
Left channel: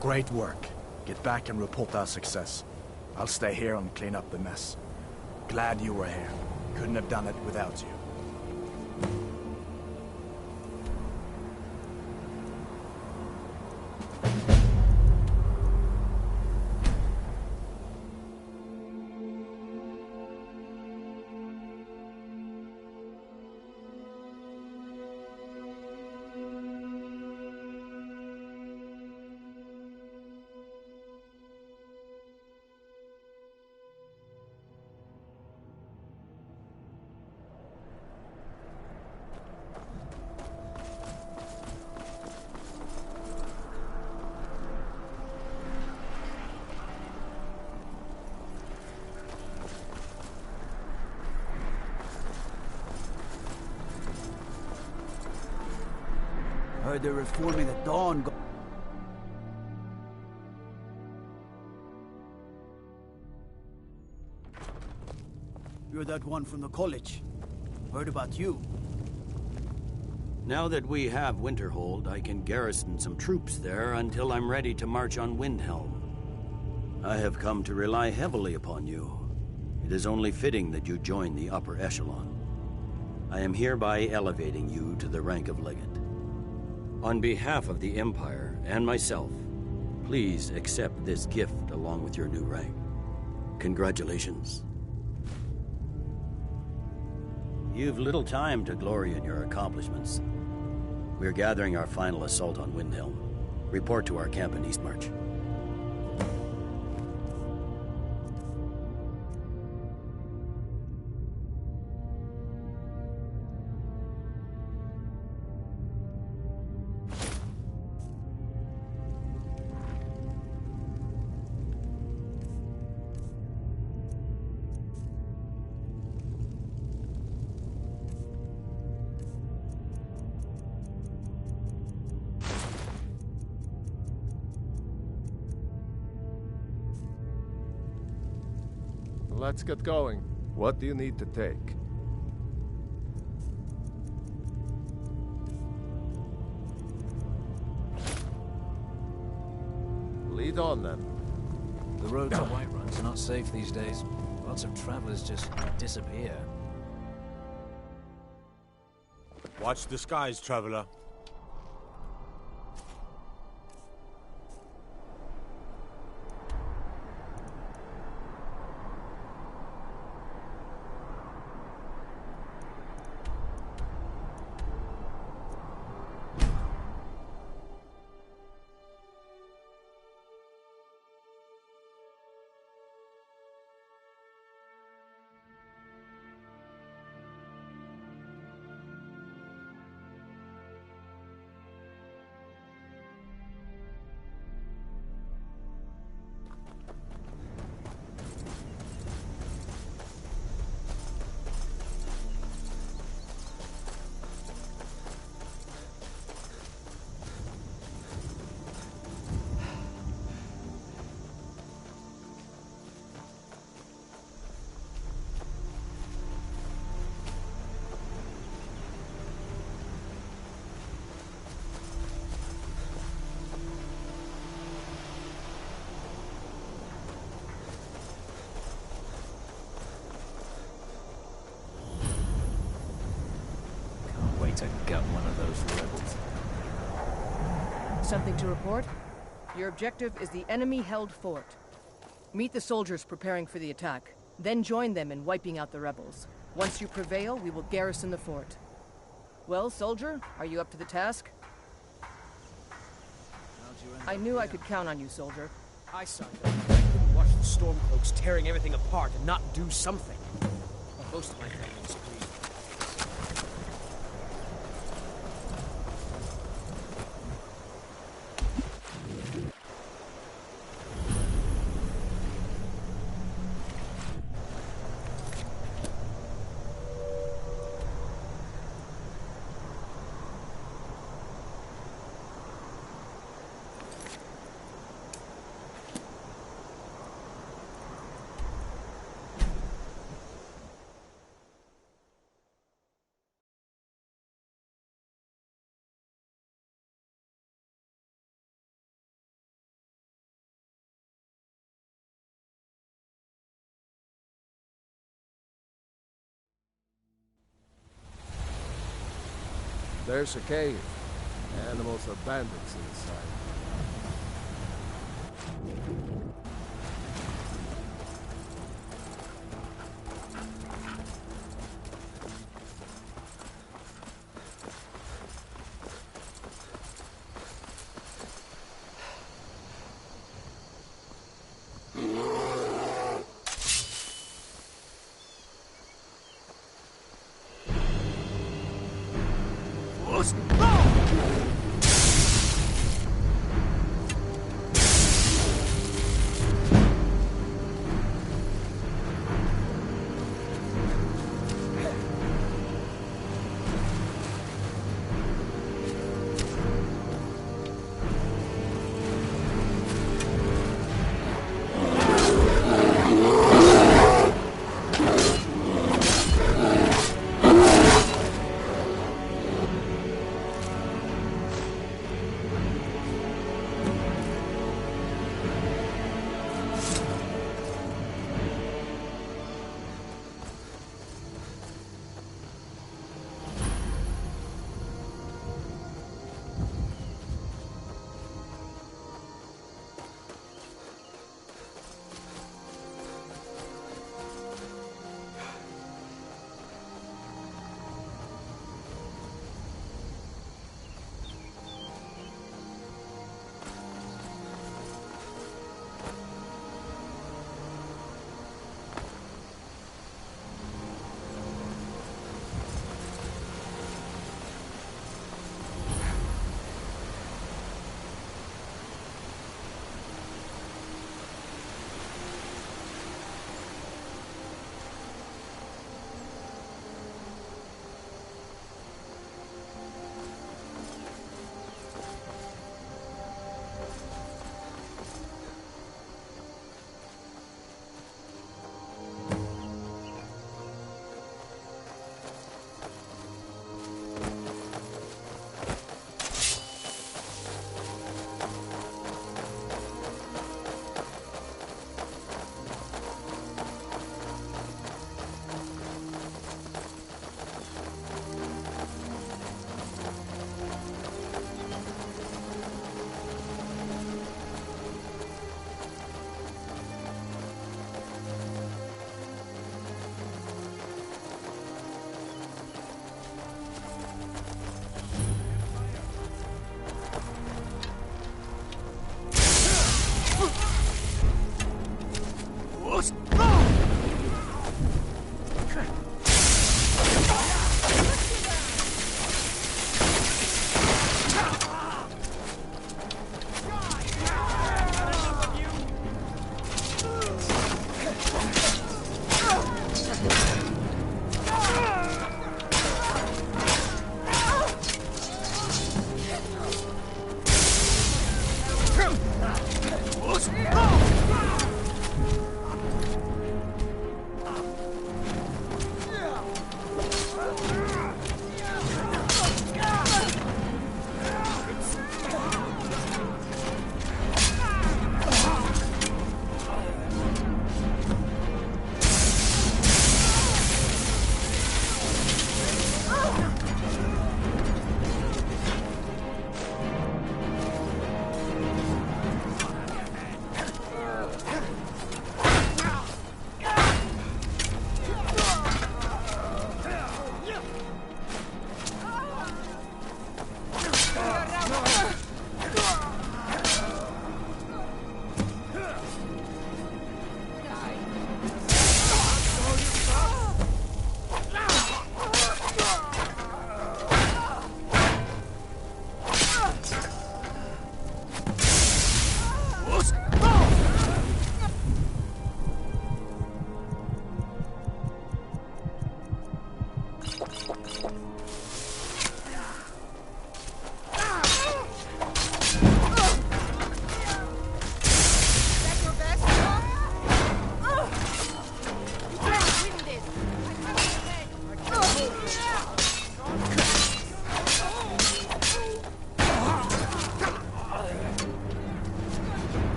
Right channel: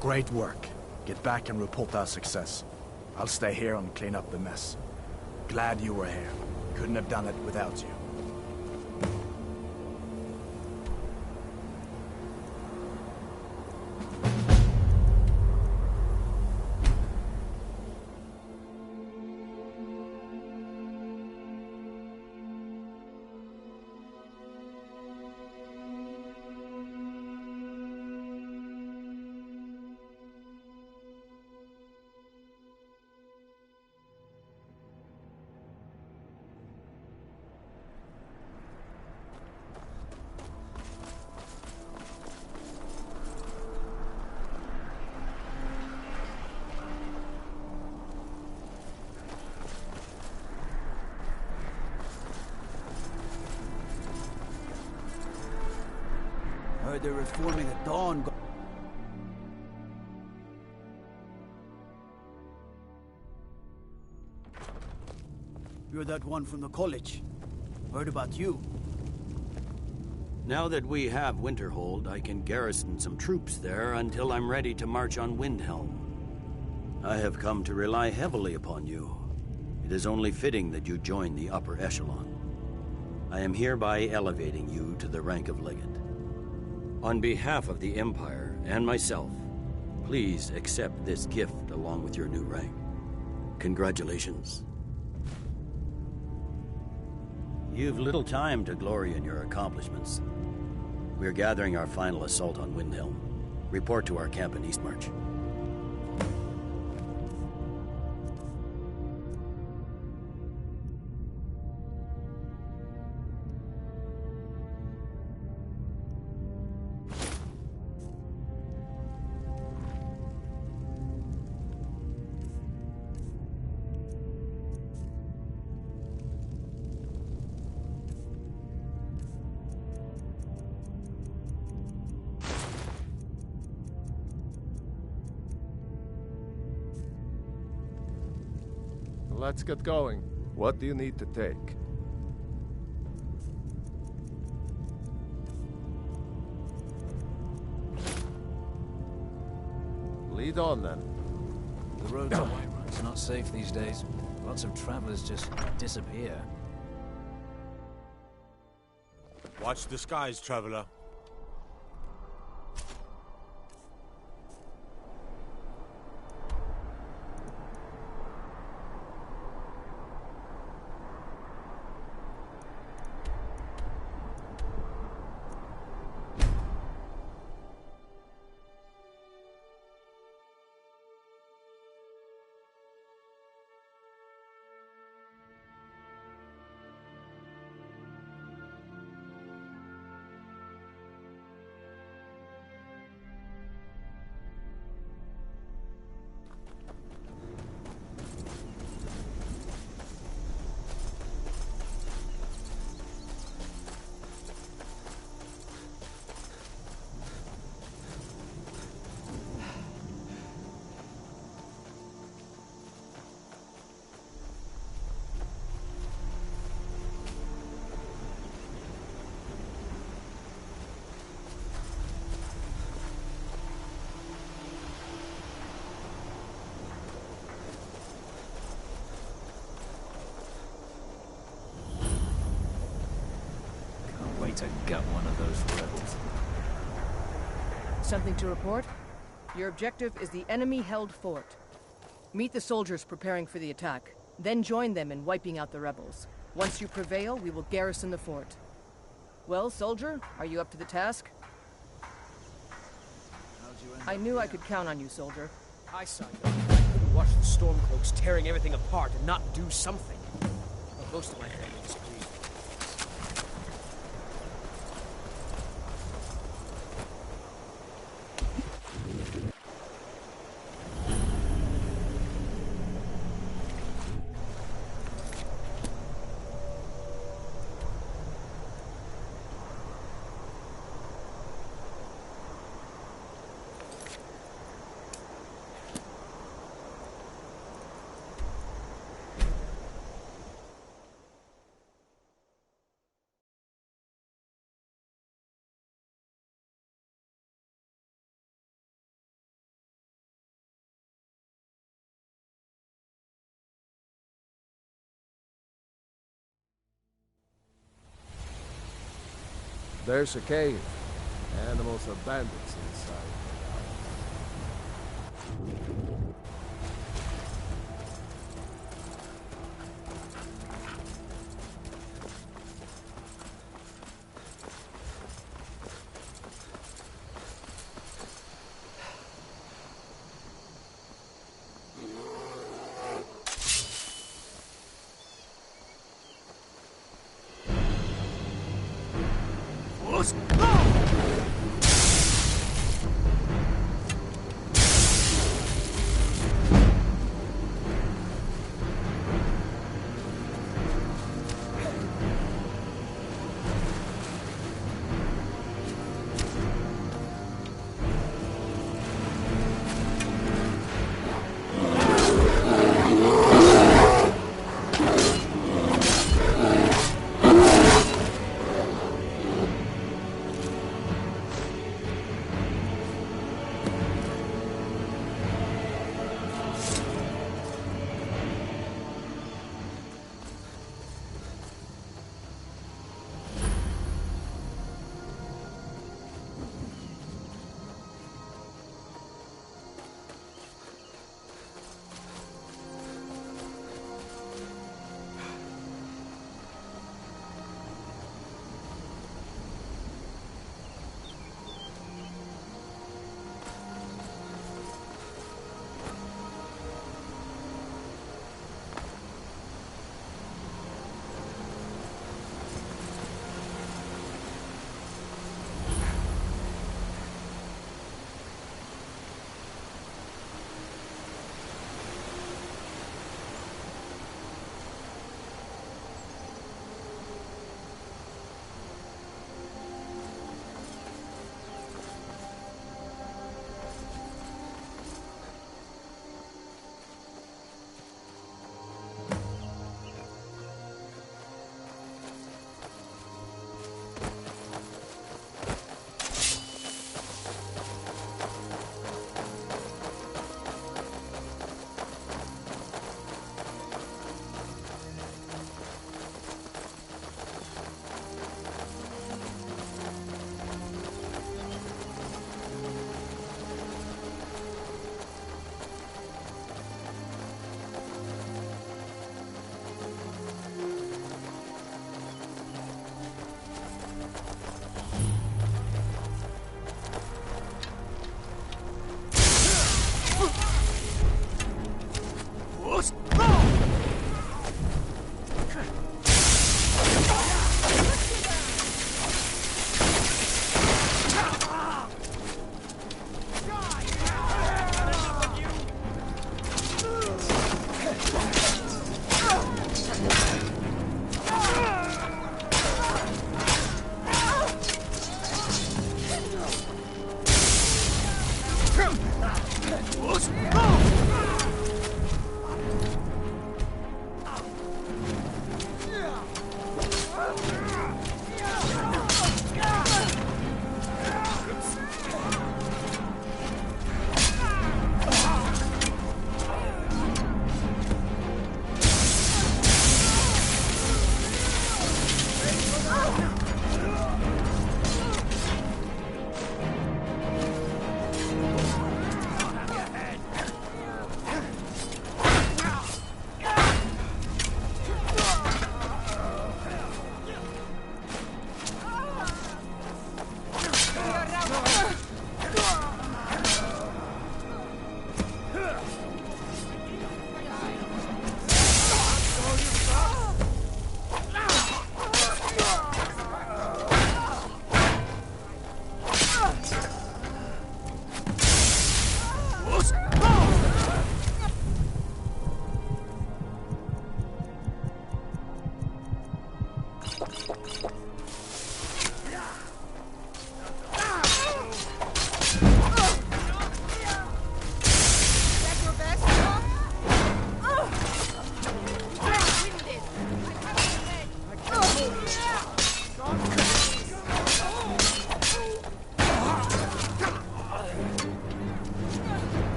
Great work. Get back and report our success. I'll stay here and clean up the mess. Glad you were here. Couldn't have done it without you. Heard they're reforming the Dawn Guard. You're that one from the college. Heard about you. Now that we have Winterhold, I can garrison some troops there until I'm ready to march on Windhelm. I have come to rely heavily upon you. It is only fitting that you join the upper echelon. I am hereby elevating you to the rank of Legate. On behalf of the Empire and myself, please accept this gift along with your new rank. Congratulations. You've little time to glory in your accomplishments. We're gathering our final assault on Windhelm. Report to our camp in Eastmarch. Let's get going. What do you need to take? Lead on, then. The road to Whiterun's not safe these days. Lots of travelers just disappear. Watch the skies, traveler. To gut one of those rebels. Something to report? Your objective is the enemy-held fort. Meet the soldiers preparing for the attack, then join them in wiping out the rebels. Once you prevail, we will garrison the fort. Well, soldier, are you up to the task? I knew I could count on you, soldier. I signed up. I couldn't watch the Stormcloaks tearing everything apart and not do something. Well, most of my family is agreed. There's a cave. Animals or bandits inside.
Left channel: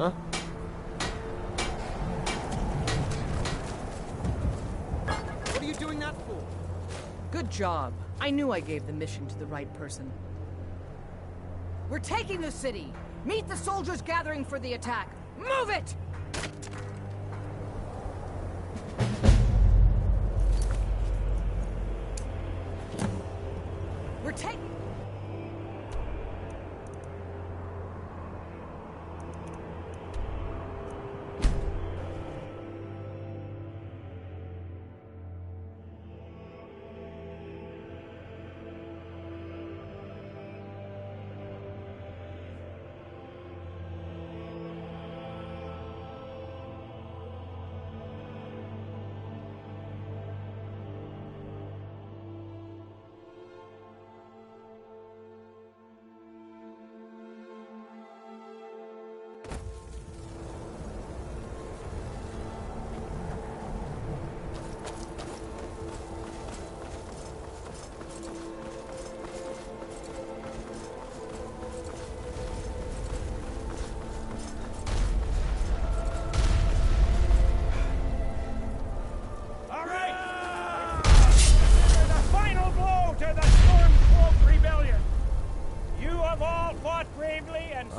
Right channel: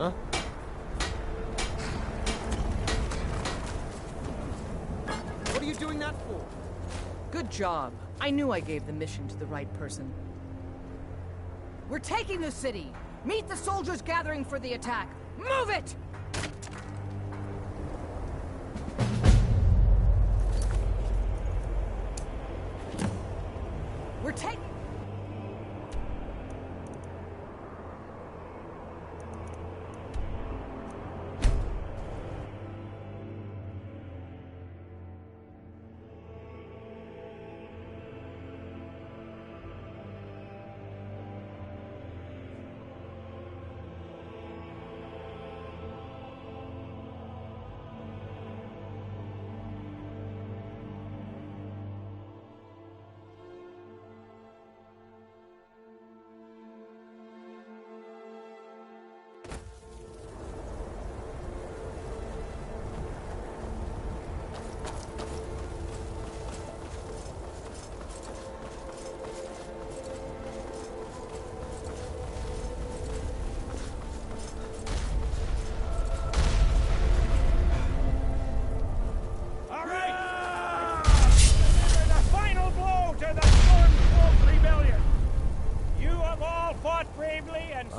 Huh? What are you doing that for? Good job. I knew I gave the mission to the right person. We're taking the city! Meet the soldiers gathering for the attack! Move it! We're taking...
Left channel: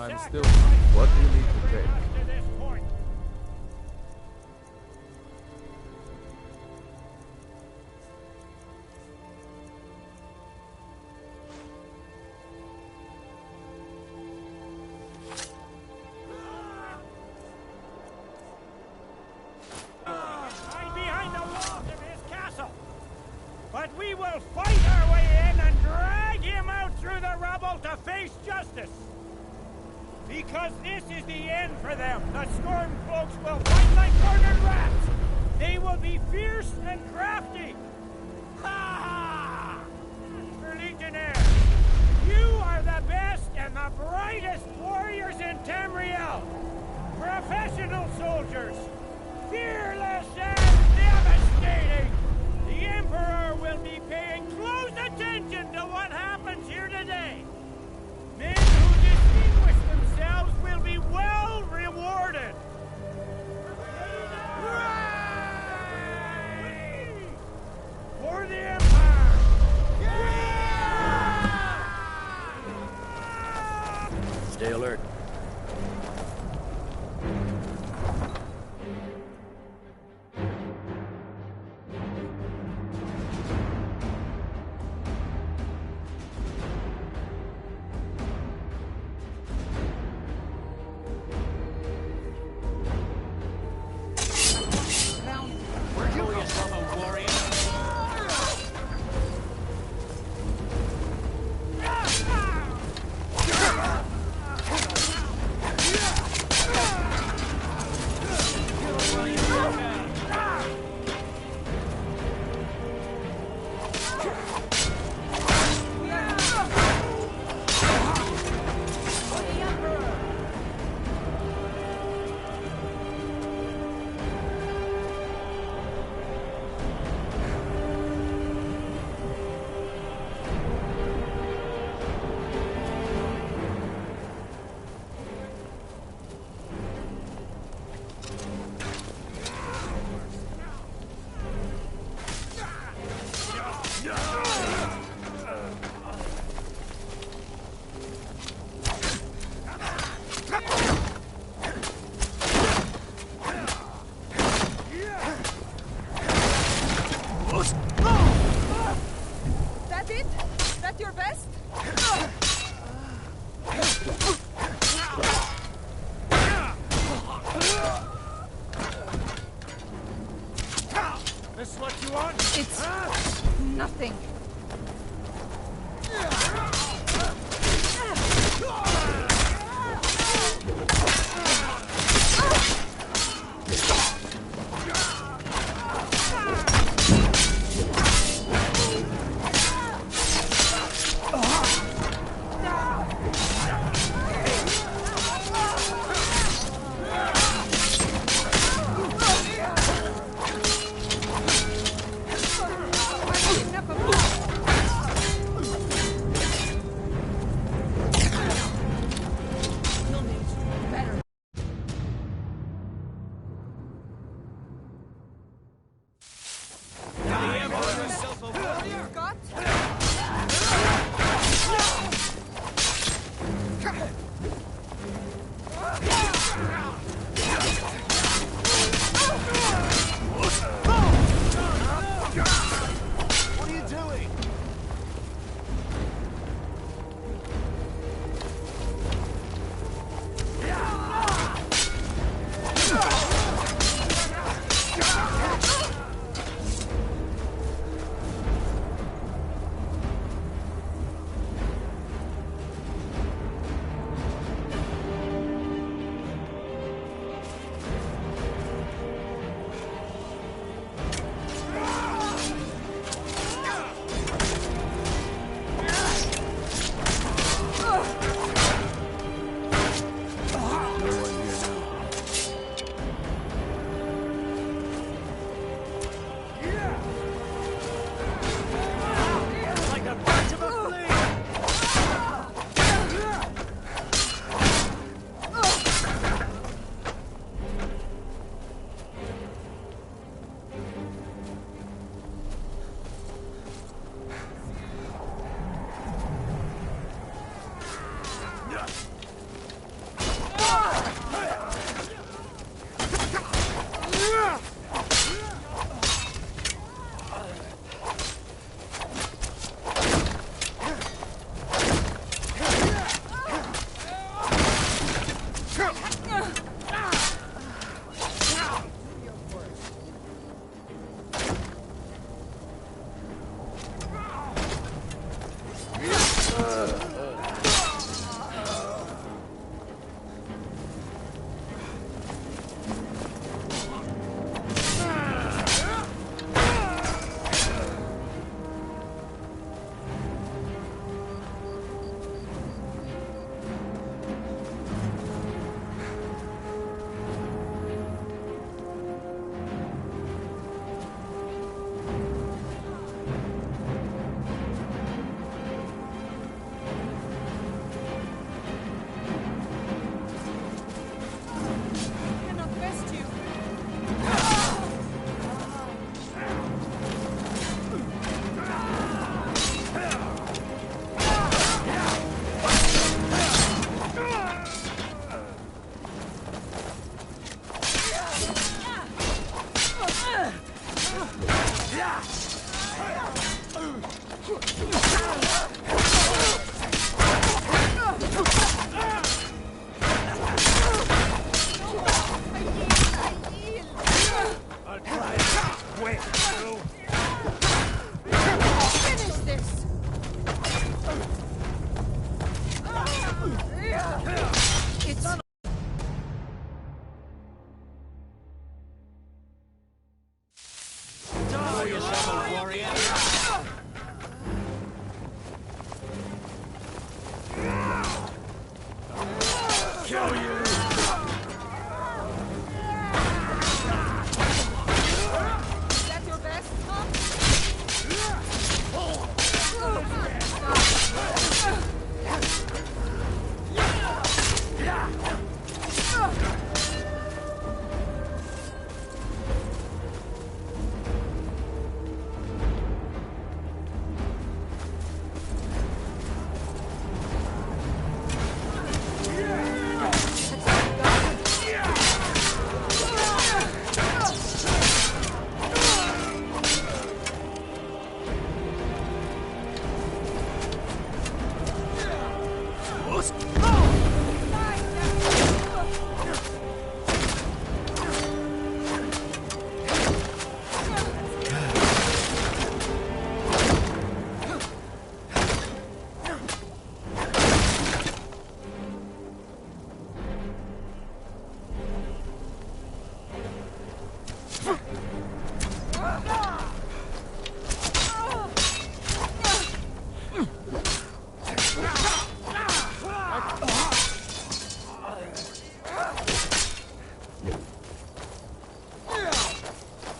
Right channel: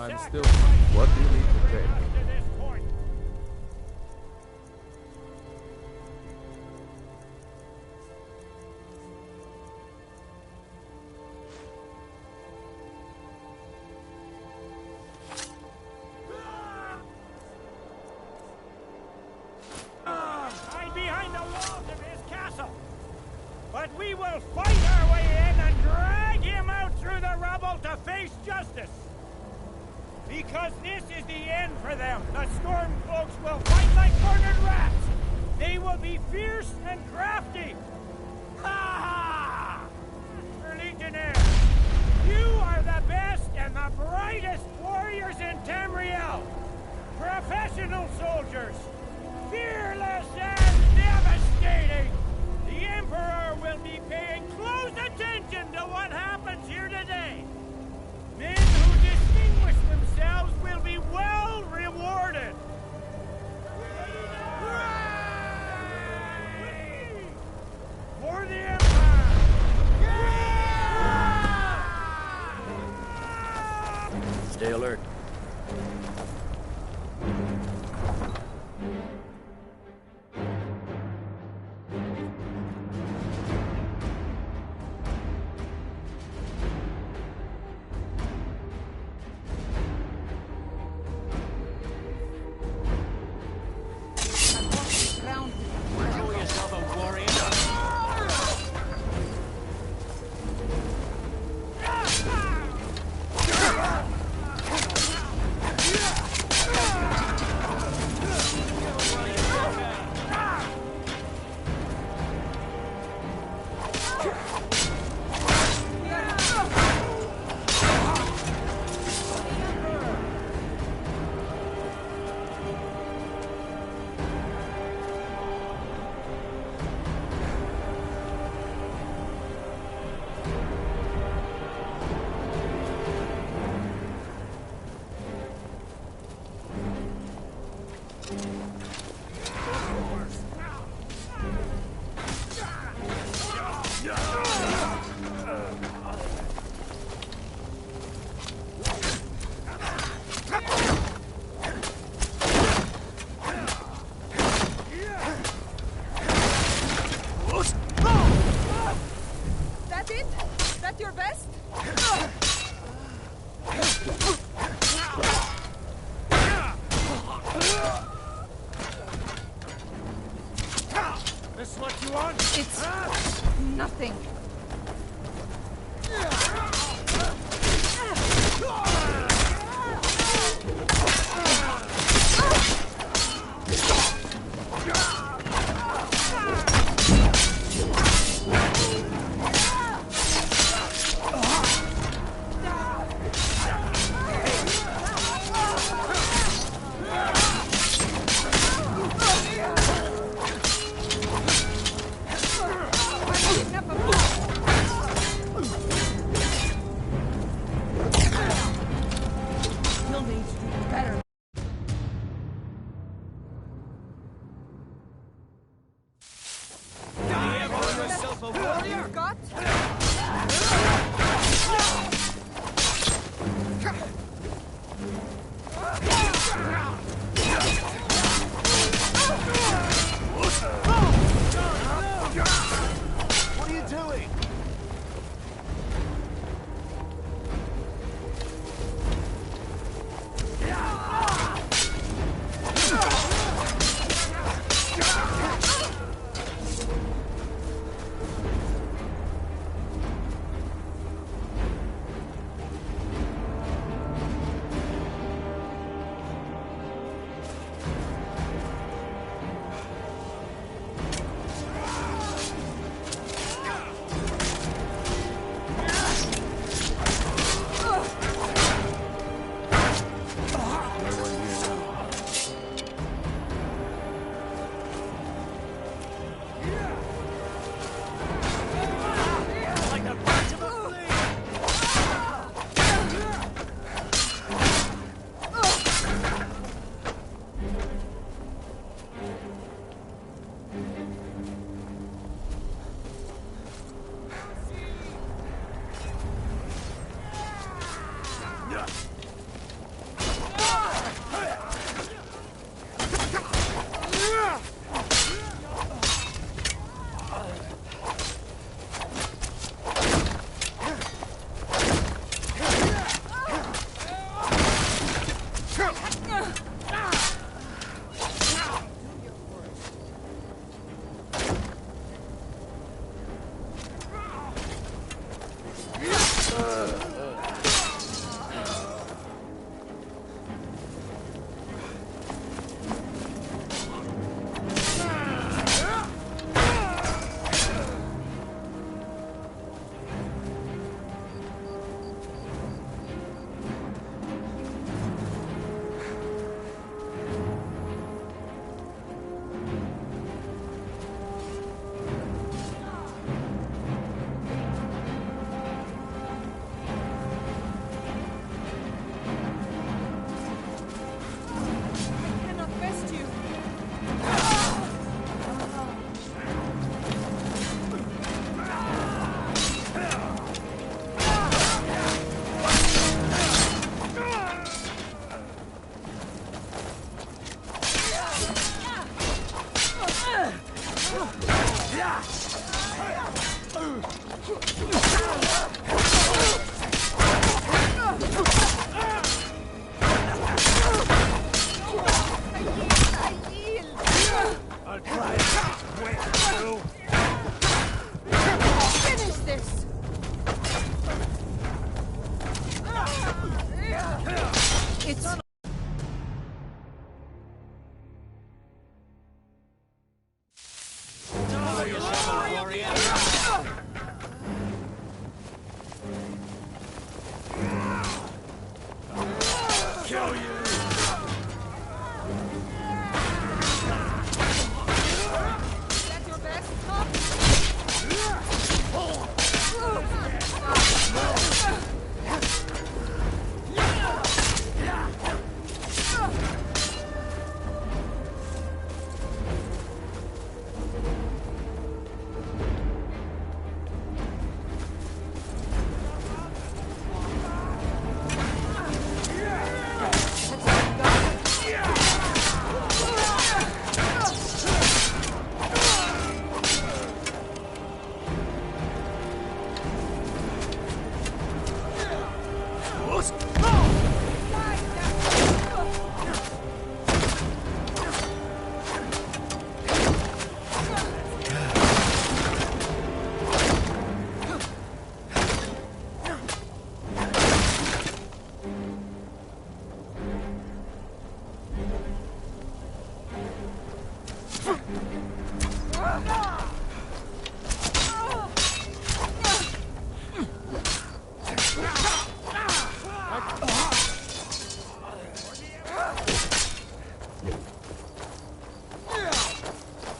I'm still... What do you need to take? To this point. Hide behind the walls of his castle. But we will fight our way in and drag him out through the rubble to face justice. Because this is the end for them. The Stormcloaks will fight like cornered rats. They will be fierce and crafty. Ha ha! For Legionnaires, you are the best and the brightest warriors in Tamriel. Professional soldiers, fearless and devastating. The Emperor will be paying close attention to what happens here today. Men who distinguish themselves will be well rewarded. For the Empire! Stay alert. Call yourself a warrior? That it? That your best? This what you want? It's nothing. I'll try it quick, too. Finish this! It's... Show yourself, warrior. Kill you! Is that your best, huh?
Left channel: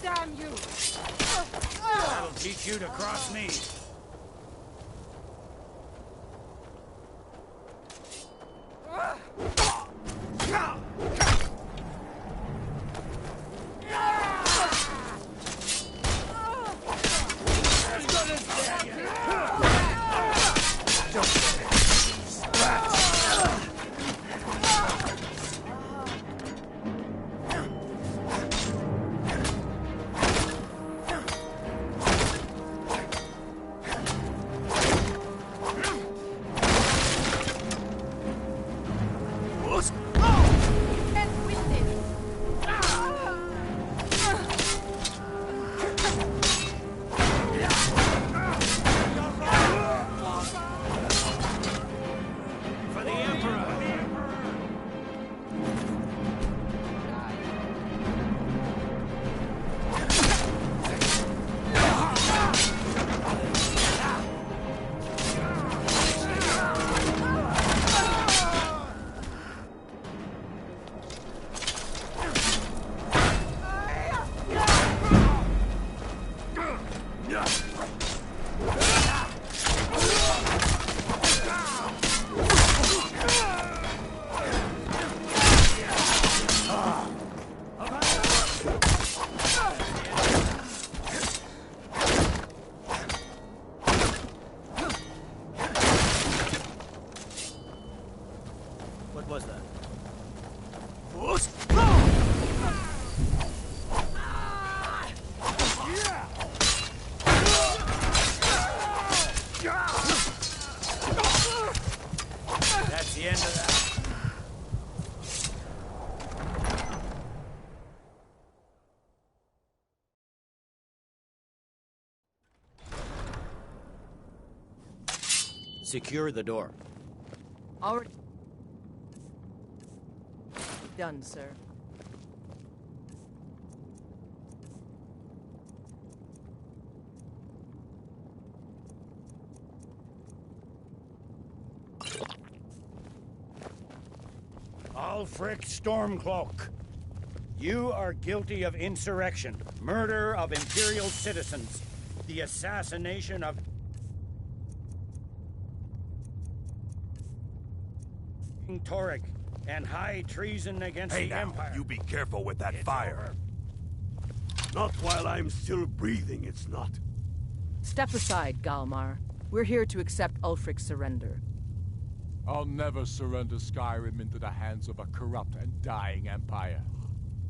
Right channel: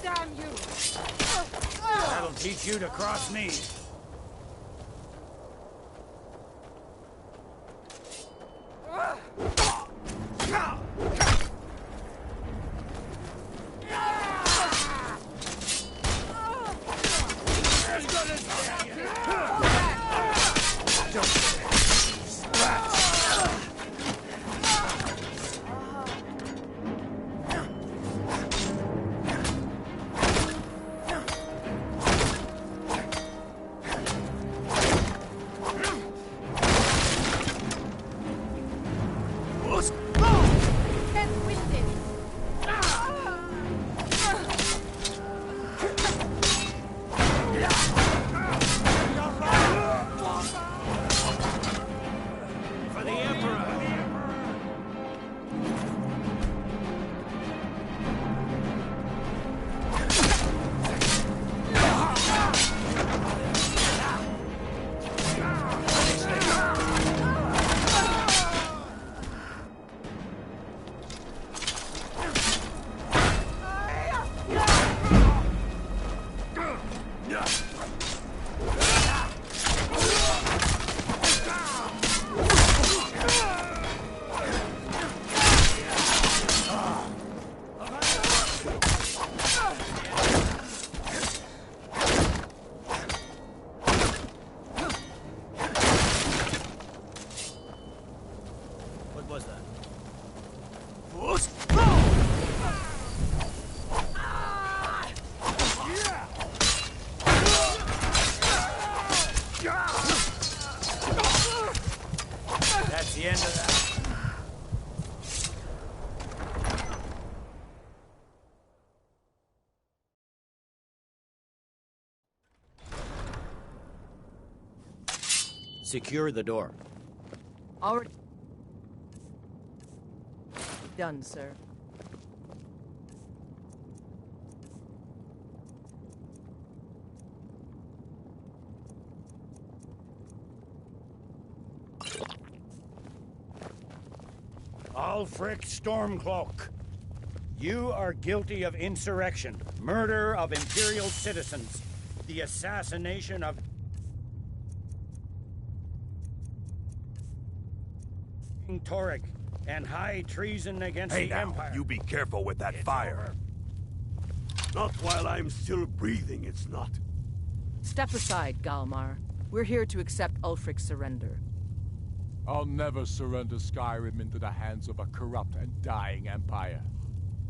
Damn you! That'll teach you to cross me. For the Emperor. What was that? That's the end of that. Secure the door. Already done, sir. Ulfric Stormcloak, you are guilty of insurrection, murder of Imperial citizens, the assassination of King Torek, and high treason against Hey the now, Empire. you be careful with that fire. Not while I'm still breathing, it's not. Step aside, Galmar. We're here to accept Ulfric's surrender. I'll never surrender Skyrim into the hands of a corrupt and dying empire.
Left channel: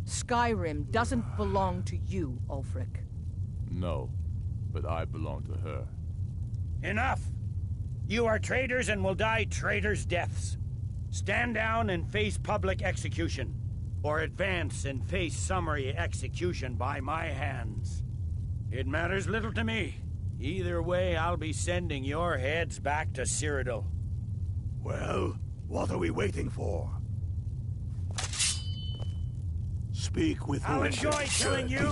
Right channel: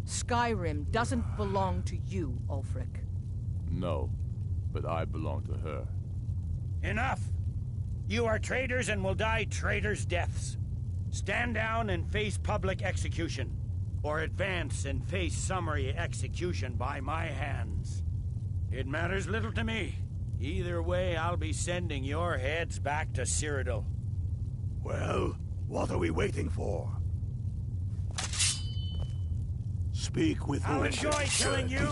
Skyrim doesn't belong to you, Ulfric. No, but I belong to her. Enough! You are traitors and will die traitors' deaths. Stand down and face public execution, or advance and face summary execution by my hands. It matters little to me. Either way, I'll be sending your heads back to Cyrodiil. Well, what are we waiting for? Speak with I'll who? enjoy killing you!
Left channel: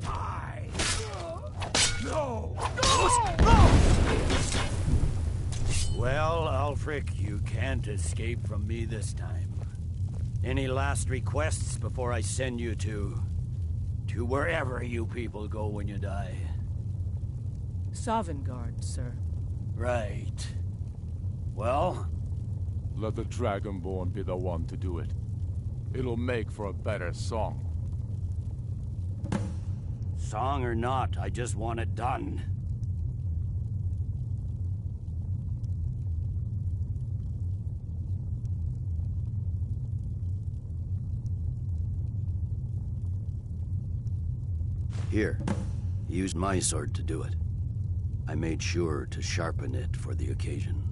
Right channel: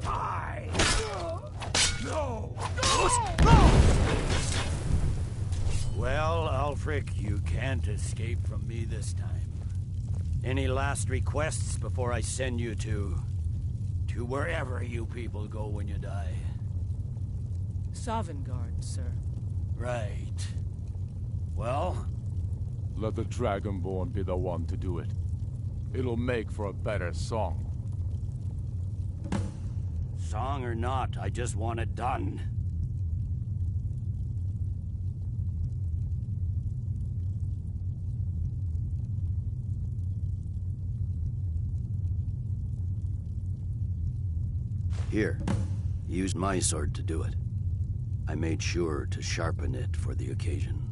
Die! No! Well, Ulfric, you can't escape from me this time. Any last requests before I send you to wherever you people go when you die? Sovngarde, sir. Right. Well? Let the Dragonborn be the one to do it. It'll make for a better song. Song or not, I just want it done. Here, use my sword to do it. I made sure to sharpen it for the occasion.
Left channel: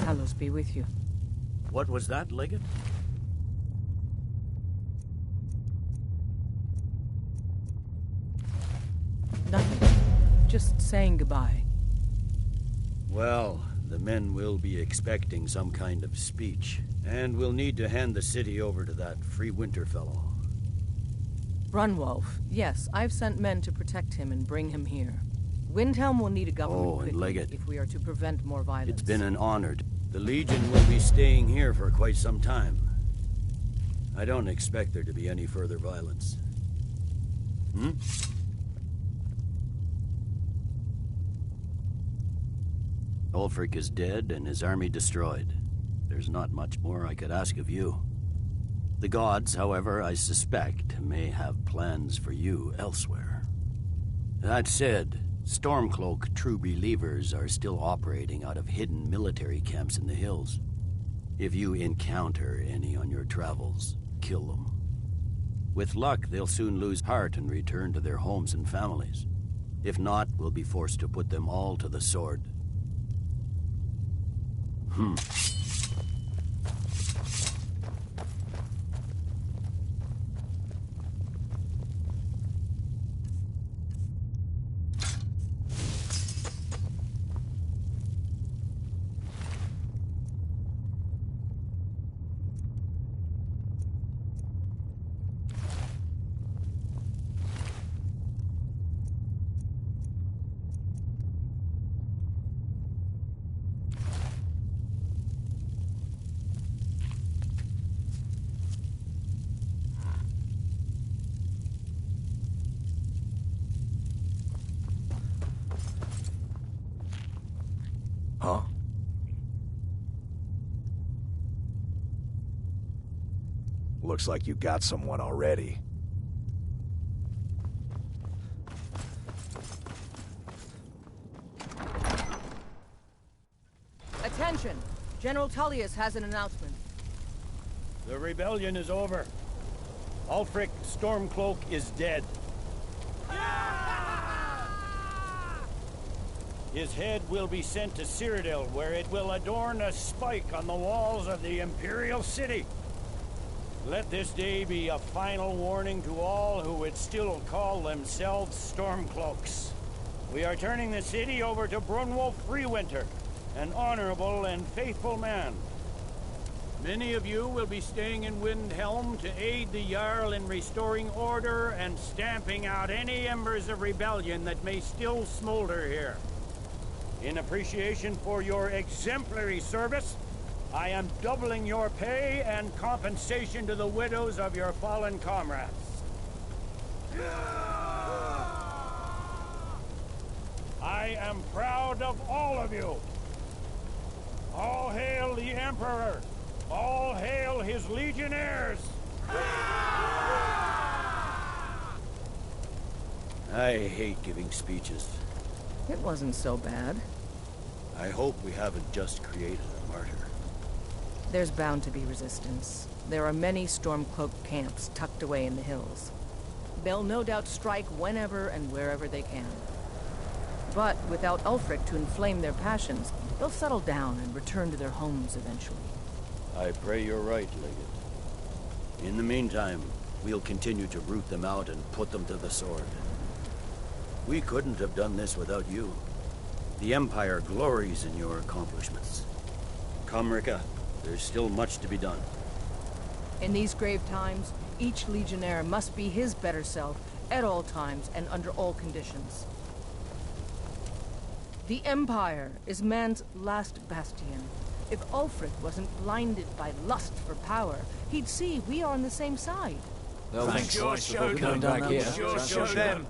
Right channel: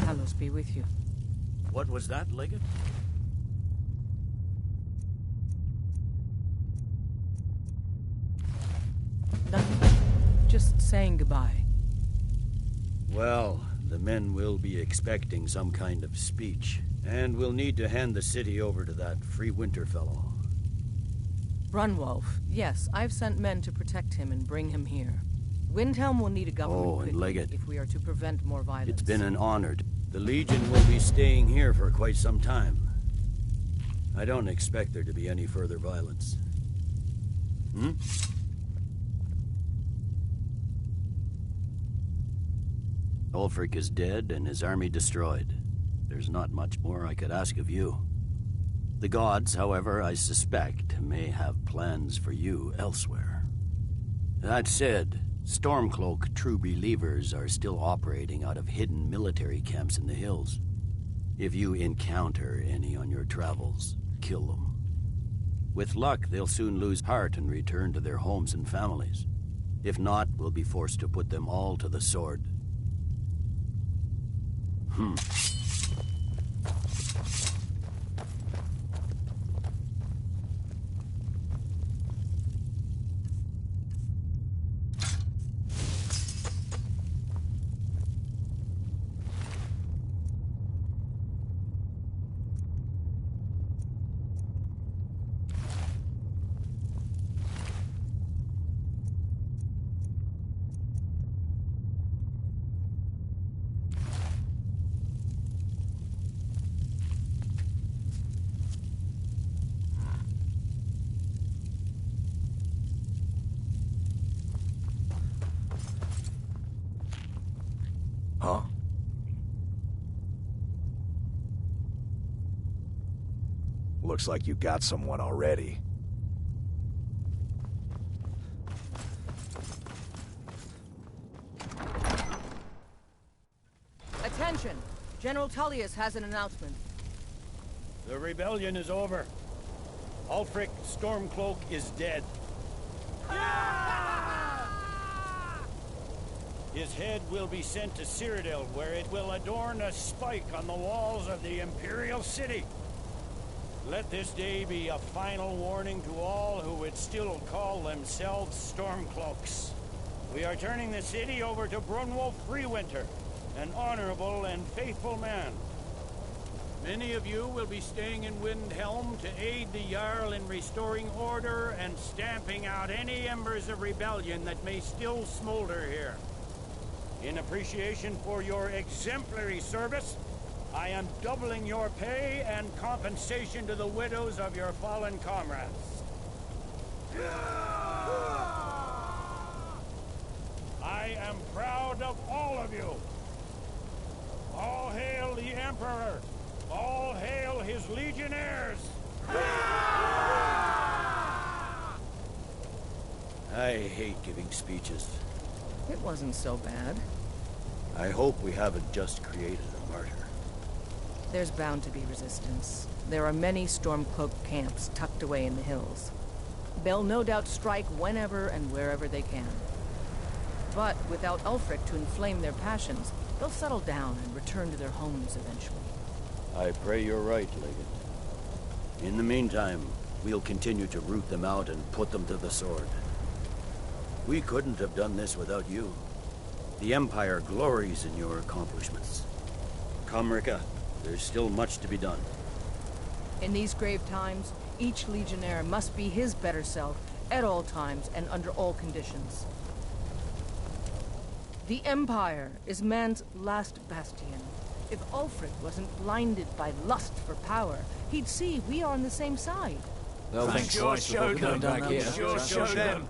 Hallows be with you. What was that, Legate? Nothing. Just saying goodbye. Well, the men will be expecting some kind of speech, and we'll need to hand the city over to that Free Winter fellow. Brunwolf. Yes, I've sent men to protect him and bring him here. Windhelm will need a government and quickly Legate. if we are to prevent more violence. It's been an honor. The Legion will be staying here for quite some time. I don't expect there to be any further violence. Ulfric is dead and his army destroyed. There's not much more I could ask of you. The gods, however, I suspect, may have plans for you elsewhere. That said, Stormcloak true believers are still operating out of hidden military camps in the hills. If you encounter any on your travels, kill them. With luck, they'll soon lose heart and return to their homes and families. If not, we'll be forced to put them all to the sword. Huh? Looks like you got someone already. Attention! General Tullius has an announcement. The rebellion is over. Ulfric Stormcloak is dead. His head will be sent to Cyrodiil, where it will adorn a spike on the walls of the Imperial city. Let this day be a final warning to all who would still call themselves Stormcloaks. We are turning the city over to Brunwolf Freewinter, an honorable and faithful man. Many of you will be staying in Windhelm to aid the Jarl in restoring order and stamping out any embers of rebellion that may still smolder here. In appreciation for your exemplary service, I am doubling your pay and compensation to the widows of your fallen comrades. am proud of all of you. All hail the Emperor! All hail his legionnaires! I hate giving speeches. It wasn't so bad. I hope we haven't just created a martyr. There's bound to be resistance. There are many Stormcloak camps tucked away in the hills. They'll no doubt strike whenever and wherever they can. But without Ulfric to inflame their passions, they'll settle down and return to their homes eventually. I pray you're right, Legate. In the meantime, we'll continue to root them out and put them to the sword. We couldn't have done this without you. The Empire glories in your accomplishments. Come, Rika. There's still much to be done. In these grave times, each Legionnaire must be his better self at all times and under all conditions. The Empire is man's last bastion. If Ulfric wasn't blinded by lust for power, he'd see we are on the same side. They'll think twice before coming back here. Sure show them.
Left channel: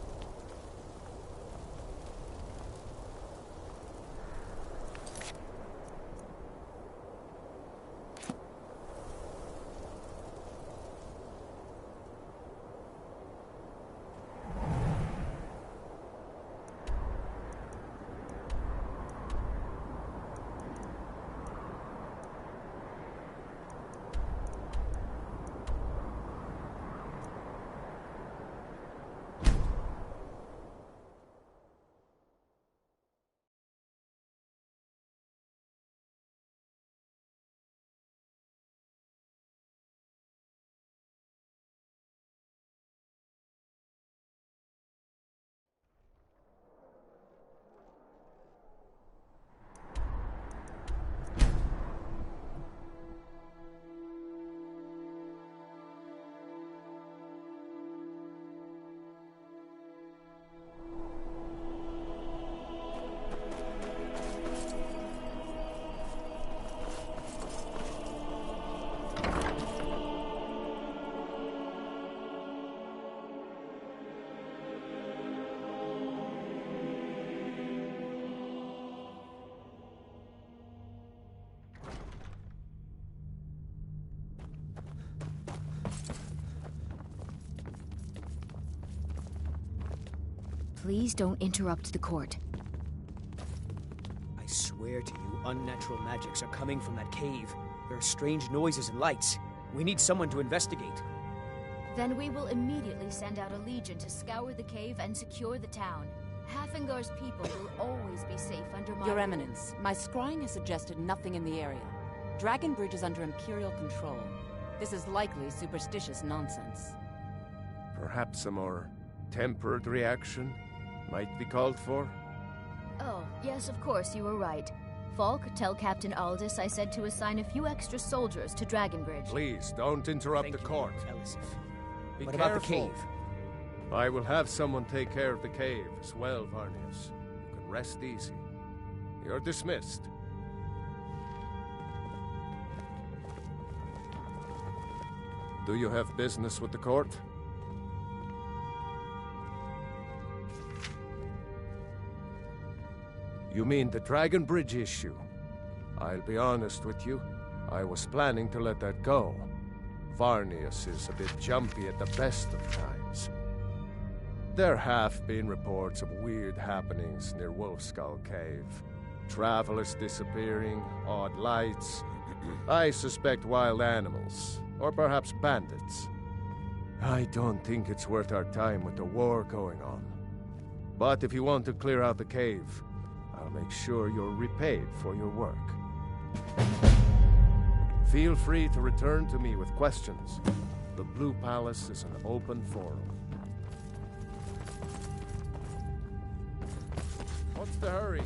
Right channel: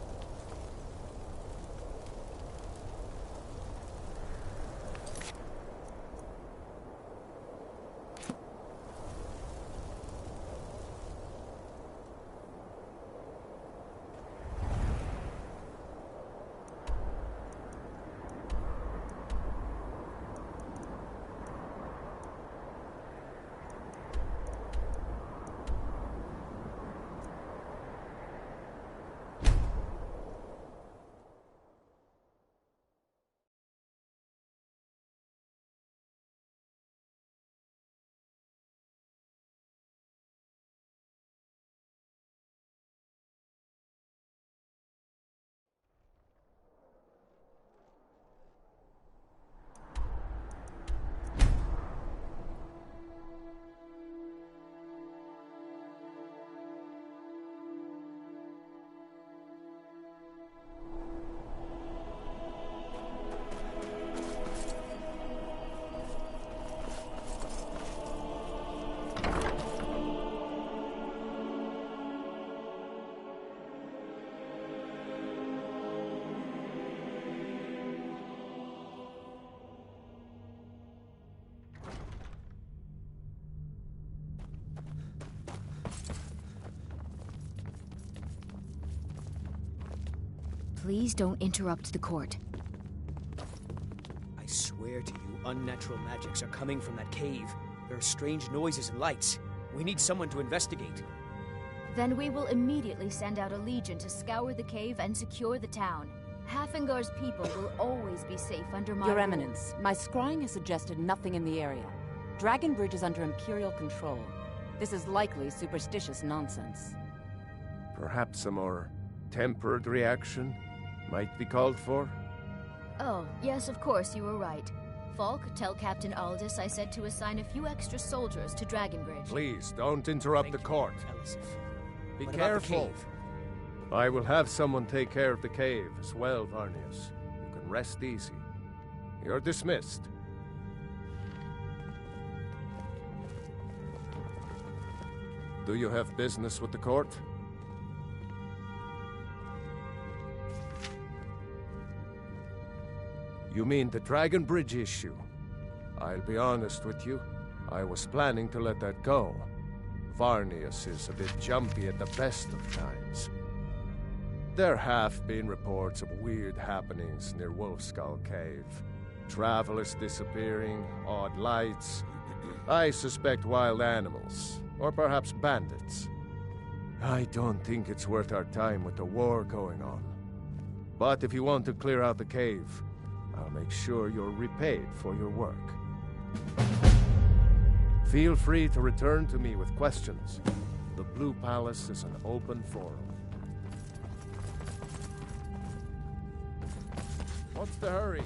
Please don't interrupt the court. I swear to you, unnatural magics are coming from that cave. There are strange noises and lights. We need someone to investigate. Then we will immediately send out a legion to scour the cave and secure the town. Hafingar's people will always be safe under my Your rule. Eminence, my scrying has suggested nothing in the area. Dragon Bridge is under Imperial control. This is likely superstitious nonsense. Perhaps a more tempered reaction might be called for? Oh, yes, of course, you were right. Falk, tell Captain Aldous I said to assign a few extra soldiers to Dragon Bridge. Please, don't interrupt the court. Be What careful. about the cave? I will have someone take care of the cave as well, Varnius. You can rest easy. You're dismissed. Do you have business with the court? You mean the Dragon Bridge issue? I'll be honest with you. I was planning to let that go. Varnius is a bit jumpy at the best of times. There have been reports of weird happenings near Wolfskull Cave. Travelers disappearing, odd lights. I suspect wild animals, or perhaps bandits. I don't think it's worth our time with the war going on. But if you want to clear out the cave, I'll make sure you're repaid for your work. Feel free to return to me with questions. The Blue Palace is an open forum. What's the hurry?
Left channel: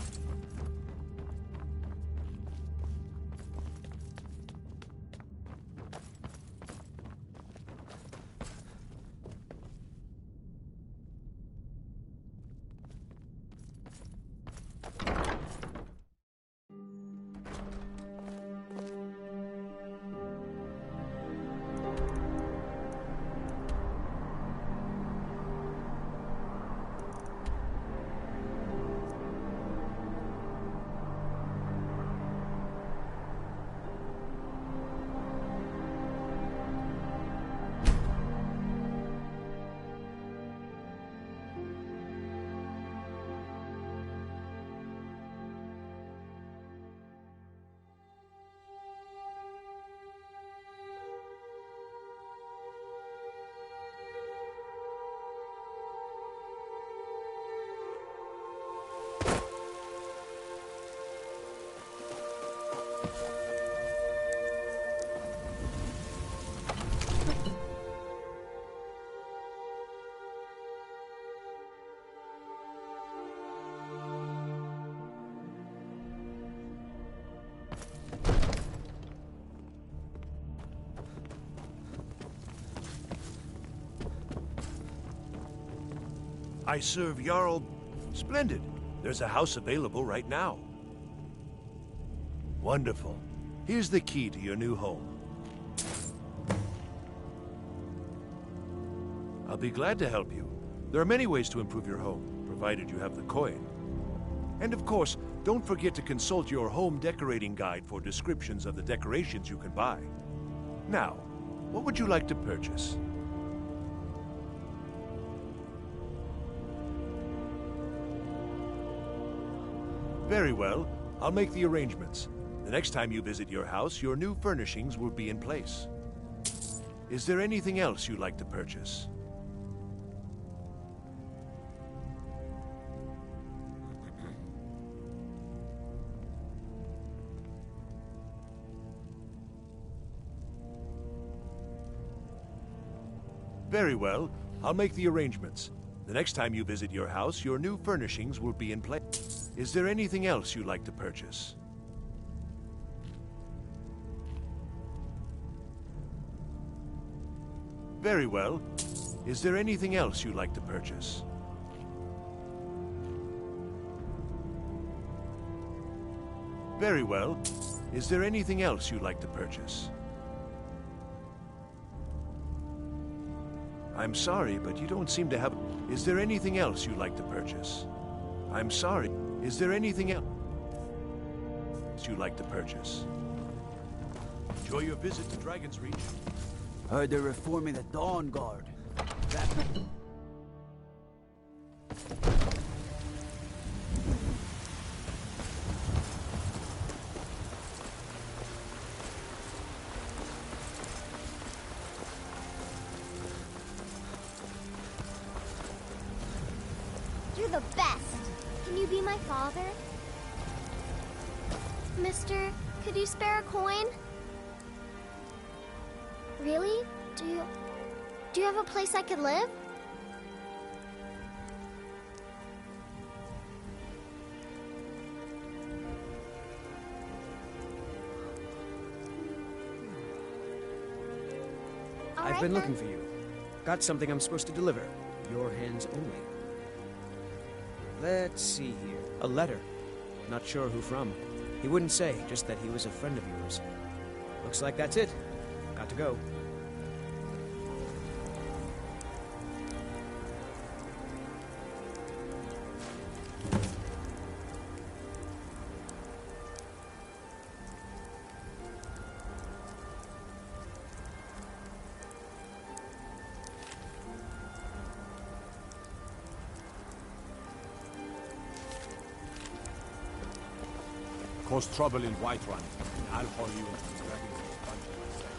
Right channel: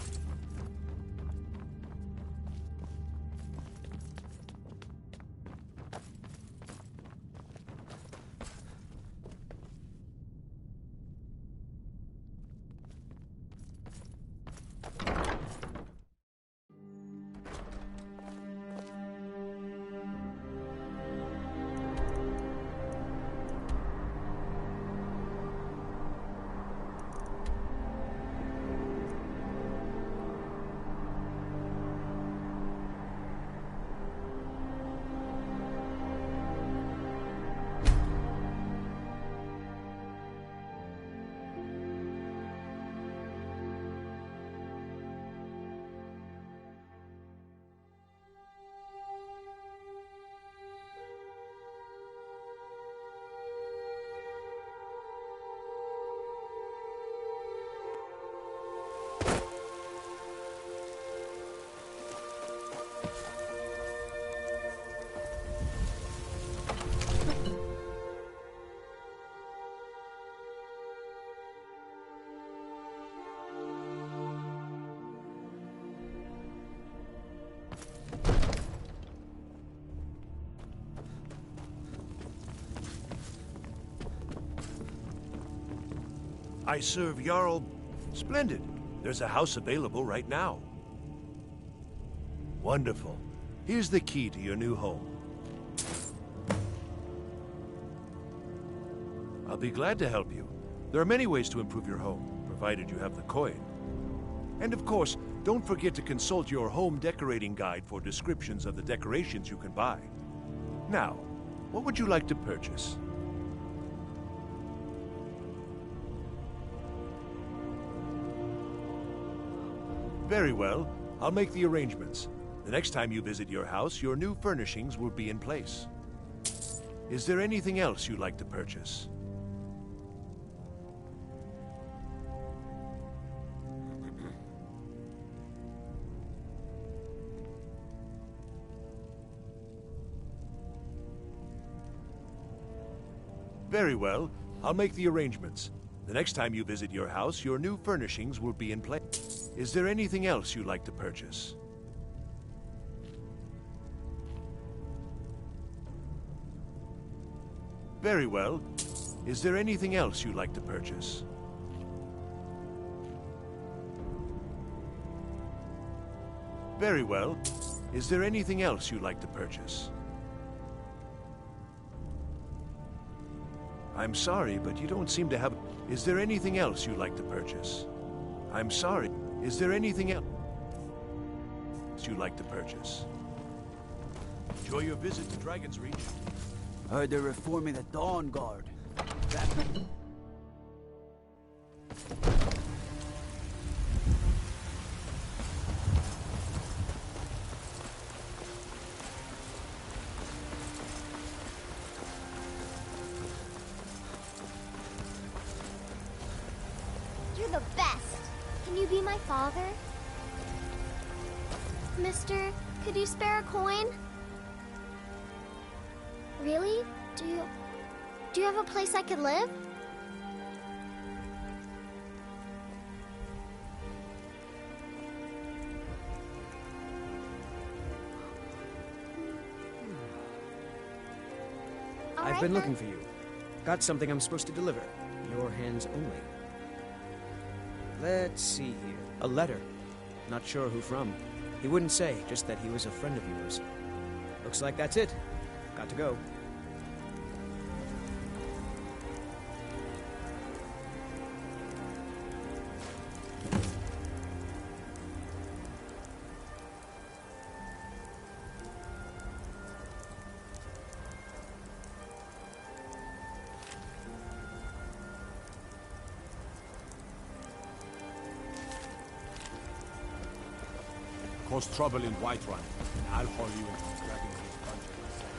I serve Jarl... Splendid. There's a house available right now. Wonderful. Here's the key to your new home. I'll be glad to help you. There are many ways to improve your home, provided you have the coin. And of course, don't forget to consult your home decorating guide for descriptions of the decorations you can buy. Now, what would you like to purchase? Very well. I'll make the arrangements. The next time you visit your house, your new furnishings will be in place. Is there anything else you'd like to purchase? Very well. I'll make the arrangements. The next time you visit your house, your new furnishings will be in place. Is there anything else you'd like to purchase? Very well. Is there anything else you'd like to purchase? Very well. Is there anything else you'd like to purchase? I'm sorry, but you don't seem to have... Is there anything else you'd like to purchase? I'm sorry. Is there anything else you'd like to purchase? Enjoy your visit to Dragon's Reach. Heard they're reforming the Dawn Guard. That... You're the best. Can you be my father? Mister, could you spare a coin? Really? Do you have a place I could live? I've been looking for you. Got something I'm supposed to deliver. Your hands only. Let's see here. A letter. Not sure who from. He wouldn't say, just that he was a friend of yours. Looks like that's it. Got to go. Cause trouble in Whiterun, and I'll haul you into the Dragon's Reach dungeon myself.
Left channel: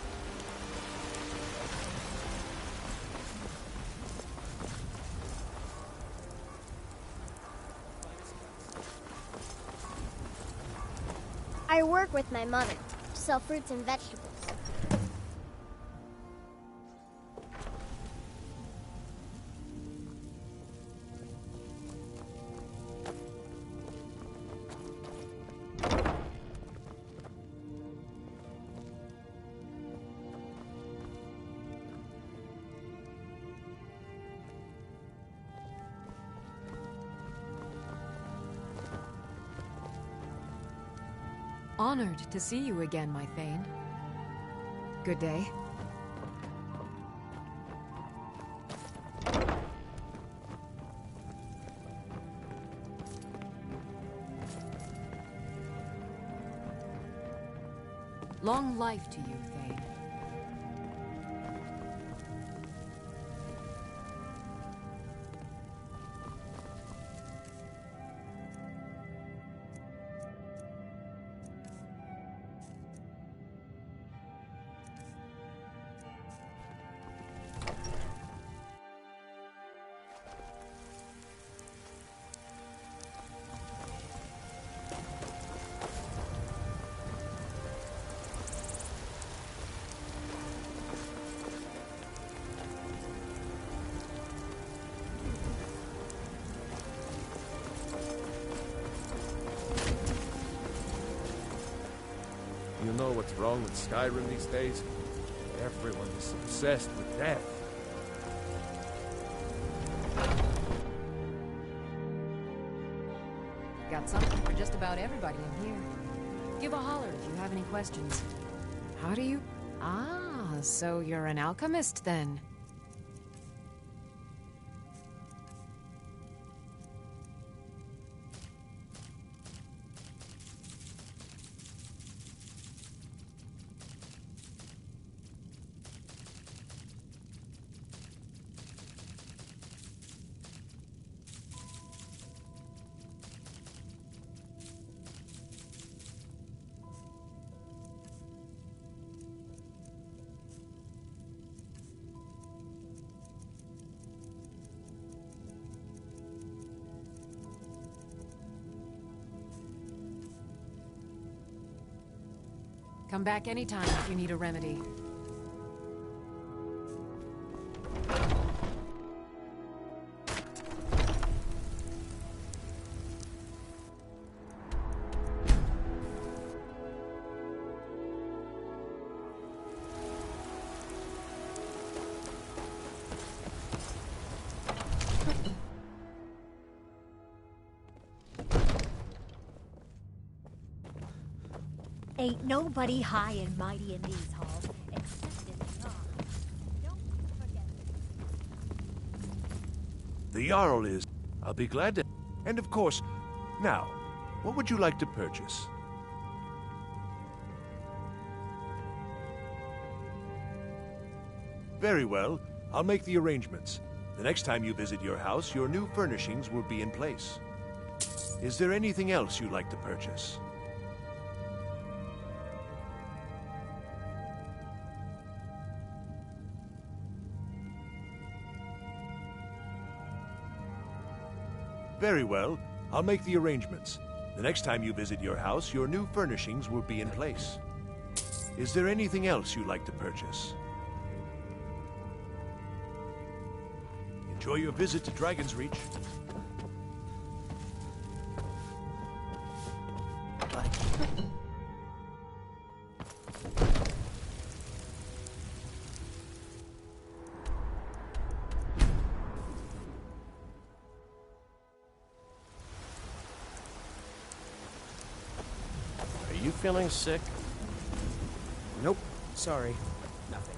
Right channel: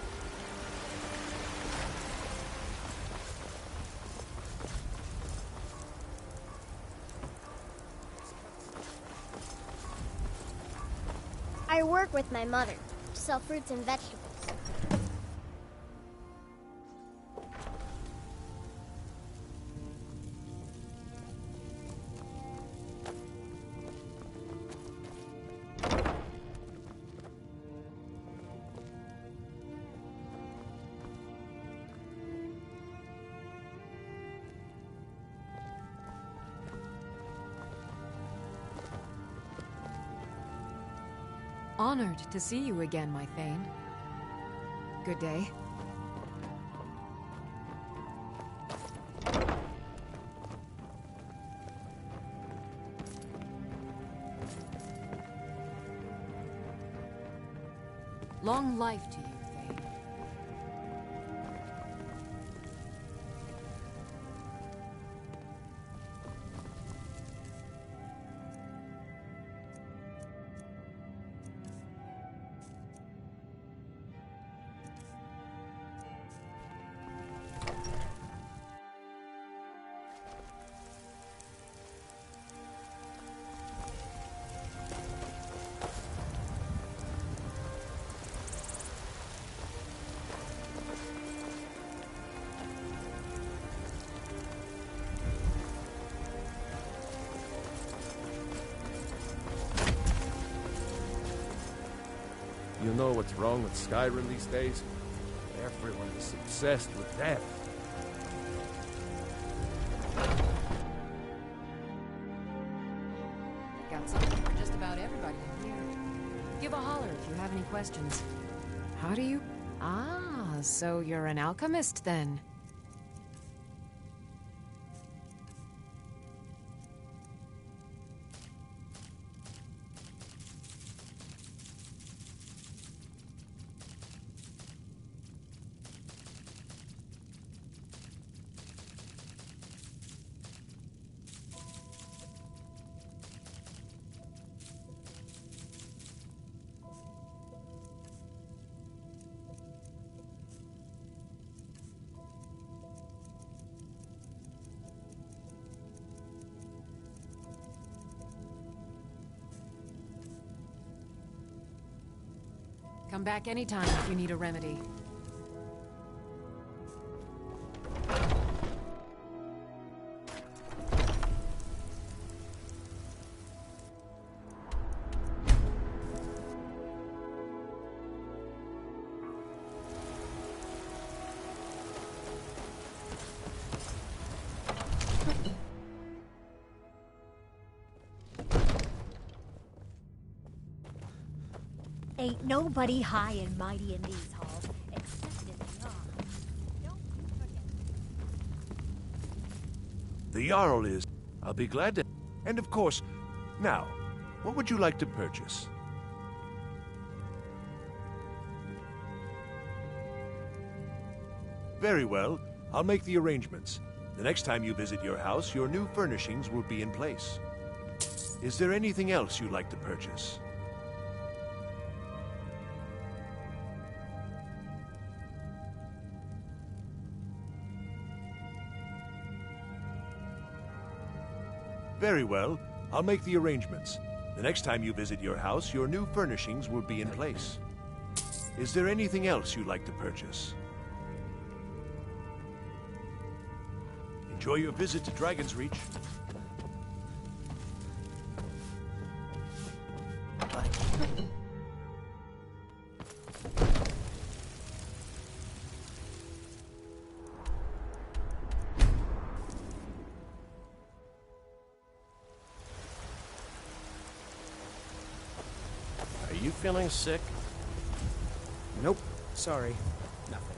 I work with my mother to sell fruits and vegetables. Honored to see you again, my Thane. Good day. Long life to you, Thane. You know what's wrong with Skyrim these days? Everyone is obsessed with death. Got something for just about everybody in here. Give a holler if you have any questions. How do you... Ah, so you're an alchemist then. Come back anytime if you need a remedy. Ain't nobody high and mighty in these halls, except in the Jarl. Don't forget. The Jarl is. I'll be glad to... And of course, now, what would you like to purchase? Very well. I'll make the arrangements. The next time you visit your house, your new furnishings will be in place. Is there anything else you'd like to purchase? Very well. I'll make the arrangements. The next time you visit your house, your new furnishings will be in place. Is there anything else you'd like to purchase? Enjoy your visit to Dragon's Reach. Are you feeling sick? Nope. Sorry. Nothing.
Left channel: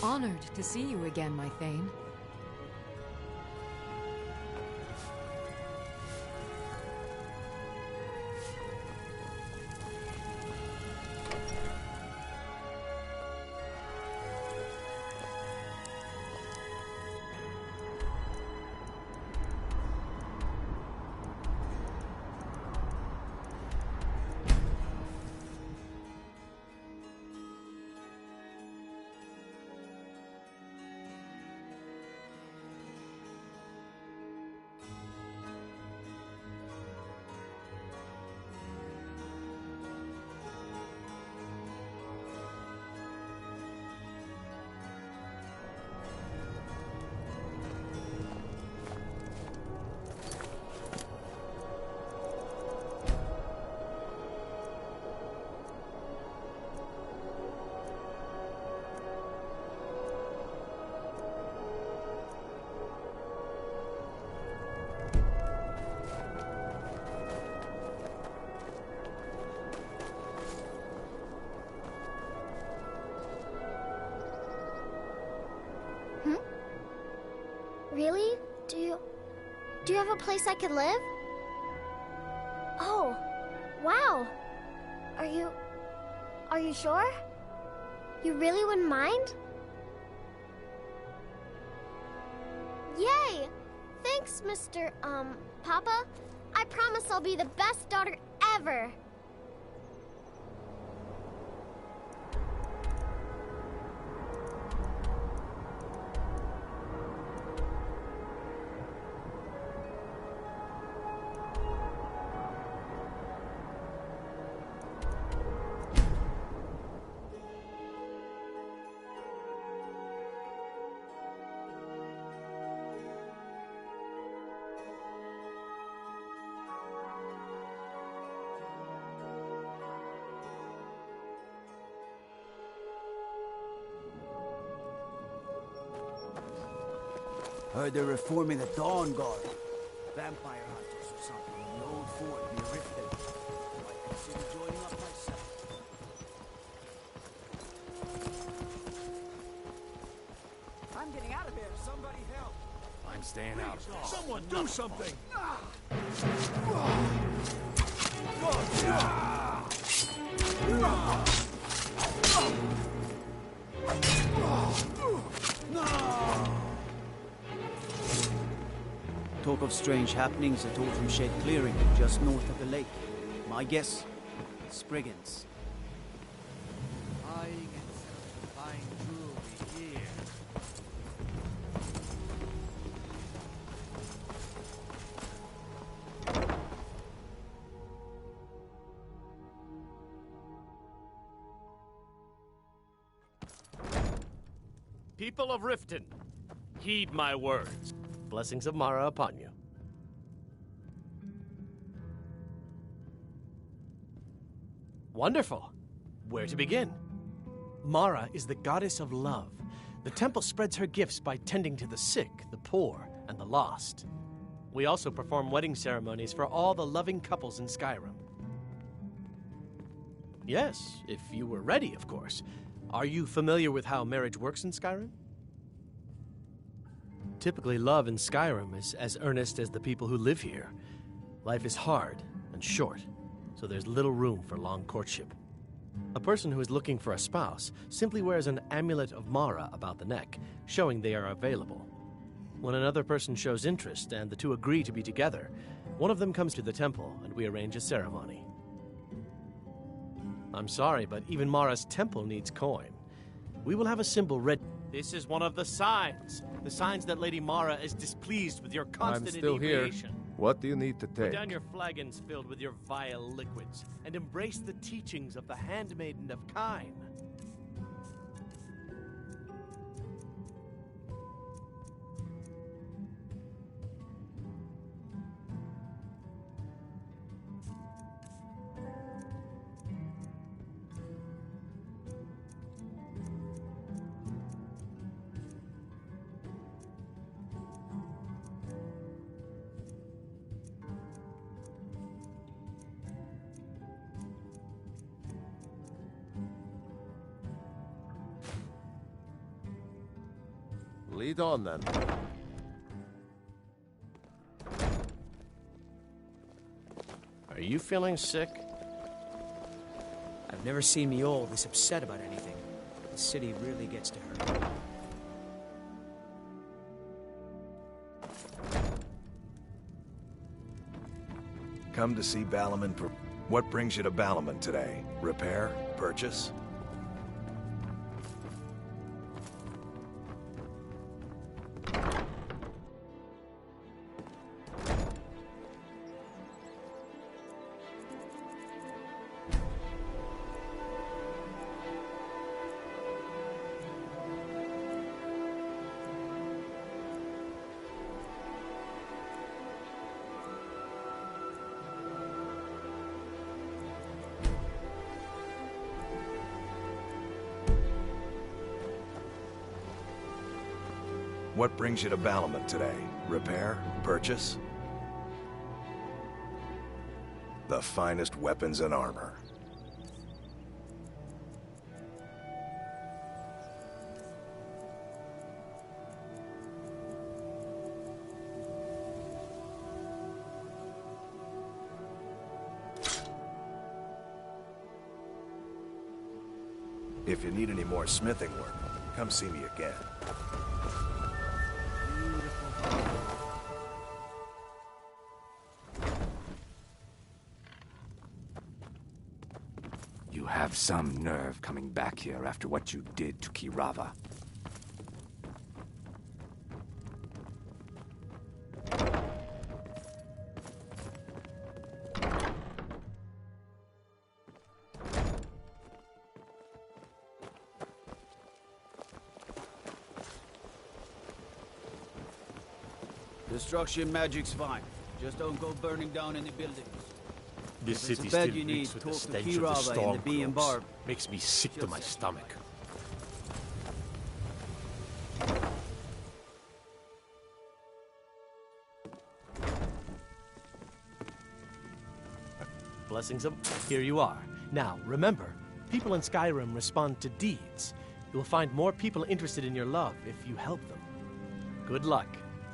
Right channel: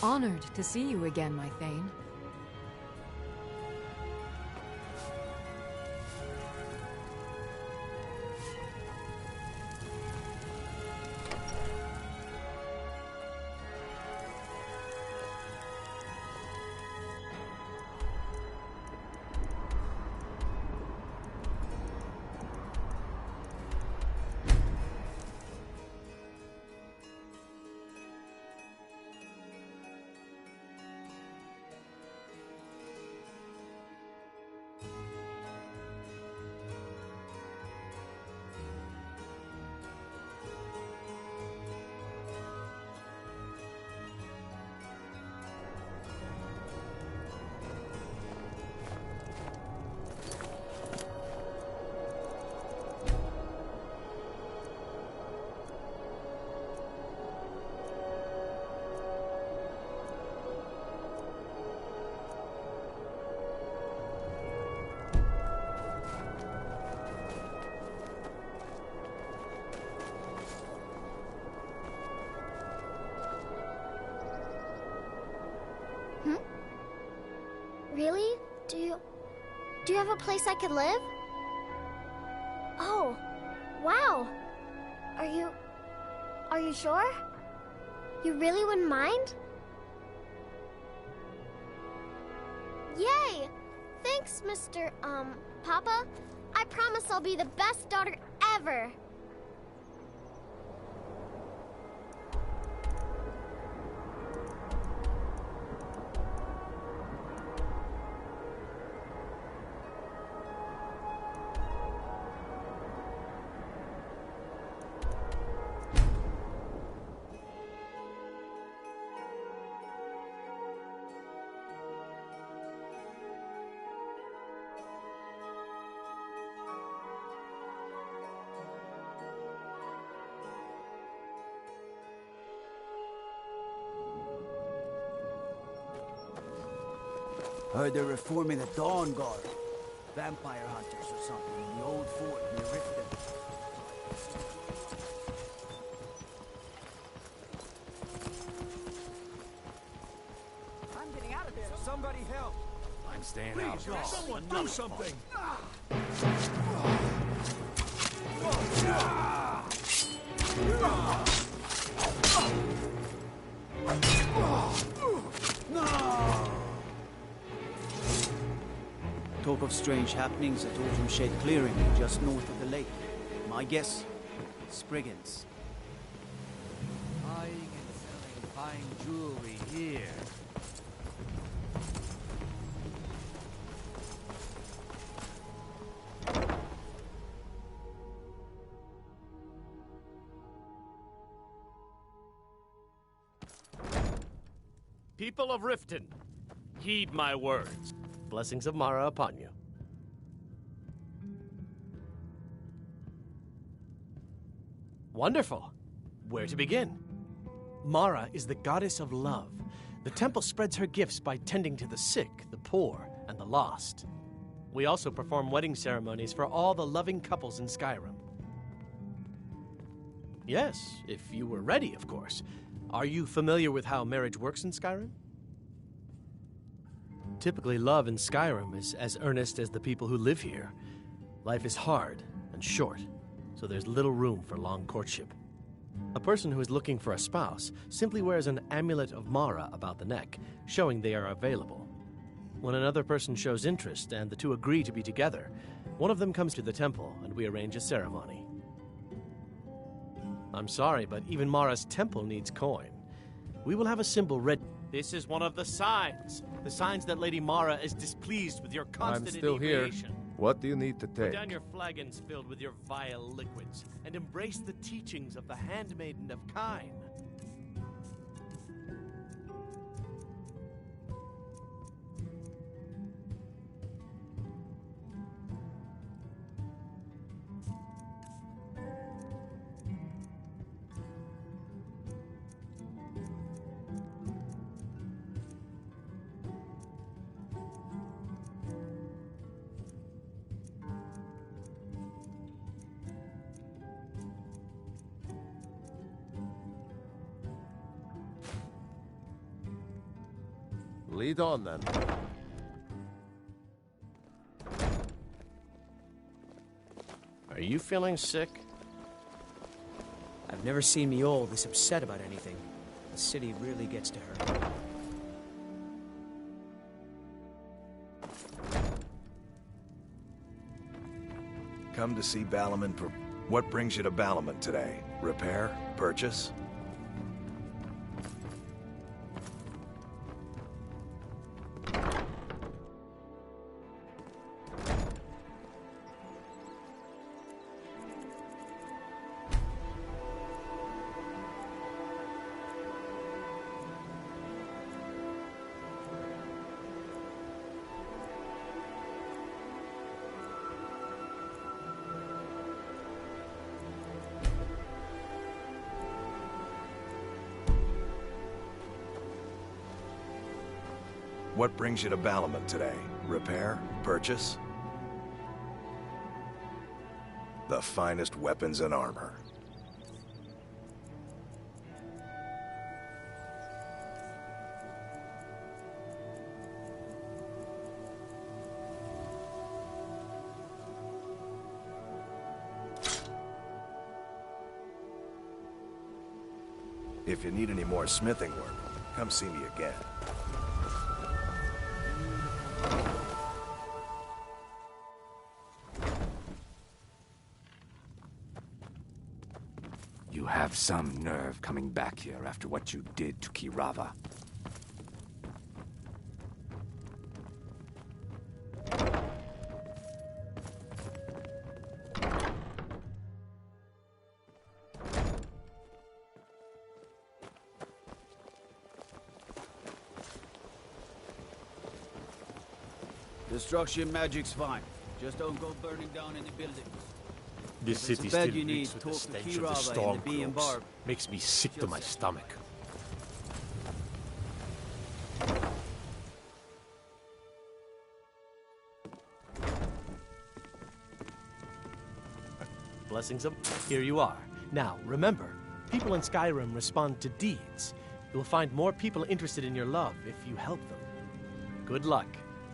Honored to see you again, my Thane. Really? Do you have a place I could live? Oh, wow. Are you sure? You really wouldn't mind? Yay! Thanks, Mr. Papa. I promise I'll be the best daughter ever. Heard they're reforming the Dawn Guard. Vampire hunters or something in the old fort near Riften. Might consider joining up myself. I'm getting out of here. Somebody help! I'm staying out. Someone do something! Talk of strange happenings at Autumn Shade Clearing, just north of the lake. My guess, Spriggans. Buying and selling fine jewelry here. People of Riften, heed my words. Blessings of Mara upon you. Wonderful. Where to begin? Mara is the goddess of love. The temple spreads her gifts by tending to the sick, the poor, and the lost. We also perform wedding ceremonies for all the loving couples in Skyrim. Yes, if you were ready, of course. Are you familiar with how marriage works in Skyrim? Typically, love in Skyrim is as earnest as the people who live here. Life is hard and short, so there's little room for long courtship. A person who is looking for a spouse simply wears an amulet of Mara about the neck, showing they are available. When another person shows interest and the two agree to be together, one of them comes to the temple and we arrange a ceremony. I'm sorry, but even Mara's temple needs coin. We will have a symbol ready. This is one of the signs. The signs that Lady Mara is displeased with your constant I'm still here. inebriation. What do you need to Put take? down your flagons filled with your vile liquids, and embrace the teachings of the handmaiden of Kine. Lead on, then. Are you feeling sick? I've never seen me all this upset about anything. The city really gets to her. Come to see Balaman. What brings you to Balaman today? Repair? Purchase? What brings you to Balaman today? Repair? Purchase? The finest weapons and armor. If you need any more smithing work, come see me again. have some nerve coming back here after what you did to Kirava. Destruction magic's fine. Just don't go burning down any buildings. This If it's city a bed still you need, reeks with the talk to stench of the Kirava and storm the Bee and cloaks. Barb. Makes me sick to my stomach. Blessings of... Here you are. Now, remember, people in Skyrim respond to deeds. You'll find more people interested in your love if you help them. Good luck.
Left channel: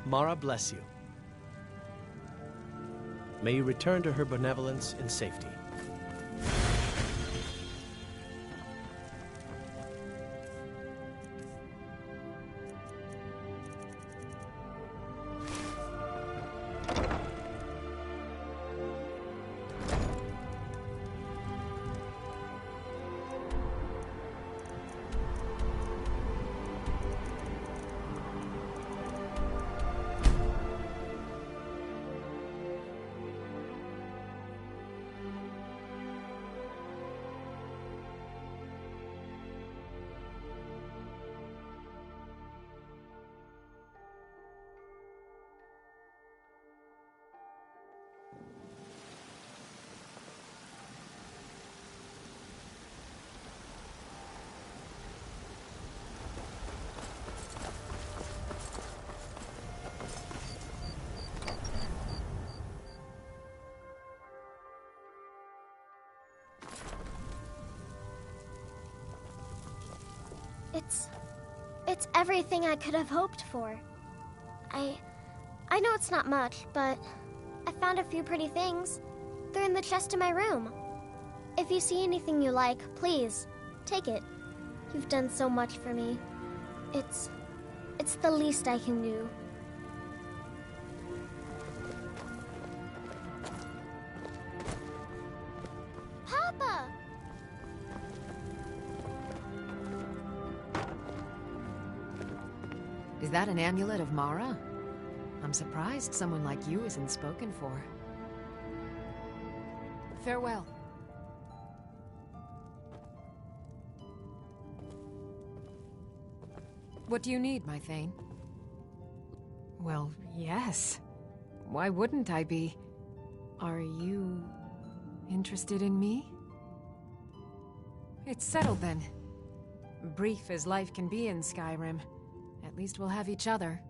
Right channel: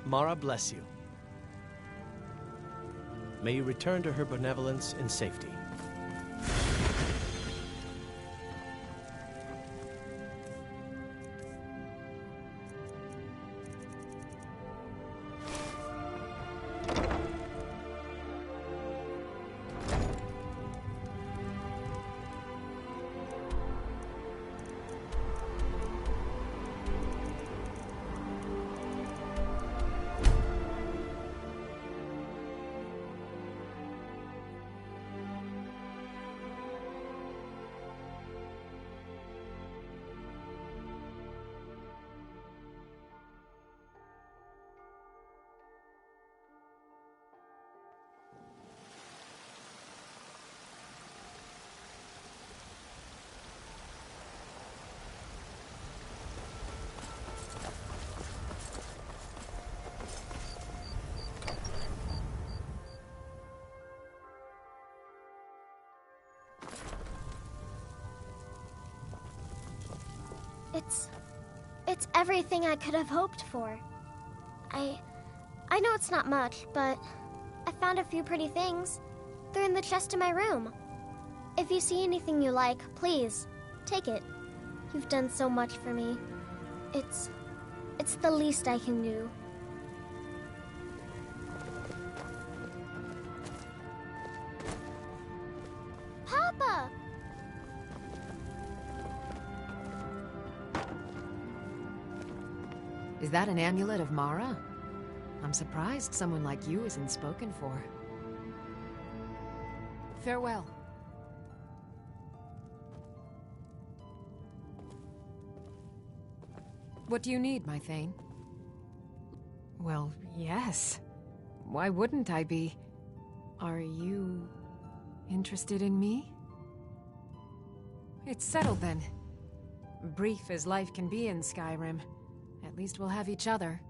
Mara bless you. May you return to her benevolence in safety. It's everything I could have hoped for. I know it's not much, but I found a few pretty things. They're in the chest in my room. If you see anything you like, please, take it. You've done so much for me. It's the least I can do. Papa! Is that an amulet of Mara? I'm surprised someone like you isn't spoken for. Farewell. What do you need, my Thane? Well, yes. Why wouldn't I be? Are you interested in me? It's settled then. Brief as life can be in Skyrim. At least we'll have each other.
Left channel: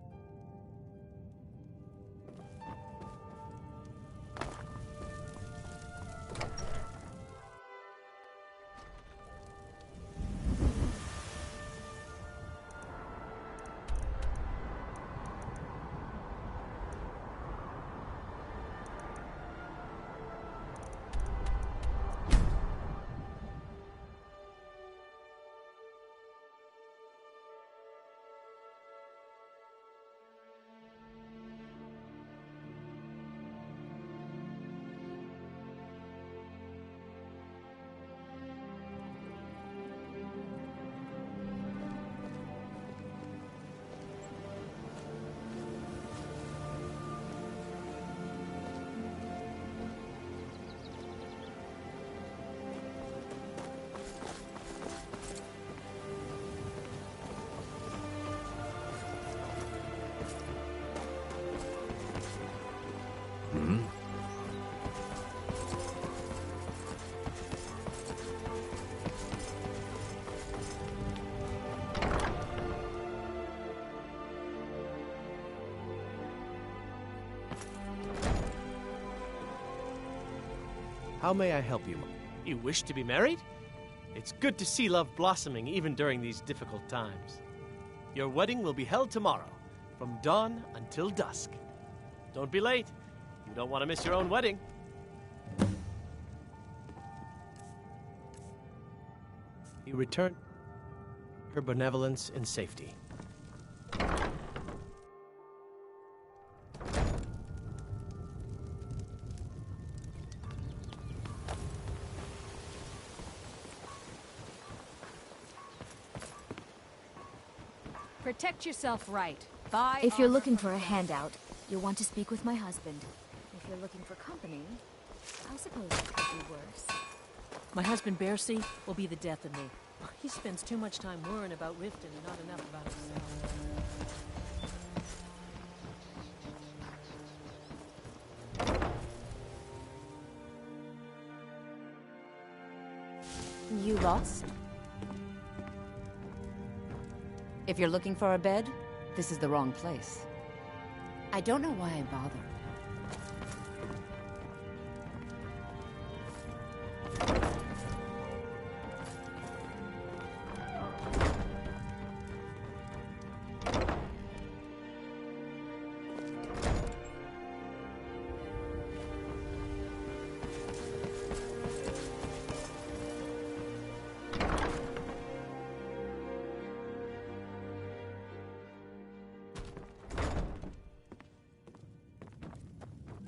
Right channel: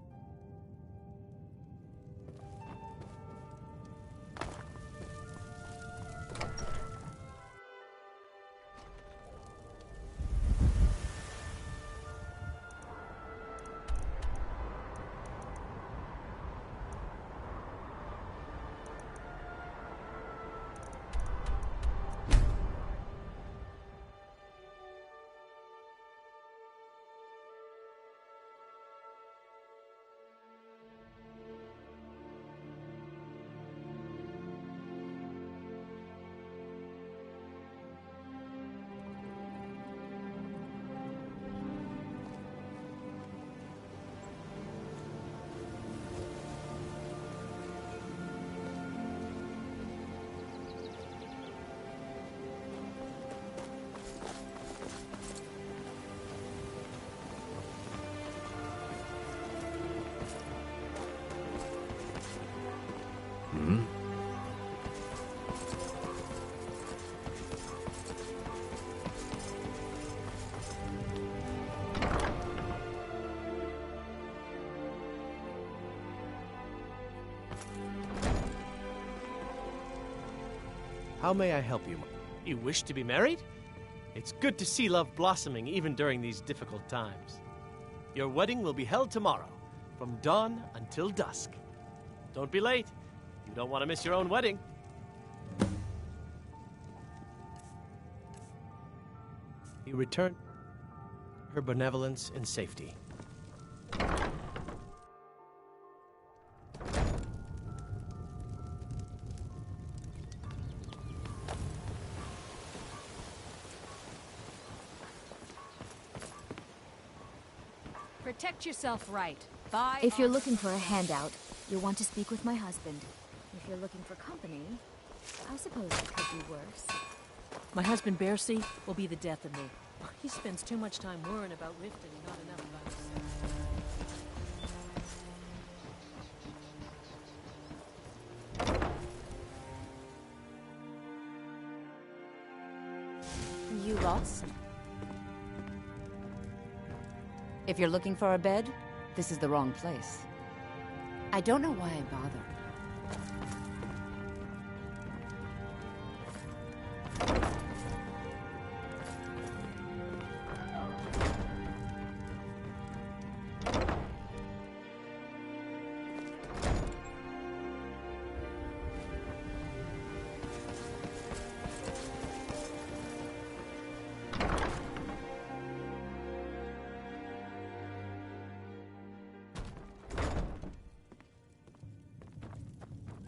How may I help you? You wish to be married? It's good to see love blossoming even during these difficult times. Your wedding will be held tomorrow, from dawn until dusk. Don't be late. You don't want to miss your own wedding. You return her benevolence in safety. Protect yourself right. Buy If you're looking for a handout, you'll want to speak with my husband. If you're looking for company, I suppose it could be worse. My husband, Bercy, will be the death of me. He spends too much time worrying about Riften and not enough about himself. You lost? If you're looking for a bed, this is the wrong place. I don't know why I bother.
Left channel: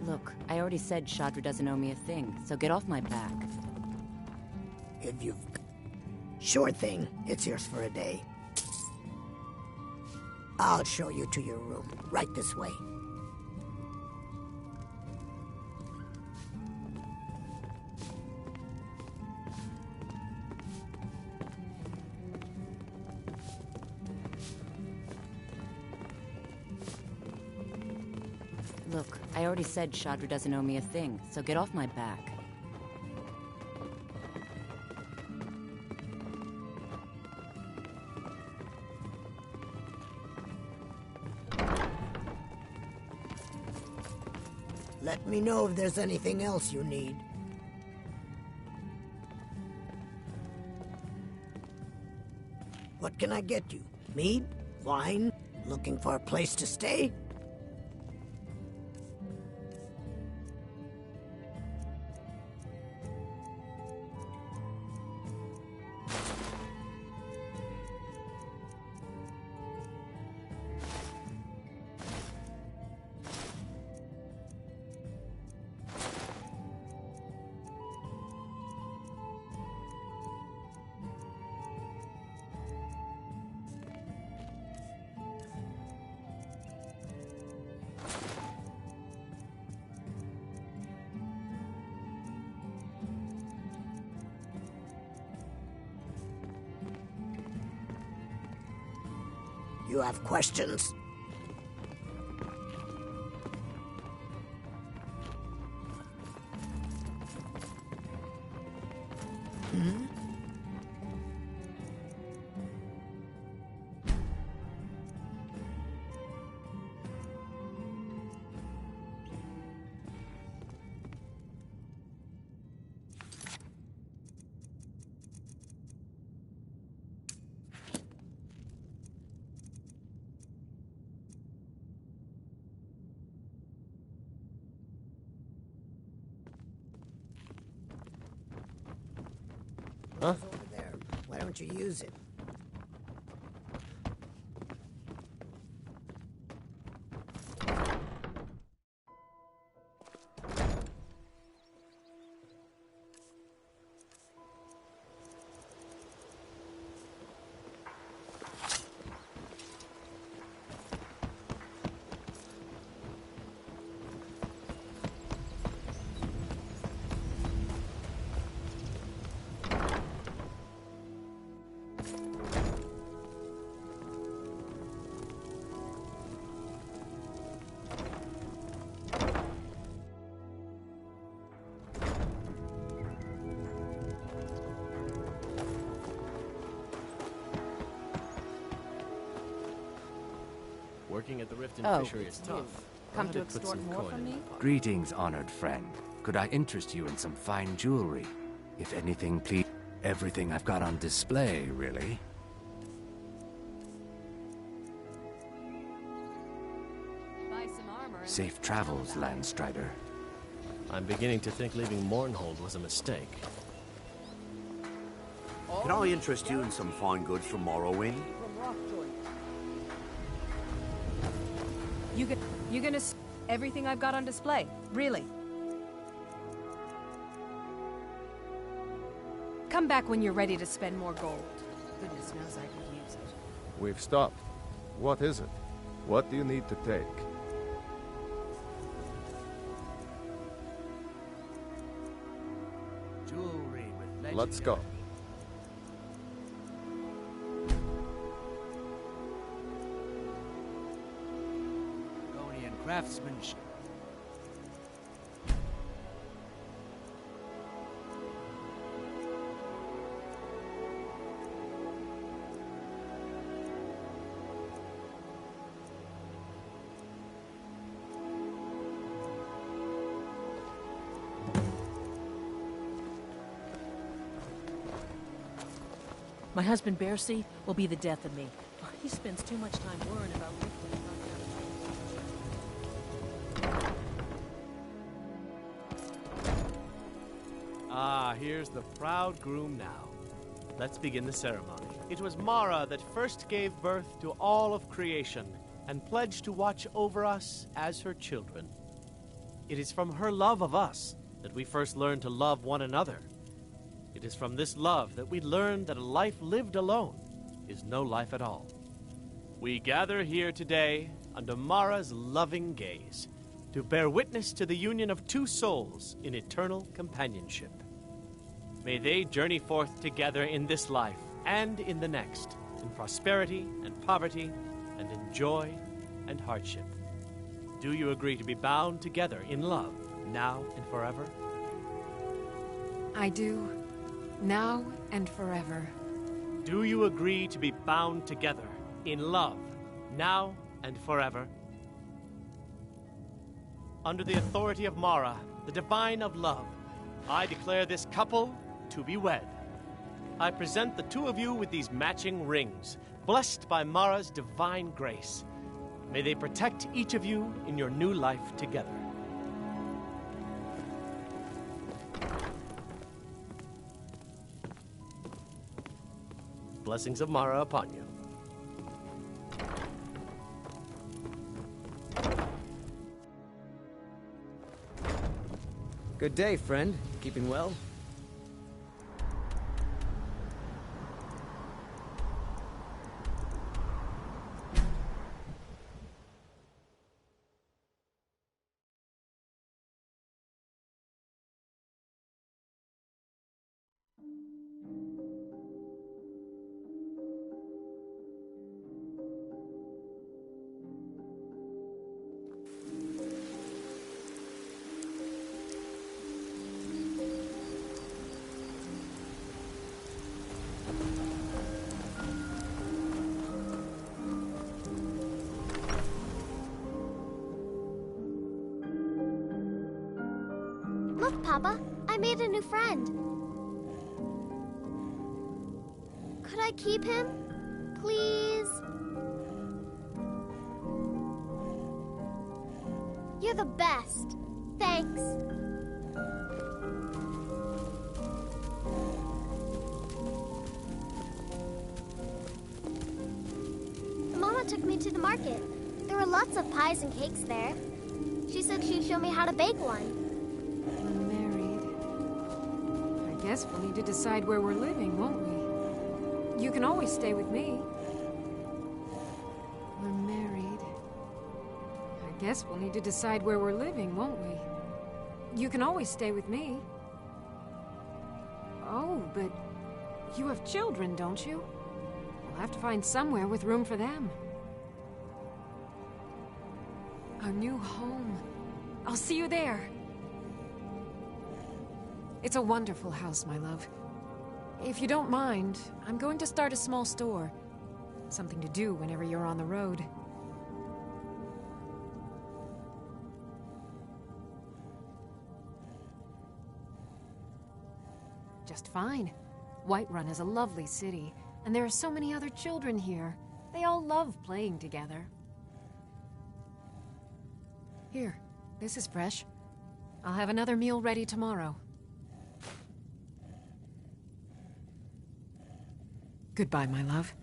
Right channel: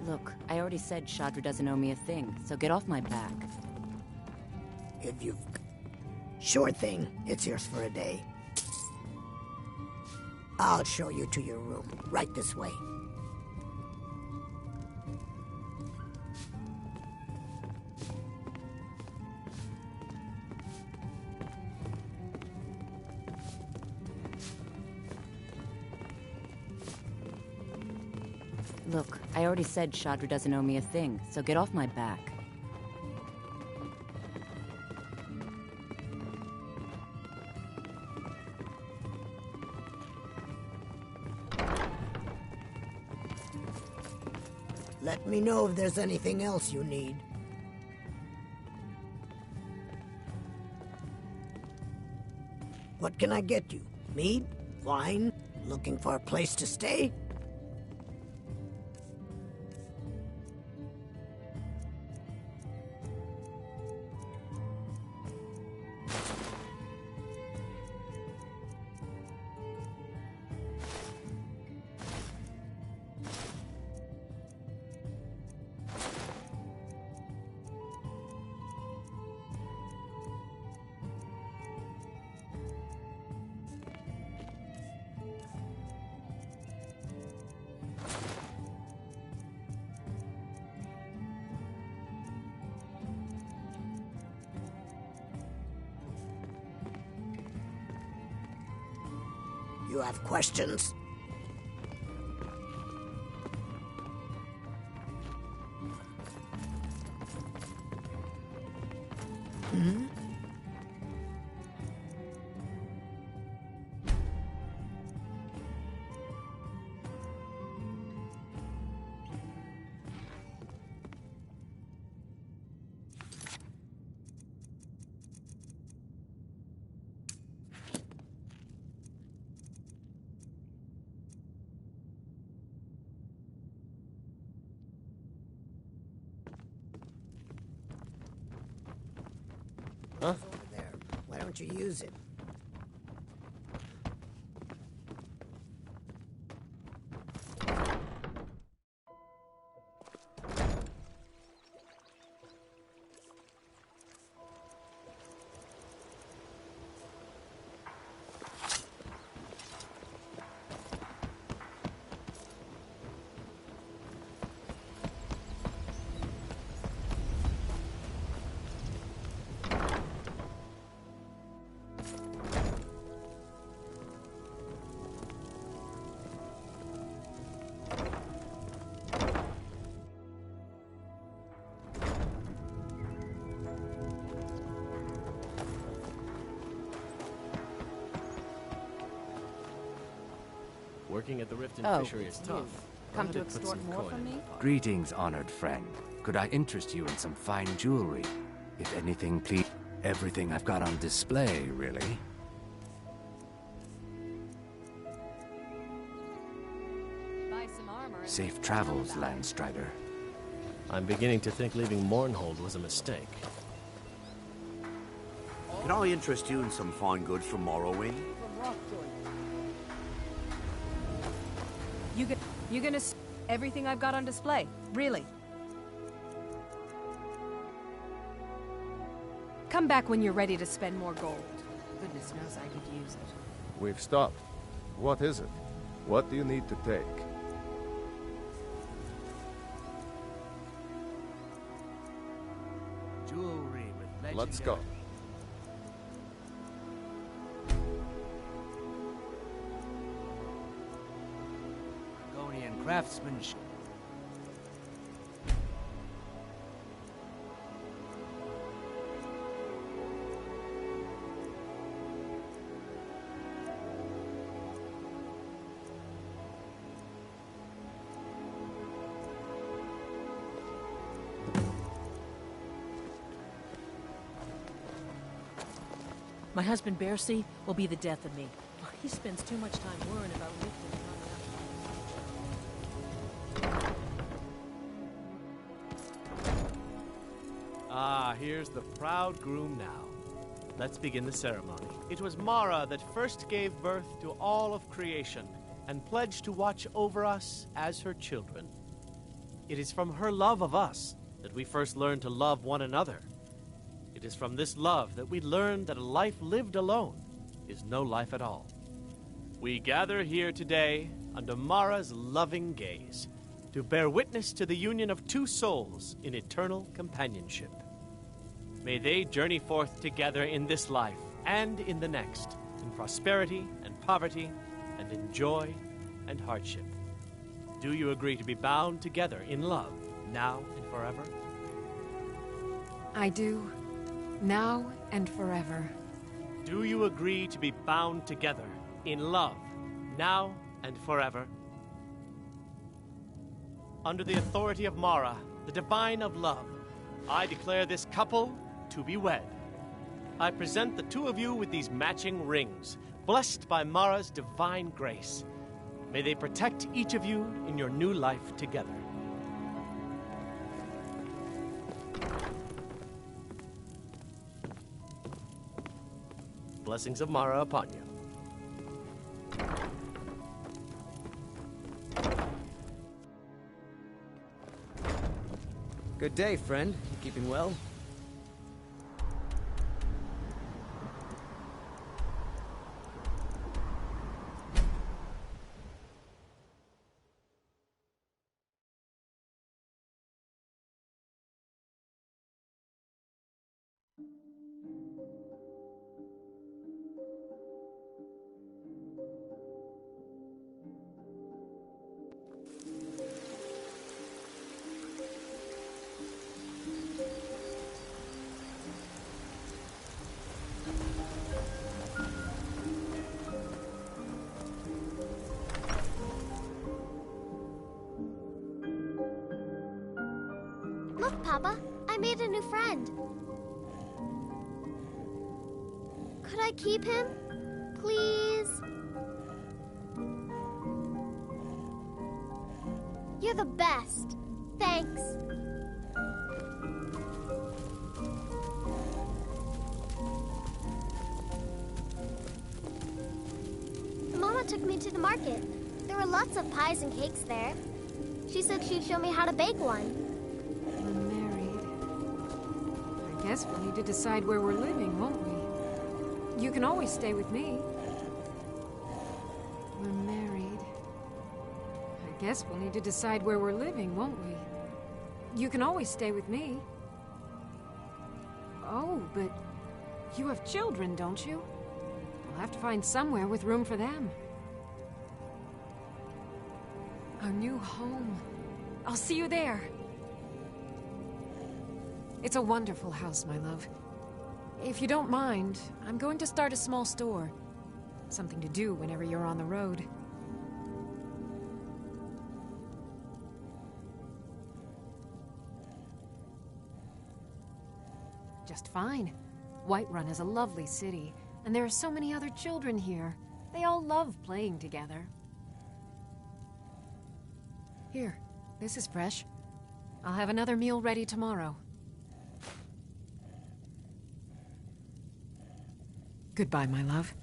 Look, I already said Shadra doesn't owe me a thing, so get off my back. If you've... Sure thing. It's yours for a day. I'll show you to your room. Right this way. Look, I already said Shadra doesn't owe me a thing, so get off my back. Let me know if there's anything else you need. What can I get you? Mead? Wine? Looking for a place to stay? You have questions? Hmm? Huh? It's over there. Why don't you use it? Working at the Riften Oh, fishery is it's tough. you. Come Glad to I put extort some more coin from in me? the pot. Greetings, honored friend. Could I interest you in some fine jewelry? If anything, please. Everything I've got on display, really. Buy some armor and Safe travels, Landstrider. I'm beginning to think leaving Mournhold was a mistake. Can I interest you in some fine goods from Morrowind? You gonna everything I've got on display? Really? Come back when you're ready to spend more gold. Goodness knows I could use it. We've stopped. What is it? What do you need to take? Jewelry with legendary... Let's go. Argonian craftsmanship. My husband, Bercy, will be the death of me. He spends too much time worrying about lifting and running. Ah, here's the proud groom now. Let's begin the ceremony. It was Mara that first gave birth to all of creation and pledged to watch over us as her children. It is from her love of us that we first learned to love one another. It is from this love that we learn that a life lived alone is no life at all. We gather here today under Mara's loving gaze to bear witness to the union of two souls in eternal companionship. May they journey forth together in this life and in the next, in prosperity and poverty, and in joy and hardship. Do you agree to be bound together in love, now and forever? I do. Now and forever. Do you agree to be bound together in love, now and forever? Under the authority of Mara, the divine of love, I declare this couple to be wed. I present the two of you with these matching rings, blessed by Mara's divine grace. May they protect each of you in your new life together. Blessings of Mara upon you. Good day, friend. Keeping well? Look, Papa, I made a new friend. Could I keep him? Please? You're the best. Thanks. Mama took me to the market. There were lots of pies and cakes there. She said she'd show me how to bake one. We're married. I guess we'll need to decide where we're living, won't we? You can always stay with me. We're married. I guess we'll need to decide where we're living, won't we? You can always stay with me. Oh, but you have children, don't you? We'll have to find somewhere with room for them. Our new home. I'll see you there. It's a wonderful house, my love. If you don't mind, I'm going to start a small store. Something to do whenever you're on the road. Just fine. Whiterun is a lovely city, and there are so many other children here. They all love playing together. Here, this is fresh. I'll have another meal ready tomorrow. Goodbye, my love.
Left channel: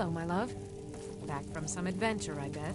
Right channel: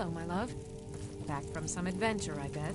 Hello, my love. Back from some adventure, I bet.